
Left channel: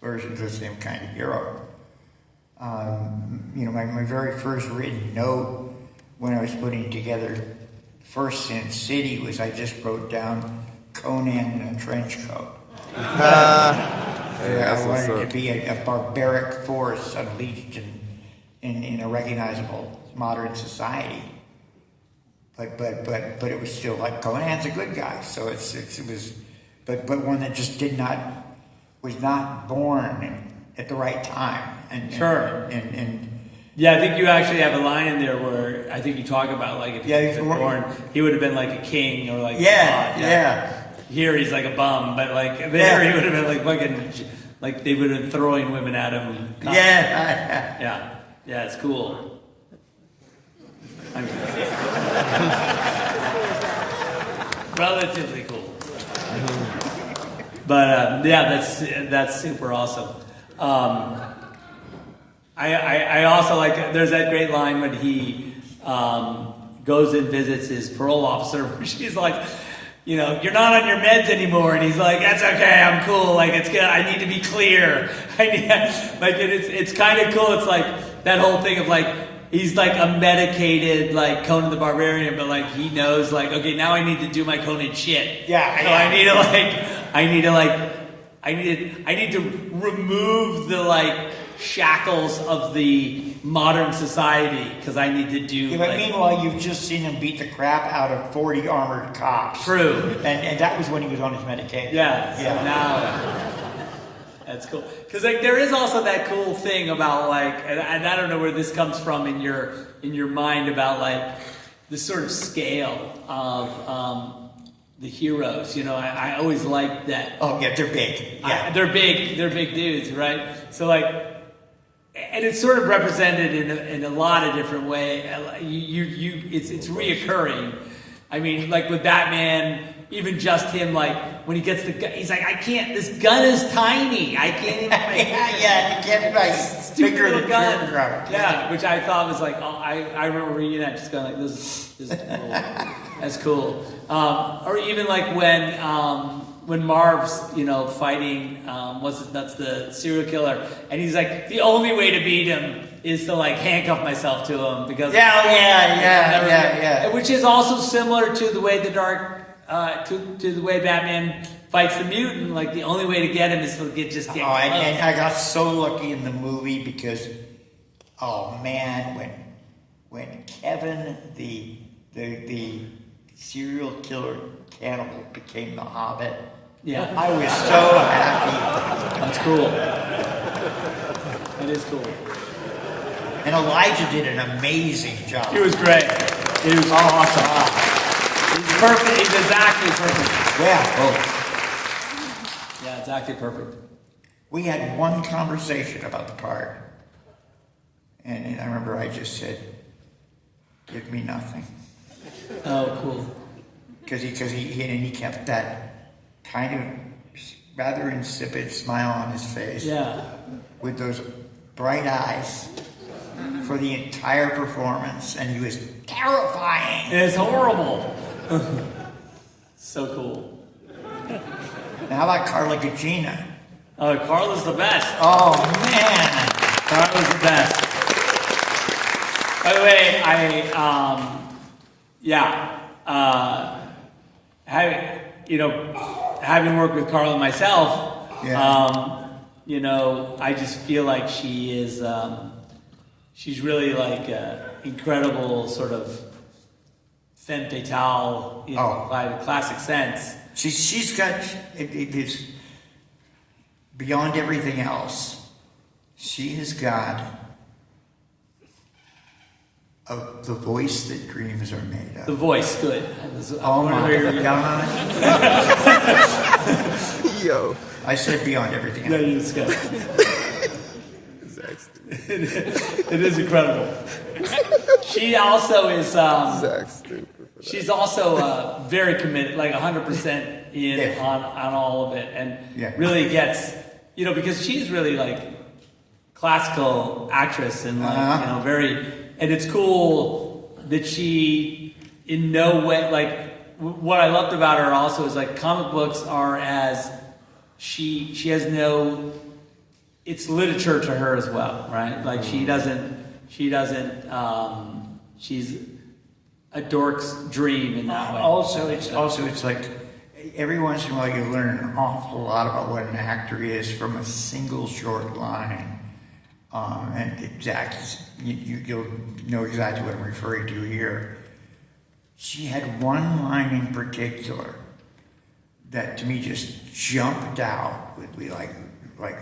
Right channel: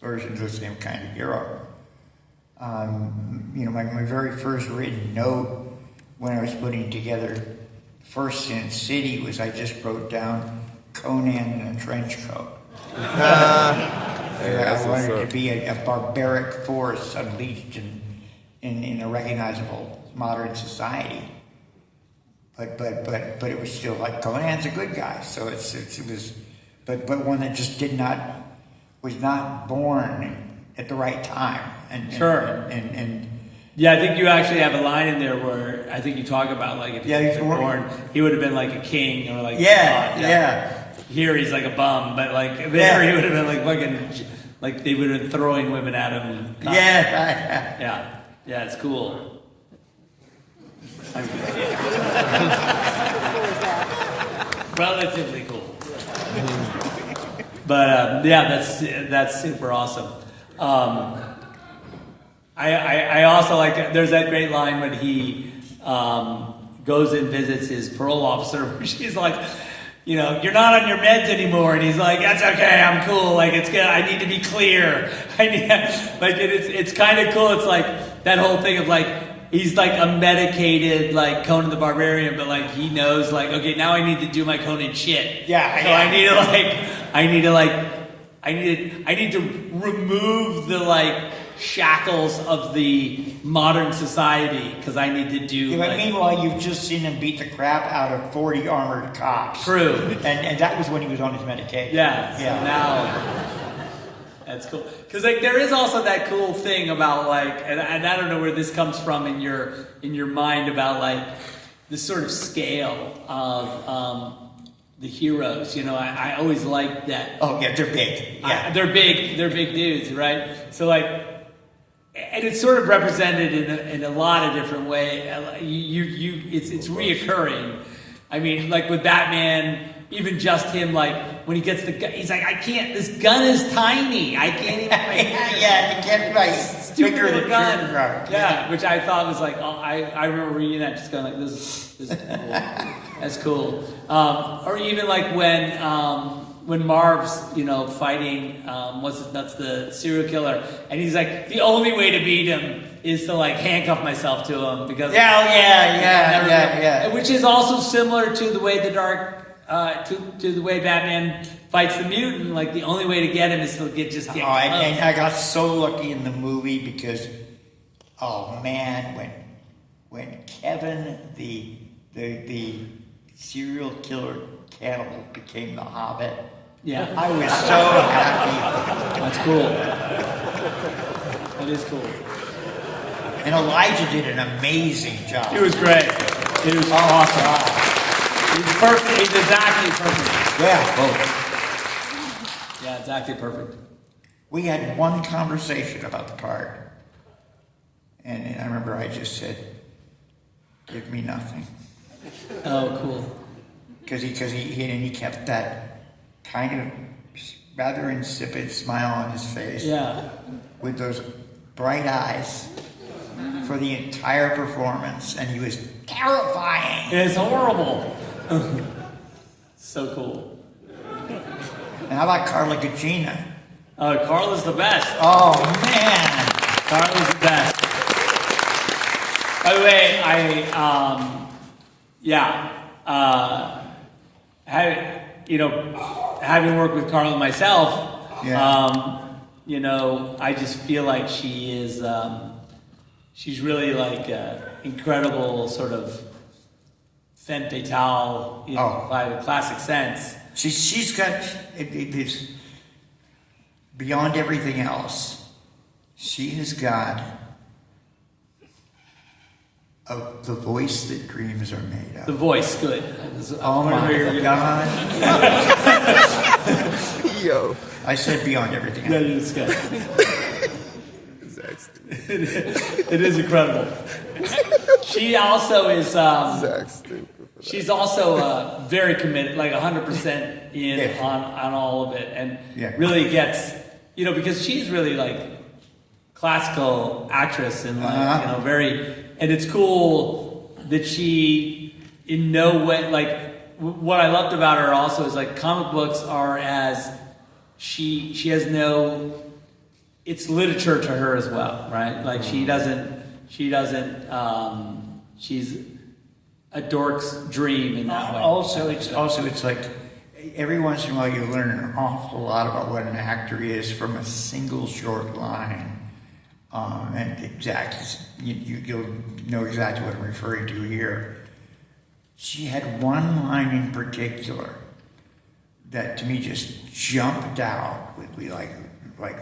version of the same kind of hero. My very first written note when I was putting together First Sin City was I just wrote down Conan in a trench coat. I wanted it to be a barbaric force unleashed in a recognizable modern society. But it was still like Conan's a good guy, so it was, but one that just was not born at the right time. And yeah, I think you actually have a line in there where I think you talk about like if he was born, he would have been like a king or like yeah. Here he's like a bum, but like there he would have been like fucking like they would have been throwing women at him. Yeah, it's cool. Relatively cool. But that's super awesome. I also like, there's that great line when he goes and visits his parole officer where she's like, you're not on your meds anymore, and he's like, that's okay, I'm cool, like it's good, I need to be clear. It's kind of cool. It's like that whole thing of like he's like a medicated like Conan the Barbarian, but like he knows like, okay, now I need to do my Conan shit. I need to remove the like shackles of the modern society because I need to do. But meanwhile, you've just seen him beat the crap out of 40 armored cops. True. And that was when he was on his medication. So now that's cool. Because like there is also that cool thing about like, and I don't know where this comes from in your mind about like this sort of scale of the heroes. I always liked that. Oh yeah, they're big. Yeah, they're big dudes, right? So like. And it's sort of represented in a lot of different ways. It's reoccurring. I mean, like with Batman, even just him, like when he gets the gun, he's like, I can't. This gun is tiny. I can't even. You can't like stupid little gun. Yeah, which I thought was like, I remember reading that, just going like, this is cool. That's cool. Or even like when Marv's, fighting, that's the serial killer, and he's like, the only way to beat him is to like handcuff myself to him because yeah. Which is also similar to the way to the way Batman fights the mutant. Like the only way to get him is to get close. And I got so lucky in the movie because oh man, when Kevin the serial killer cannibal became the Hobbit, Yeah. I was so happy. That's cool. That is cool. And Elijah did an amazing job. He was great. He was awesome. God. He's perfect. He's exactly perfect. Yeah. Oh. Yeah, exactly perfect. We had one conversation about the part, and I remember I just said, "Give me nothing," Oh, cool. because he kept that kind of rather insipid smile on his face, Yeah. with those bright eyes for the entire performance, and he was terrifying. It's horrible. So cool. And how about Carla Gugino? Carla's the best. Oh man! Carla's the best. By the way, having worked with Carla myself, I just feel like she is, she's really like incredible sort of femme fatale, by the classic sense. She's got it is beyond everything else. She has got the voice that dreams are made of. The voice, good. Oh my God! Yo. I said beyond everything No, else. you just good. Zack stupid. It is incredible. She also is. Zack stupid. For She's also very committed, like 100% in Yeah. on all of it, and Yeah. really gets, because she's really like classical actress and like, very, and it's cool that she in no way, like what I loved about her also is like comic books are as she has no, it's literature to her as well, right? Like she doesn't she's a dork's dream in that way. Also, it's like every once in a while you learn an awful lot about what an actor is from a single short line. And you'll know exactly what I'm referring to here. She had one line in particular that to me just jumped out with like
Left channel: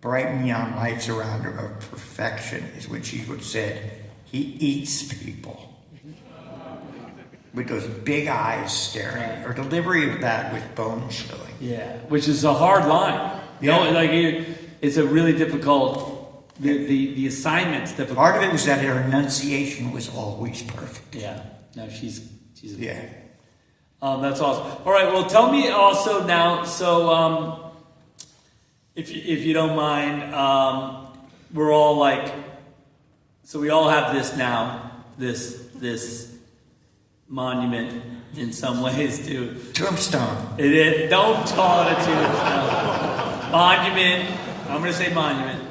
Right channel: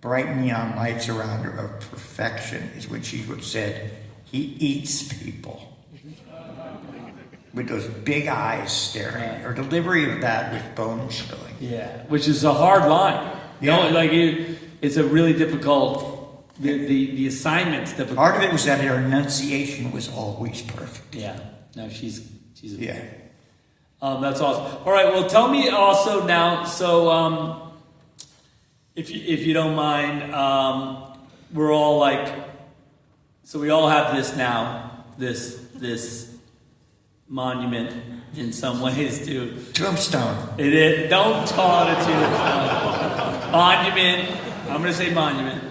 bright neon lights around her of perfection, is when she would said, "He eats people." With those big eyes staring. Her delivery of that was bone chilling. Yeah, which is a hard line. It's a really difficult. The assignment's difficult. Part of it was that her enunciation was always perfect. Yeah. No, she's Yeah. That's awesome. All right. Well, tell me also now. So, if you don't mind, we're all like, so we all have this now. This monument in some ways to Tombstone. it is. Don't call it a tombstone. Monument. I'm going to say monument.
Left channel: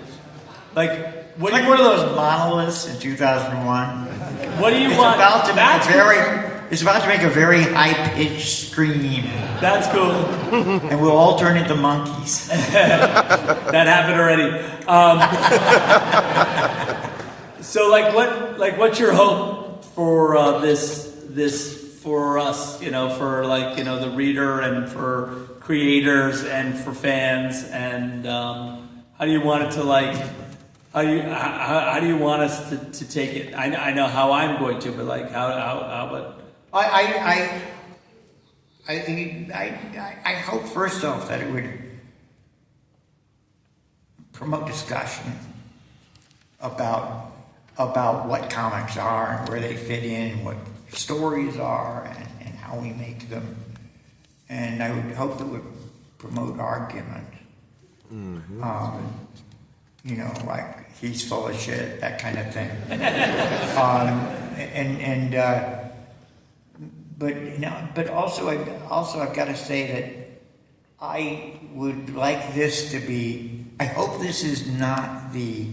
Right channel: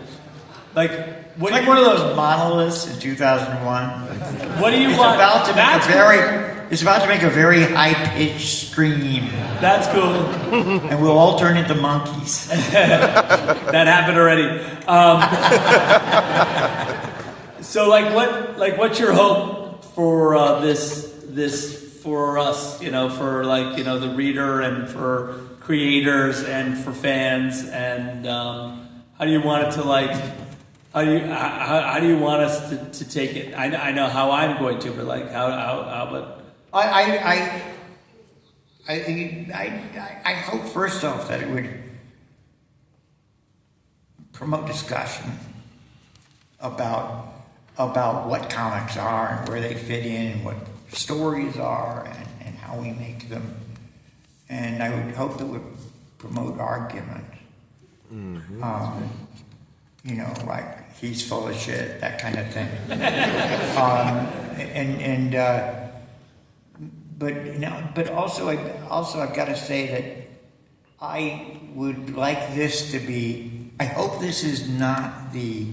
Like what? Like one of those monoliths in 2001. What do you It's want? about to That's make it's about to make a very high-pitched scream, That's cool. and we'll all turn into monkeys. That happened already. So, what's your hope for this for us? For the reader and for creators and for fans, and how do you want it to How do you want us to take it? I know how I'm going to, but how but. I hope first off that it would promote discussion about what comics are and where they fit in, what stories are, and how we make them. And I would hope that it would promote argument. Like he's full of shit, that kind of thing. But also I've got to say that I would like this to be. I hope this is not the.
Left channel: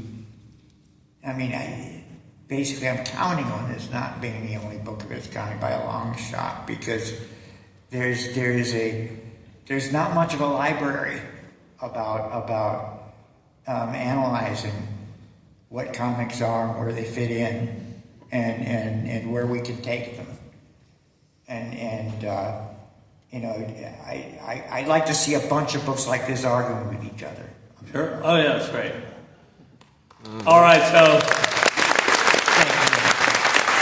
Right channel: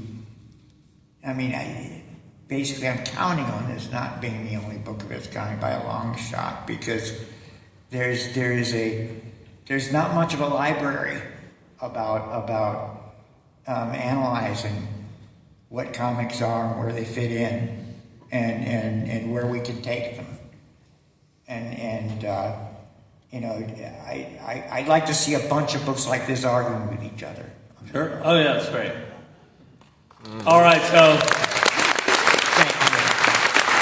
Basically, I'm counting on this not being the only book of its kind by a long shot, because there's not much of a library about analyzing what comics are and where they fit in, and where we can take them. And I'd like to see a bunch of books like this arguing with each other. Sure. Oh yeah, that's great. All right, so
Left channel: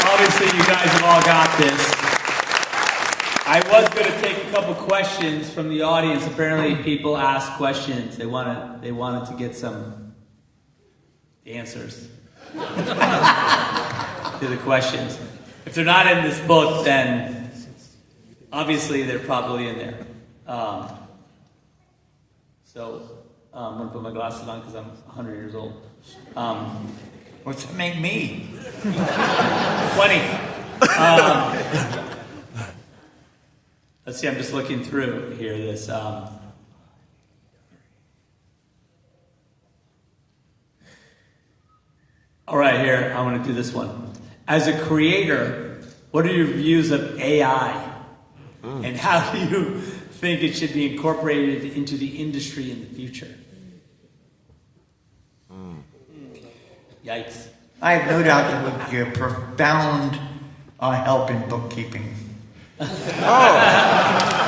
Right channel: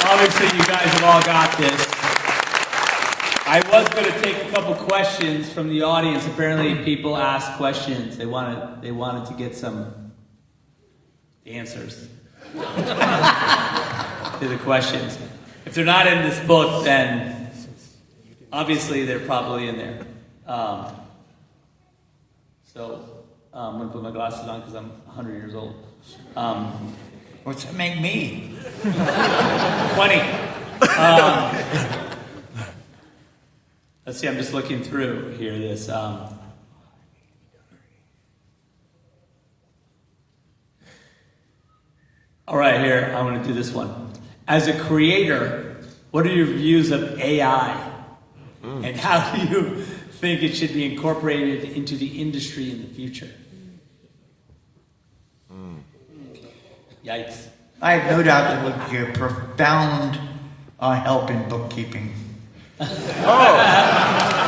obviously you guys have all got this. I was going to take a couple questions from the audience. Apparently, people asked questions. They wanted to get some answers to the questions. If they're not in this book, then obviously they're probably in there. So I'm going to put my glasses on because I'm 100 years old. What's that make me? 20. Let's see, I'm just looking through here. This. All right, here, I want to do this one. As a creator, what are your views of AI? And how do you think it should be incorporated into the industry in the future? Yikes. I have no doubt it would be a profound help in bookkeeping. Oh,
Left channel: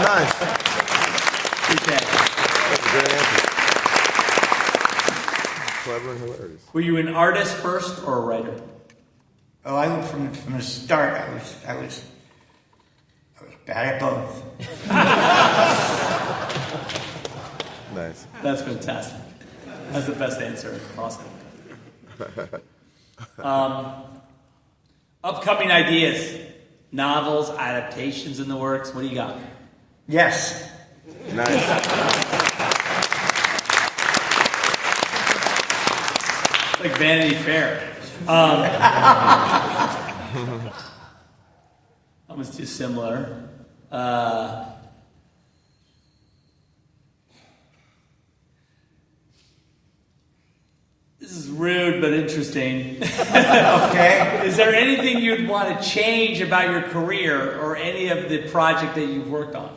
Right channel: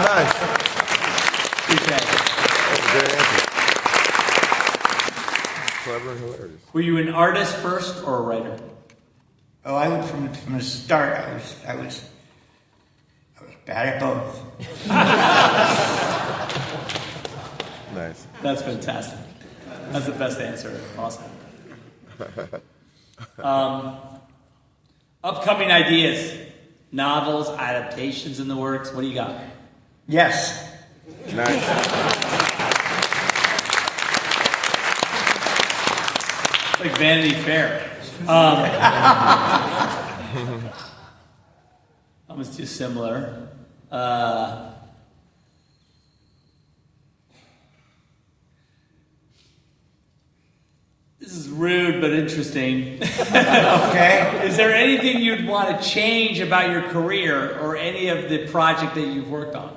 nice. Okay. That's a great answer. Clever and hilarious. Were you an artist first or a writer? Oh, I from the start, I was bad at both. Nice. That's fantastic. That's the best answer possible. Upcoming ideas, novels, adaptations in the works. What do you got? Yes. Nice. It's like Vanity Fair. Almost too similar. This is rude but interesting. Okay. Is there anything you'd want to change about your career or any of the project that you've worked on?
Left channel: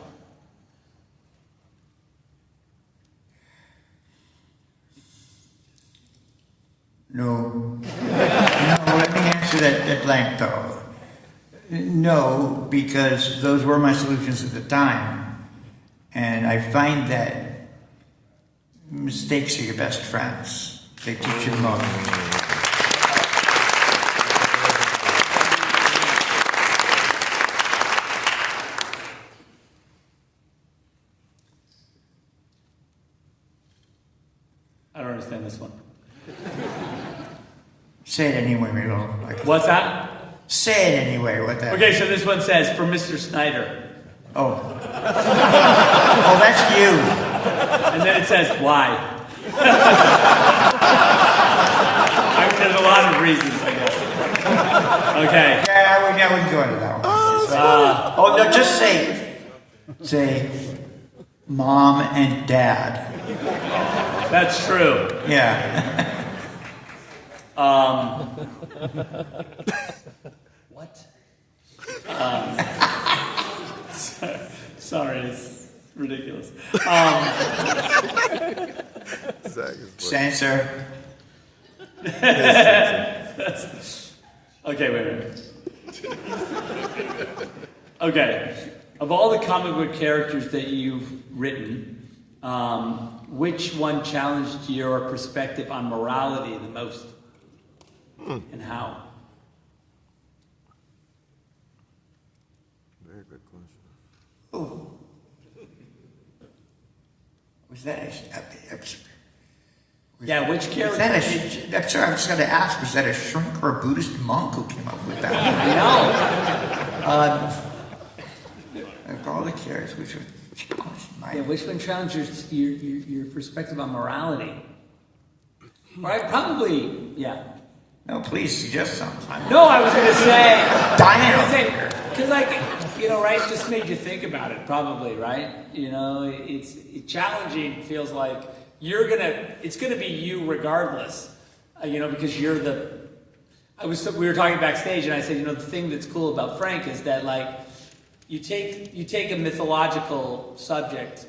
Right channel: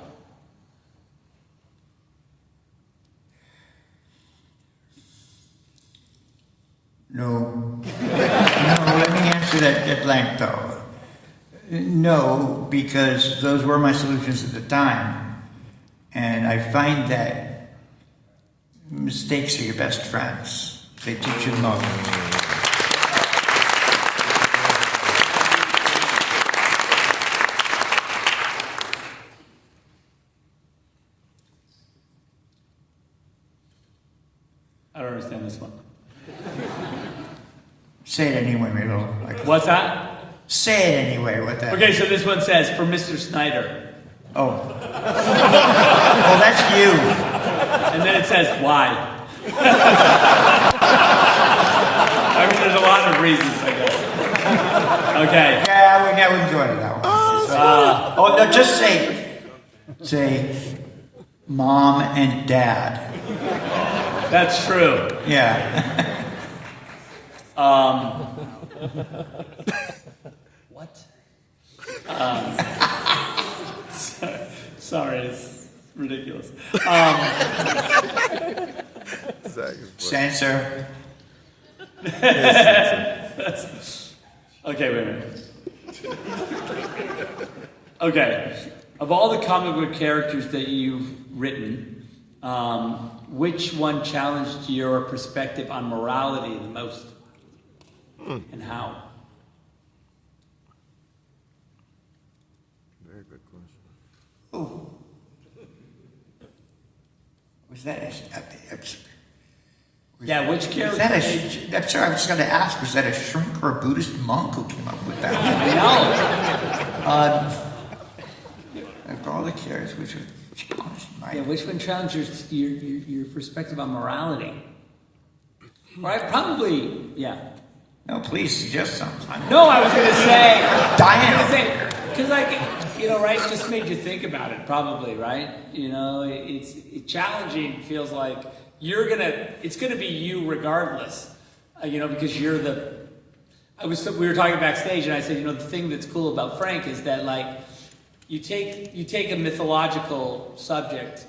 No. Let me answer that blank though. No, because those were my solutions at the time. And I find that mistakes are your best friends. They teach you the most. I don't understand this one. Say it anyway, Milo. What's that? Say it anyway. What that? Okay, so this one says, for Mr. Snyder. Oh. Oh, that's you. And then it says, why? I mean, there's a lot of reasons, I guess. Okay. Yeah, I wouldn't go into that one. Oh, no, just say, Mom and Dad. That's true. Yeah. What? Sorry, it's ridiculous. Zach is Censor. Okay, wait a minute. Okay, of all the comic book characters that you've written, which one challenged your perspective on morality the most? And how? very good question. Oh. Was that Yeah, which was character? that I'm sorry, I was going to ask, was that a shrink or a Buddhist monk who came up with that one? No. Like all the characters which are challenged. Yeah, which one challenged your perspective on morality? Right, probably, yeah. No, please suggest something. No, I was going to say, Diana. because like, right, it just made you think about it, probably, right? It's challenging. Feels like it's gonna be you regardless, because you're the. We were talking backstage, and I said, the thing that's cool about Frank is that like, you take a mythological subject,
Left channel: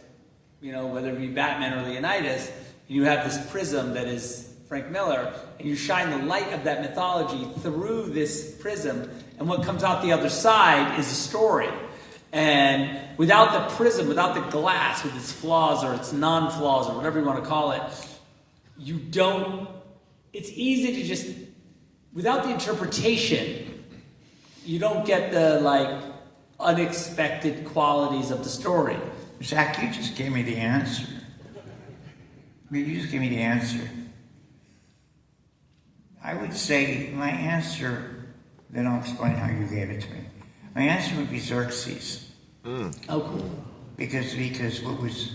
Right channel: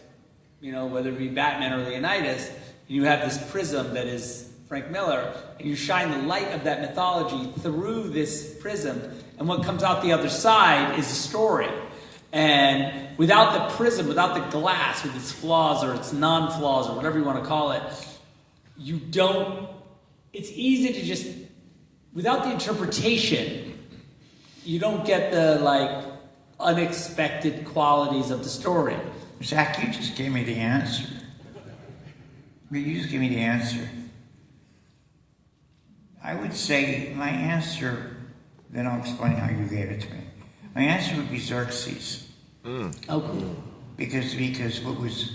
whether it be Batman or Leonidas, and you have this prism that is Frank Miller, and you shine the light of that mythology through this prism, and what comes out the other side is a story. And without the prism, without the glass, with its flaws or its non-flaws or whatever you want to call it, you don't, it's easy to just, without the interpretation, you don't get the, like, unexpected qualities of the story. Zach, you just gave me the answer. You just gave me the answer. I would say my answer, then I'll explain how you gave it to me. My answer would be Xerxes. Oh, cool. Because what was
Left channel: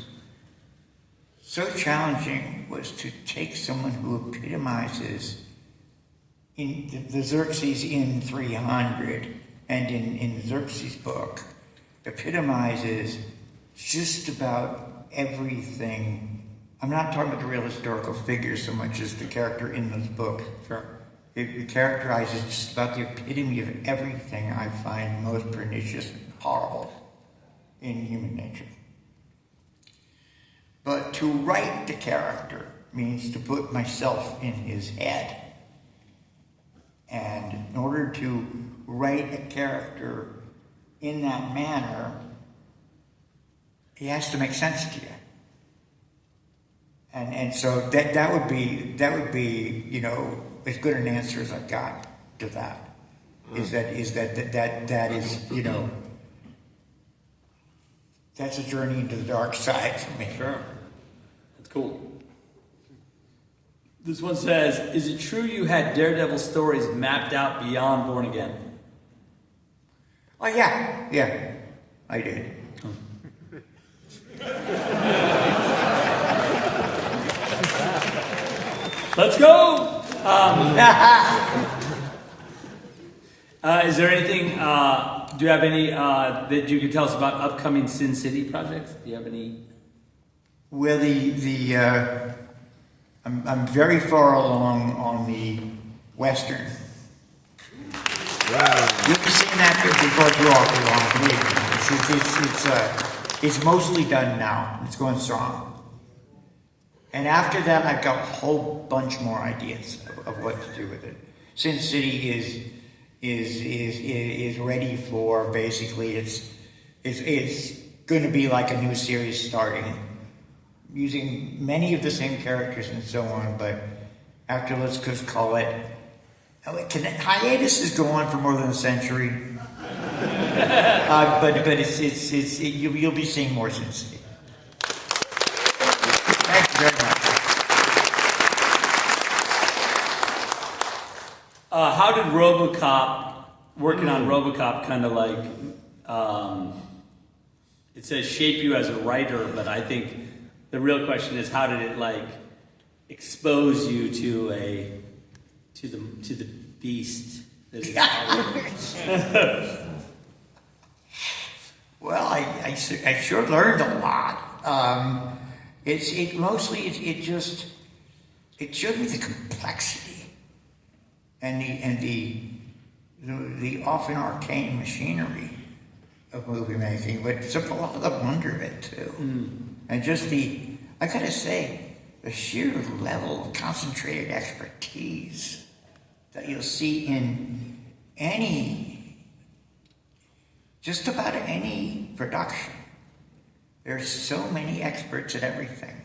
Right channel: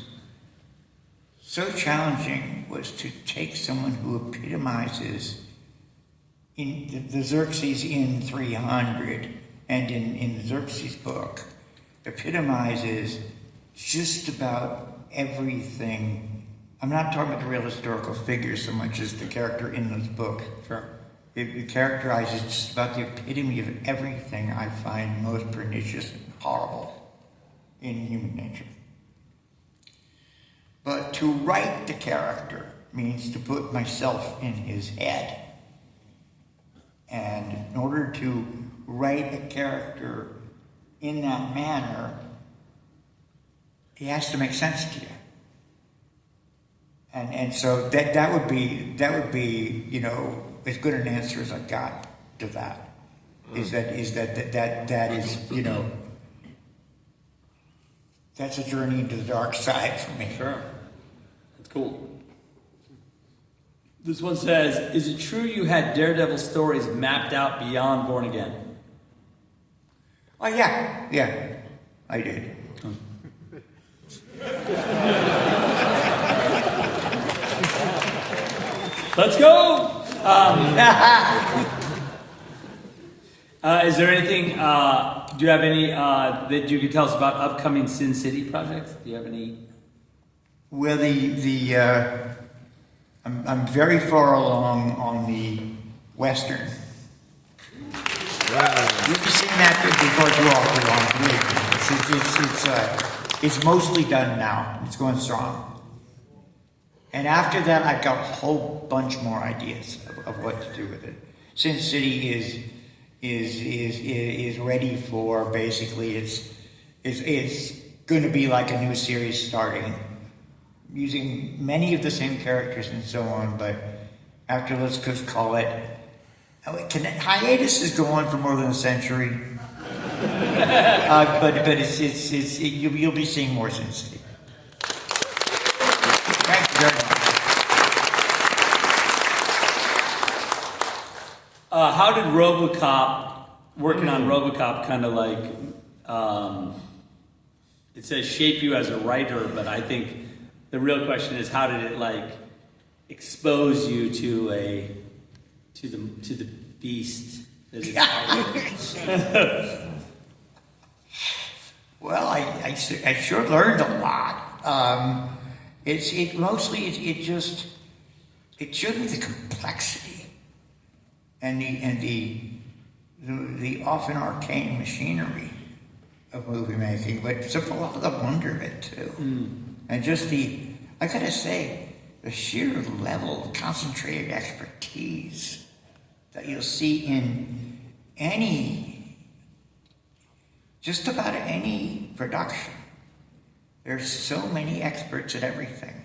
so challenging was to take someone who epitomizes in the Xerxes in 300 and in Xerxes' book epitomizes just about everything. I'm not talking about the real historical figures so much as the character in this book. Sure. It characterizes just about the epitome of everything I find most pernicious and horrible in human nature. But to write the character means to put myself in his head. And in order to write a character in that manner, he has to make sense to you. And so that would be, you know, as good an answer as I got to that. Is that is, you know, that's a journey into the dark side for me. Sure. That's cool. This one says, is it true you had Daredevil stories mapped out beyond Born Again? Oh, yeah, I did. Let's go! Is there anything, do you have any that you can tell us about upcoming Sin City projects? Do you have any? Well, I'm very far along on the Western. Wow. You'll be seeing that before too long. It's mostly done now. It's going strong. And after that, I've got a whole bunch more ideas of what to do with it. Sin City is ready for, basically, it's going to be like a new series starting, using many of the same characters and so on. But after, let's just call it, hiatus is going for more than a century. But you'll be seeing more Sin City. Thank you very much. How did RoboCop, working on RoboCop, kind of like, it says shape you as a writer, but I think the real question is how did it like expose you to the beast that is Well, I sure learned a lot. It showed me the complexity and the often arcane machinery of movie making, but it's a lot of the wonder of it too. And just I gotta say, the sheer level of concentrated expertise that you'll see in just about any production. There's so many experts at everything.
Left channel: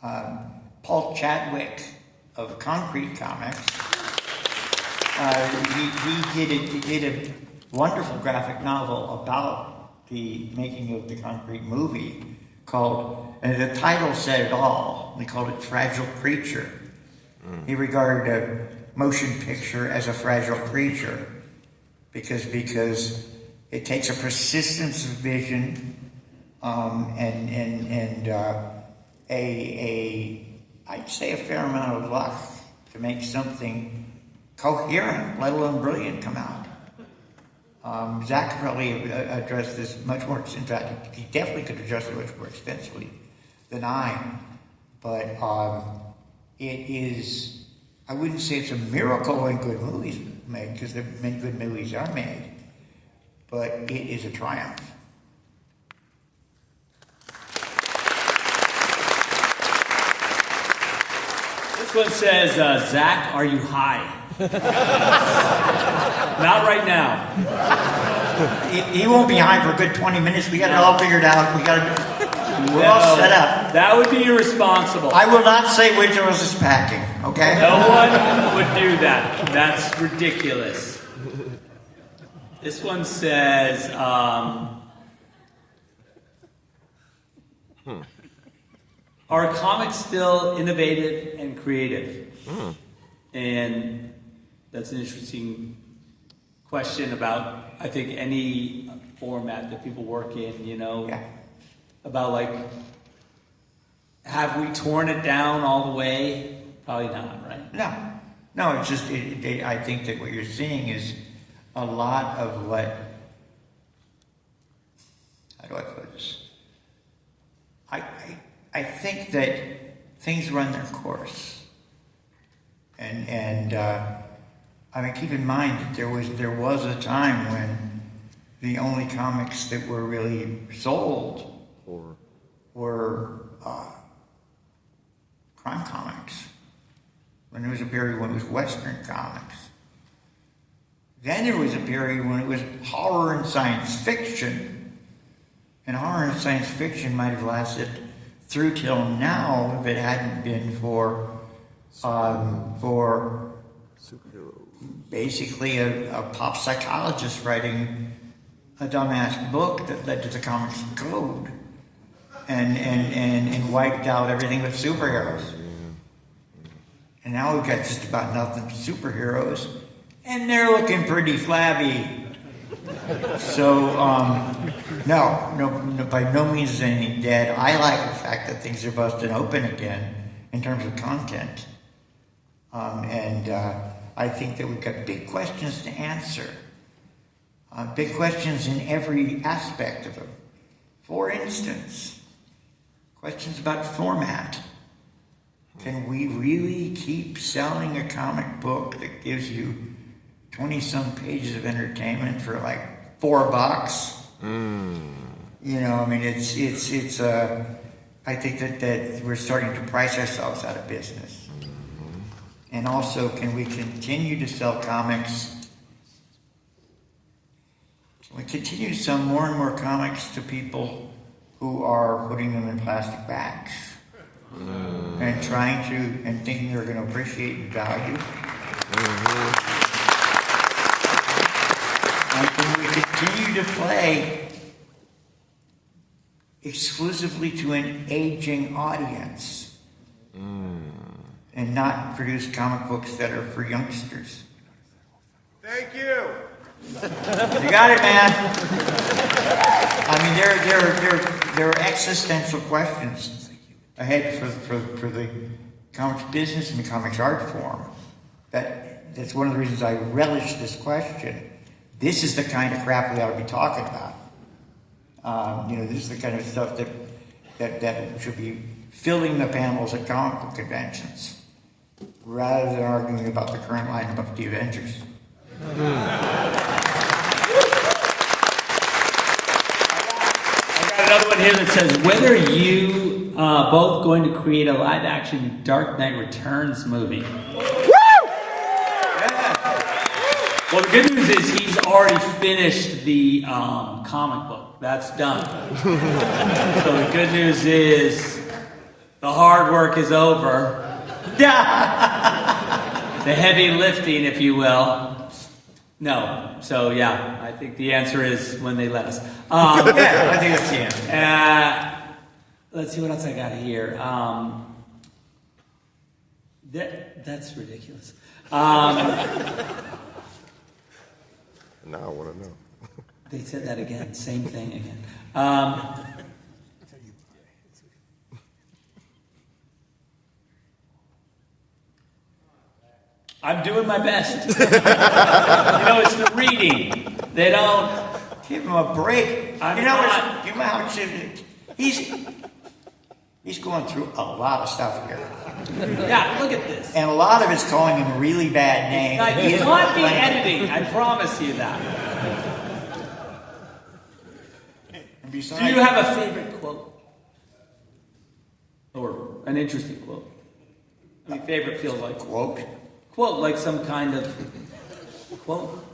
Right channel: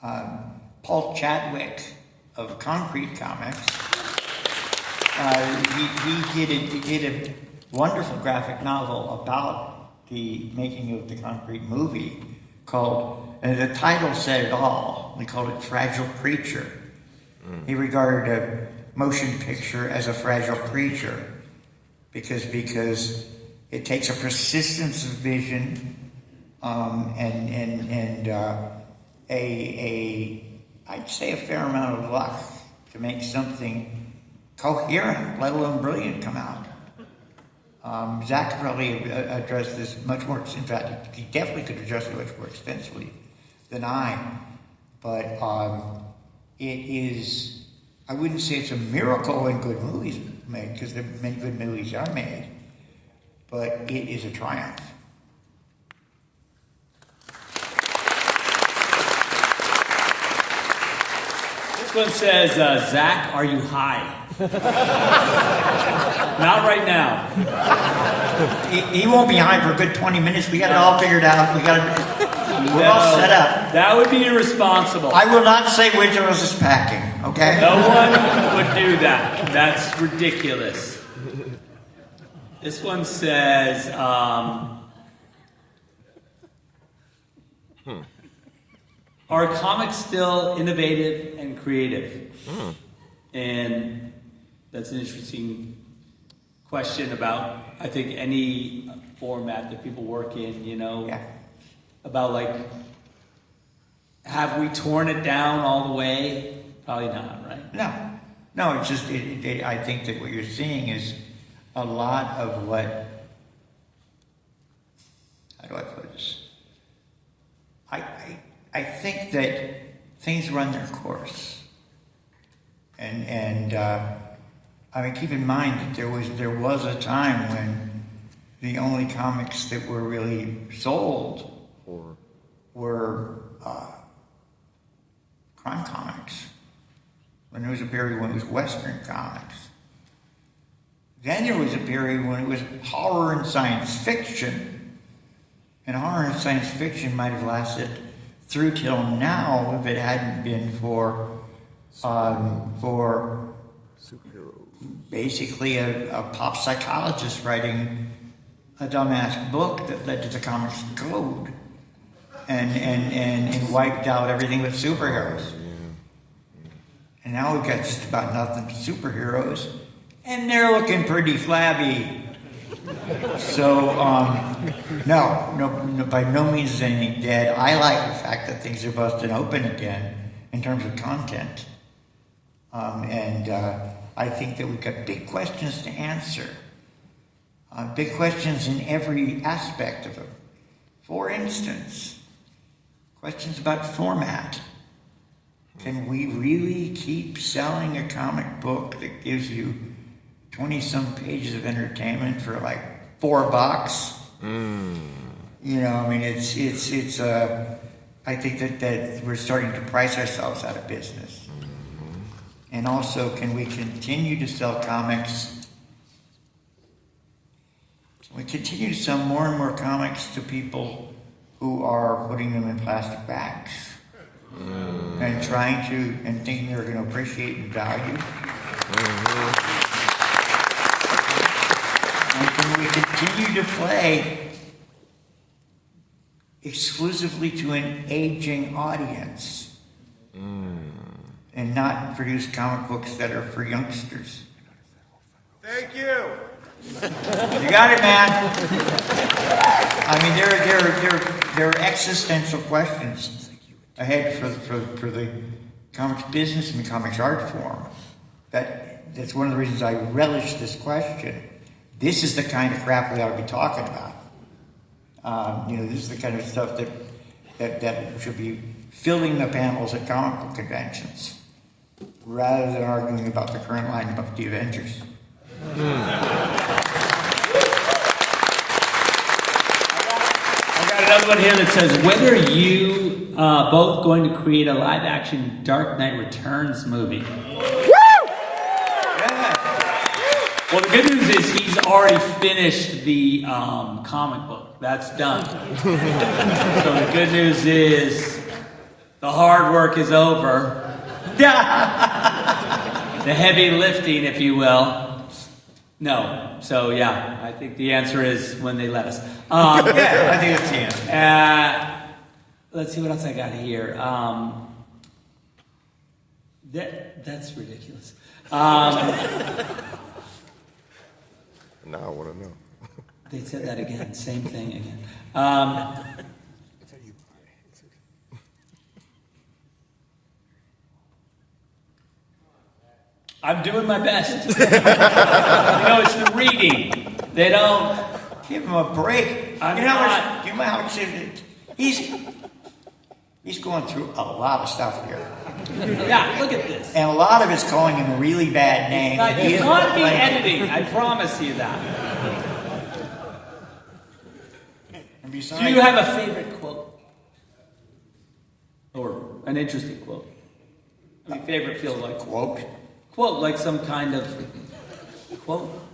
Paul Chadwick of Concrete Comics, he did a wonderful graphic novel about the making of the Concrete movie called, and the title said it all. They called it Fragile Creature. He regarded a motion picture as a fragile creature because it takes a persistence of vision I'd say a fair amount of luck to make something coherent, let alone brilliant, come out. Zack probably addressed this much more. In fact, he definitely could address it much more extensively than I. But it is. I wouldn't say it's a miracle when good movies are made, because many good movies are made. But it is a triumph. This one says, Zach, are you high? Not right now. He won't be high for a good 20 minutes. We got it all figured out. We're all set up. That would be irresponsible. I will not say Windows is packing, okay? No one would do that. That's ridiculous. This one says, are comics still innovative and creative? And that's an interesting question about, I think, any format that people work in, Yeah. about like, have we torn it down all the way? Probably not, right? No, it's just, I think that what you're seeing is a lot of what, how do I put this? I think that things run their course. And I mean, keep in mind that there was a time when the only comics that were really sold were crime comics. When there was a period when it was Western comics. Then there was a period when it was horror and science fiction. And horror and science fiction might have lasted through till now if it hadn't been for basically a pop psychologist writing a dumbass book that led to the comics code and wiped out everything with superheroes. And now we've got just about nothing but superheroes, and they're looking pretty flabby. So, no, by no means is anything dead. I like the fact that things are busting open again in terms of content. I think that we've got big questions to answer. Big questions in every aspect of them. For instance, questions about format. Can we really keep selling a comic book that gives you 20-some pages of entertainment for like $4? I mean, it's I think that we're starting to price ourselves out of business. And also, can we continue to sell comics? Can we continue to sell more and more comics to people who are putting them in plastic bags? And trying to, and thinking they're going to appreciate and value? And can we continue to play exclusively to an aging audience? And not produce comic books that are for youngsters? Thank you. You got it, man. I mean, there are existential questions ahead for the comics business and the comics art form. That's one of the reasons I relish this question. This is the kind of crap we ought to be talking about. This is the kind of stuff that should be filling the panels at comic book conventions, rather than arguing about the current line of the Avengers. I got another one here that says, when are you both going to create a live-action Dark Knight Returns movie? Well, the good news is he's already finished the comic book. That's done. So the good news is the hard work is over. The heavy lifting, if you will. No. So, yeah, I think the answer is when they let us. I think that's the answer. Let's see what else I got here. That's ridiculous. Now I want to know. They said that again. Same thing again. I'm doing my best. It's the reading. They don't give him a break. I'm you know not. how much he's going through a lot of stuff here. Yeah, look at this. And a lot of it's calling him a really bad name. You can't be editing. I promise you that. And besides, Do you have a favorite quote? Or an interesting quote? Any favorite feels like Quote. quote, like some kind of quote.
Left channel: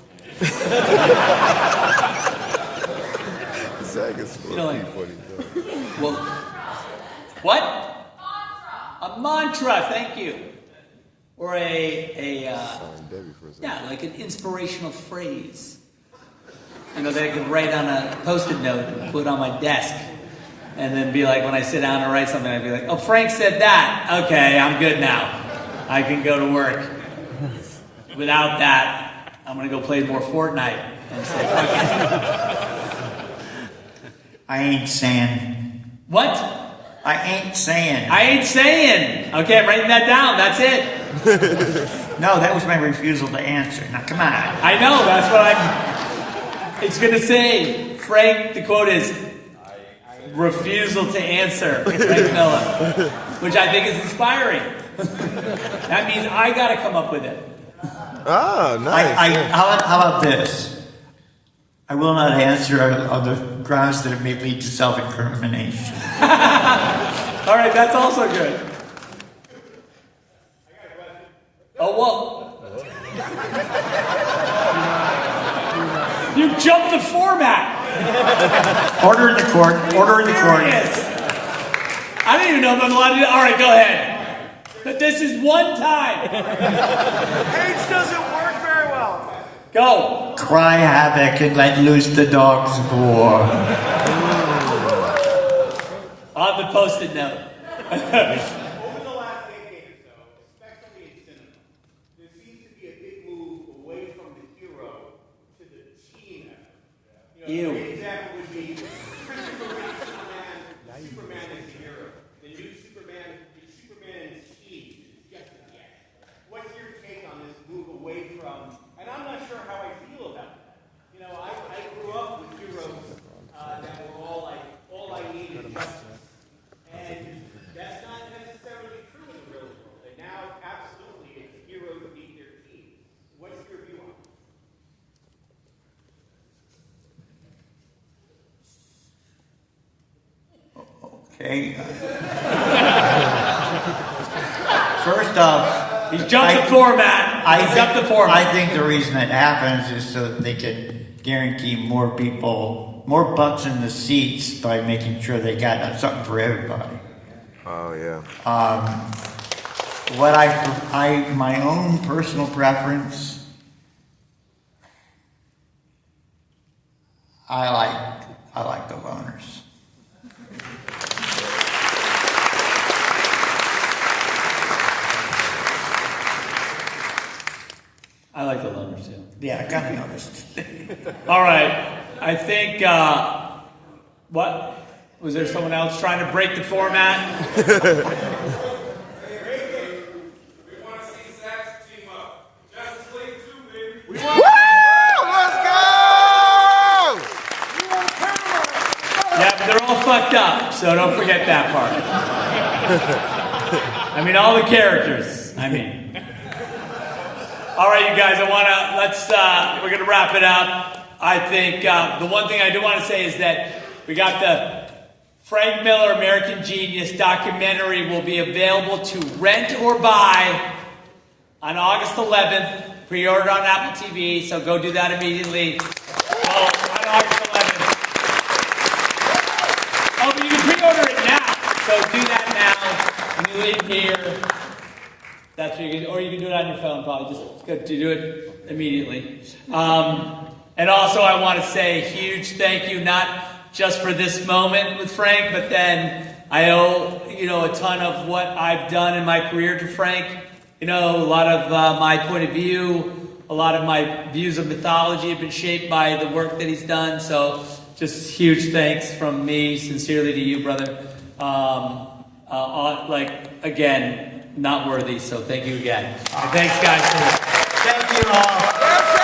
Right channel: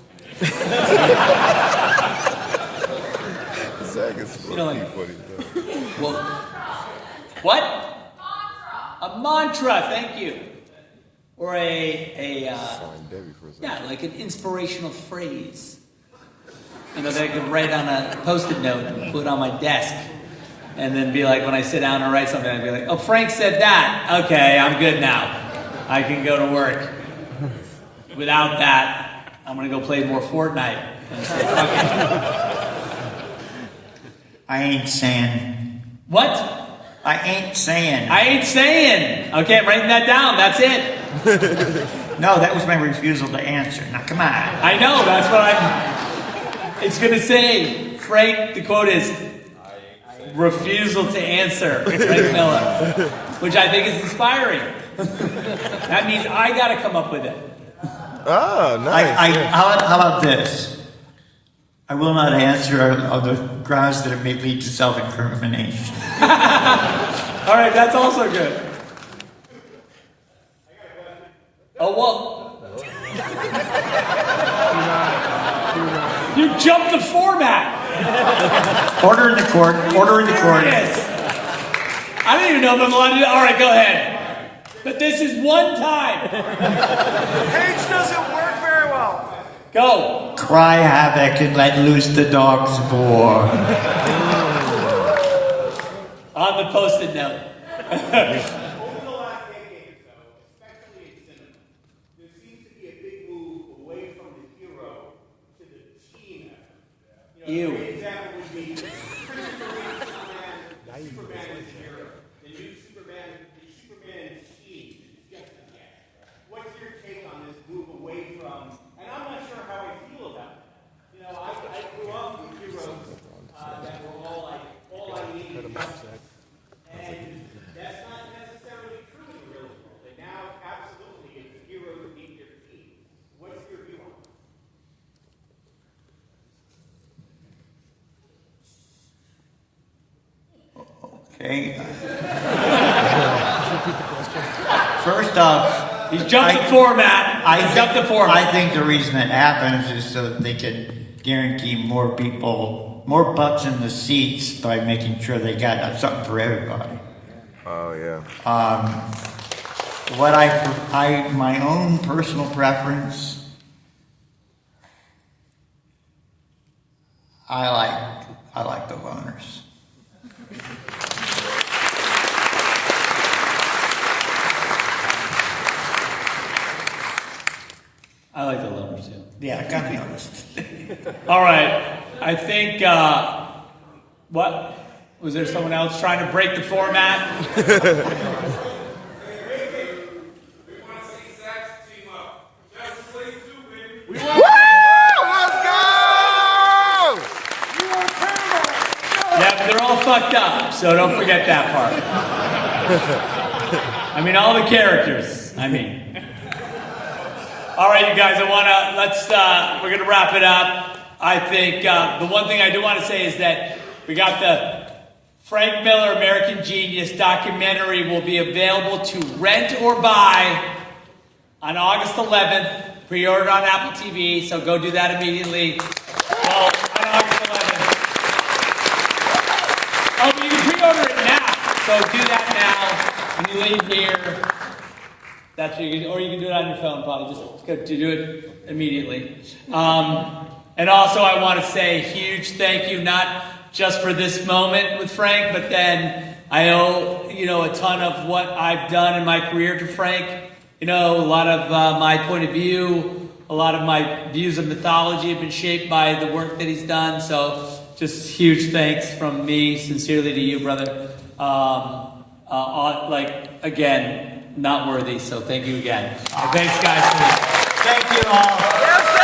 Zack is like- funny. Quote. What? A mantra. Thank you. Or Sign Debbie for a second. yeah, like an inspirational phrase. That I could write on a Post-it note and put on my desk. And then be like, when I sit down and write something, I'd be like, oh, Frank said that. Okay, I'm good now. I can go to work. Without that, I'm going to go play more Fortnite. And say, fuck it. I ain't saying. What? I ain't saying. I ain't saying. Okay, I'm writing that down. That's it. No, that was my refusal to answer. Now, come on. I know, that's what I'm... It's going to say, Frank, the quote is, refusal to answer, Frank Miller, which I think is inspiring. That means I got to come up with it. Ah, nice. How about this? I will not answer on the grounds that it may lead to self-incrimination. All right, that's also good. Oh, whoa. You jumped the format. Order in the court. Order in the court. Serious. I don't even know if I'm allowed to do that. All right, go ahead. But this is one time. Page doesn't work very well. Go. Cry havoc and let loose the dogs of war. On the Post-it note. Ew. An example would be Superman is a hero. The new Superman scheme is just a guess. What's your take on this move away from? And I'm not sure how I feel about it. I grew up with heroes that were all I need is justice, and that's not necessarily true in the real world. And now, absolutely, it's a hero to beat your team. What's your view on it? Okay. First off, He's jumped the format. I jumped the format. I think the reason it happens is so that they can guarantee more people, more butts in the seats by making sure they got something for everybody. Oh, yeah. What my own personal preference, I like the loners. I like the loners too. Yeah, I kind of noticed. All right. I think, what? Was there someone else trying to break the format? We want to see Zack's team up. Justice League 2, baby. Woo! Let's go! Yeah, but they're all fucked up, so don't forget that part. I mean, all the characters. All right, you guys, we're going to wrap it up. I think the one thing I do want to say is that we got the Frank Miller American Genius documentary will be available to rent or buy on August 11th. Pre-order on Apple TV, so go do that immediately. Well, on August 11th. Oh, but you can pre-order it now, so do that now. When you leave here, that's what you can, or you can do it on your phone, probably. Just go to do it immediately. And also, I want to say a huge thank you, not just for this moment with Frank, but then I owe, a ton of what I've done in my career to Frank. A lot of my point of view, a lot of my views of mythology have been shaped by the work that he's done. So just huge thanks from me, sincerely to you, brother. Again, not worthy, so thank you again. Thanks, guys. Thank you all.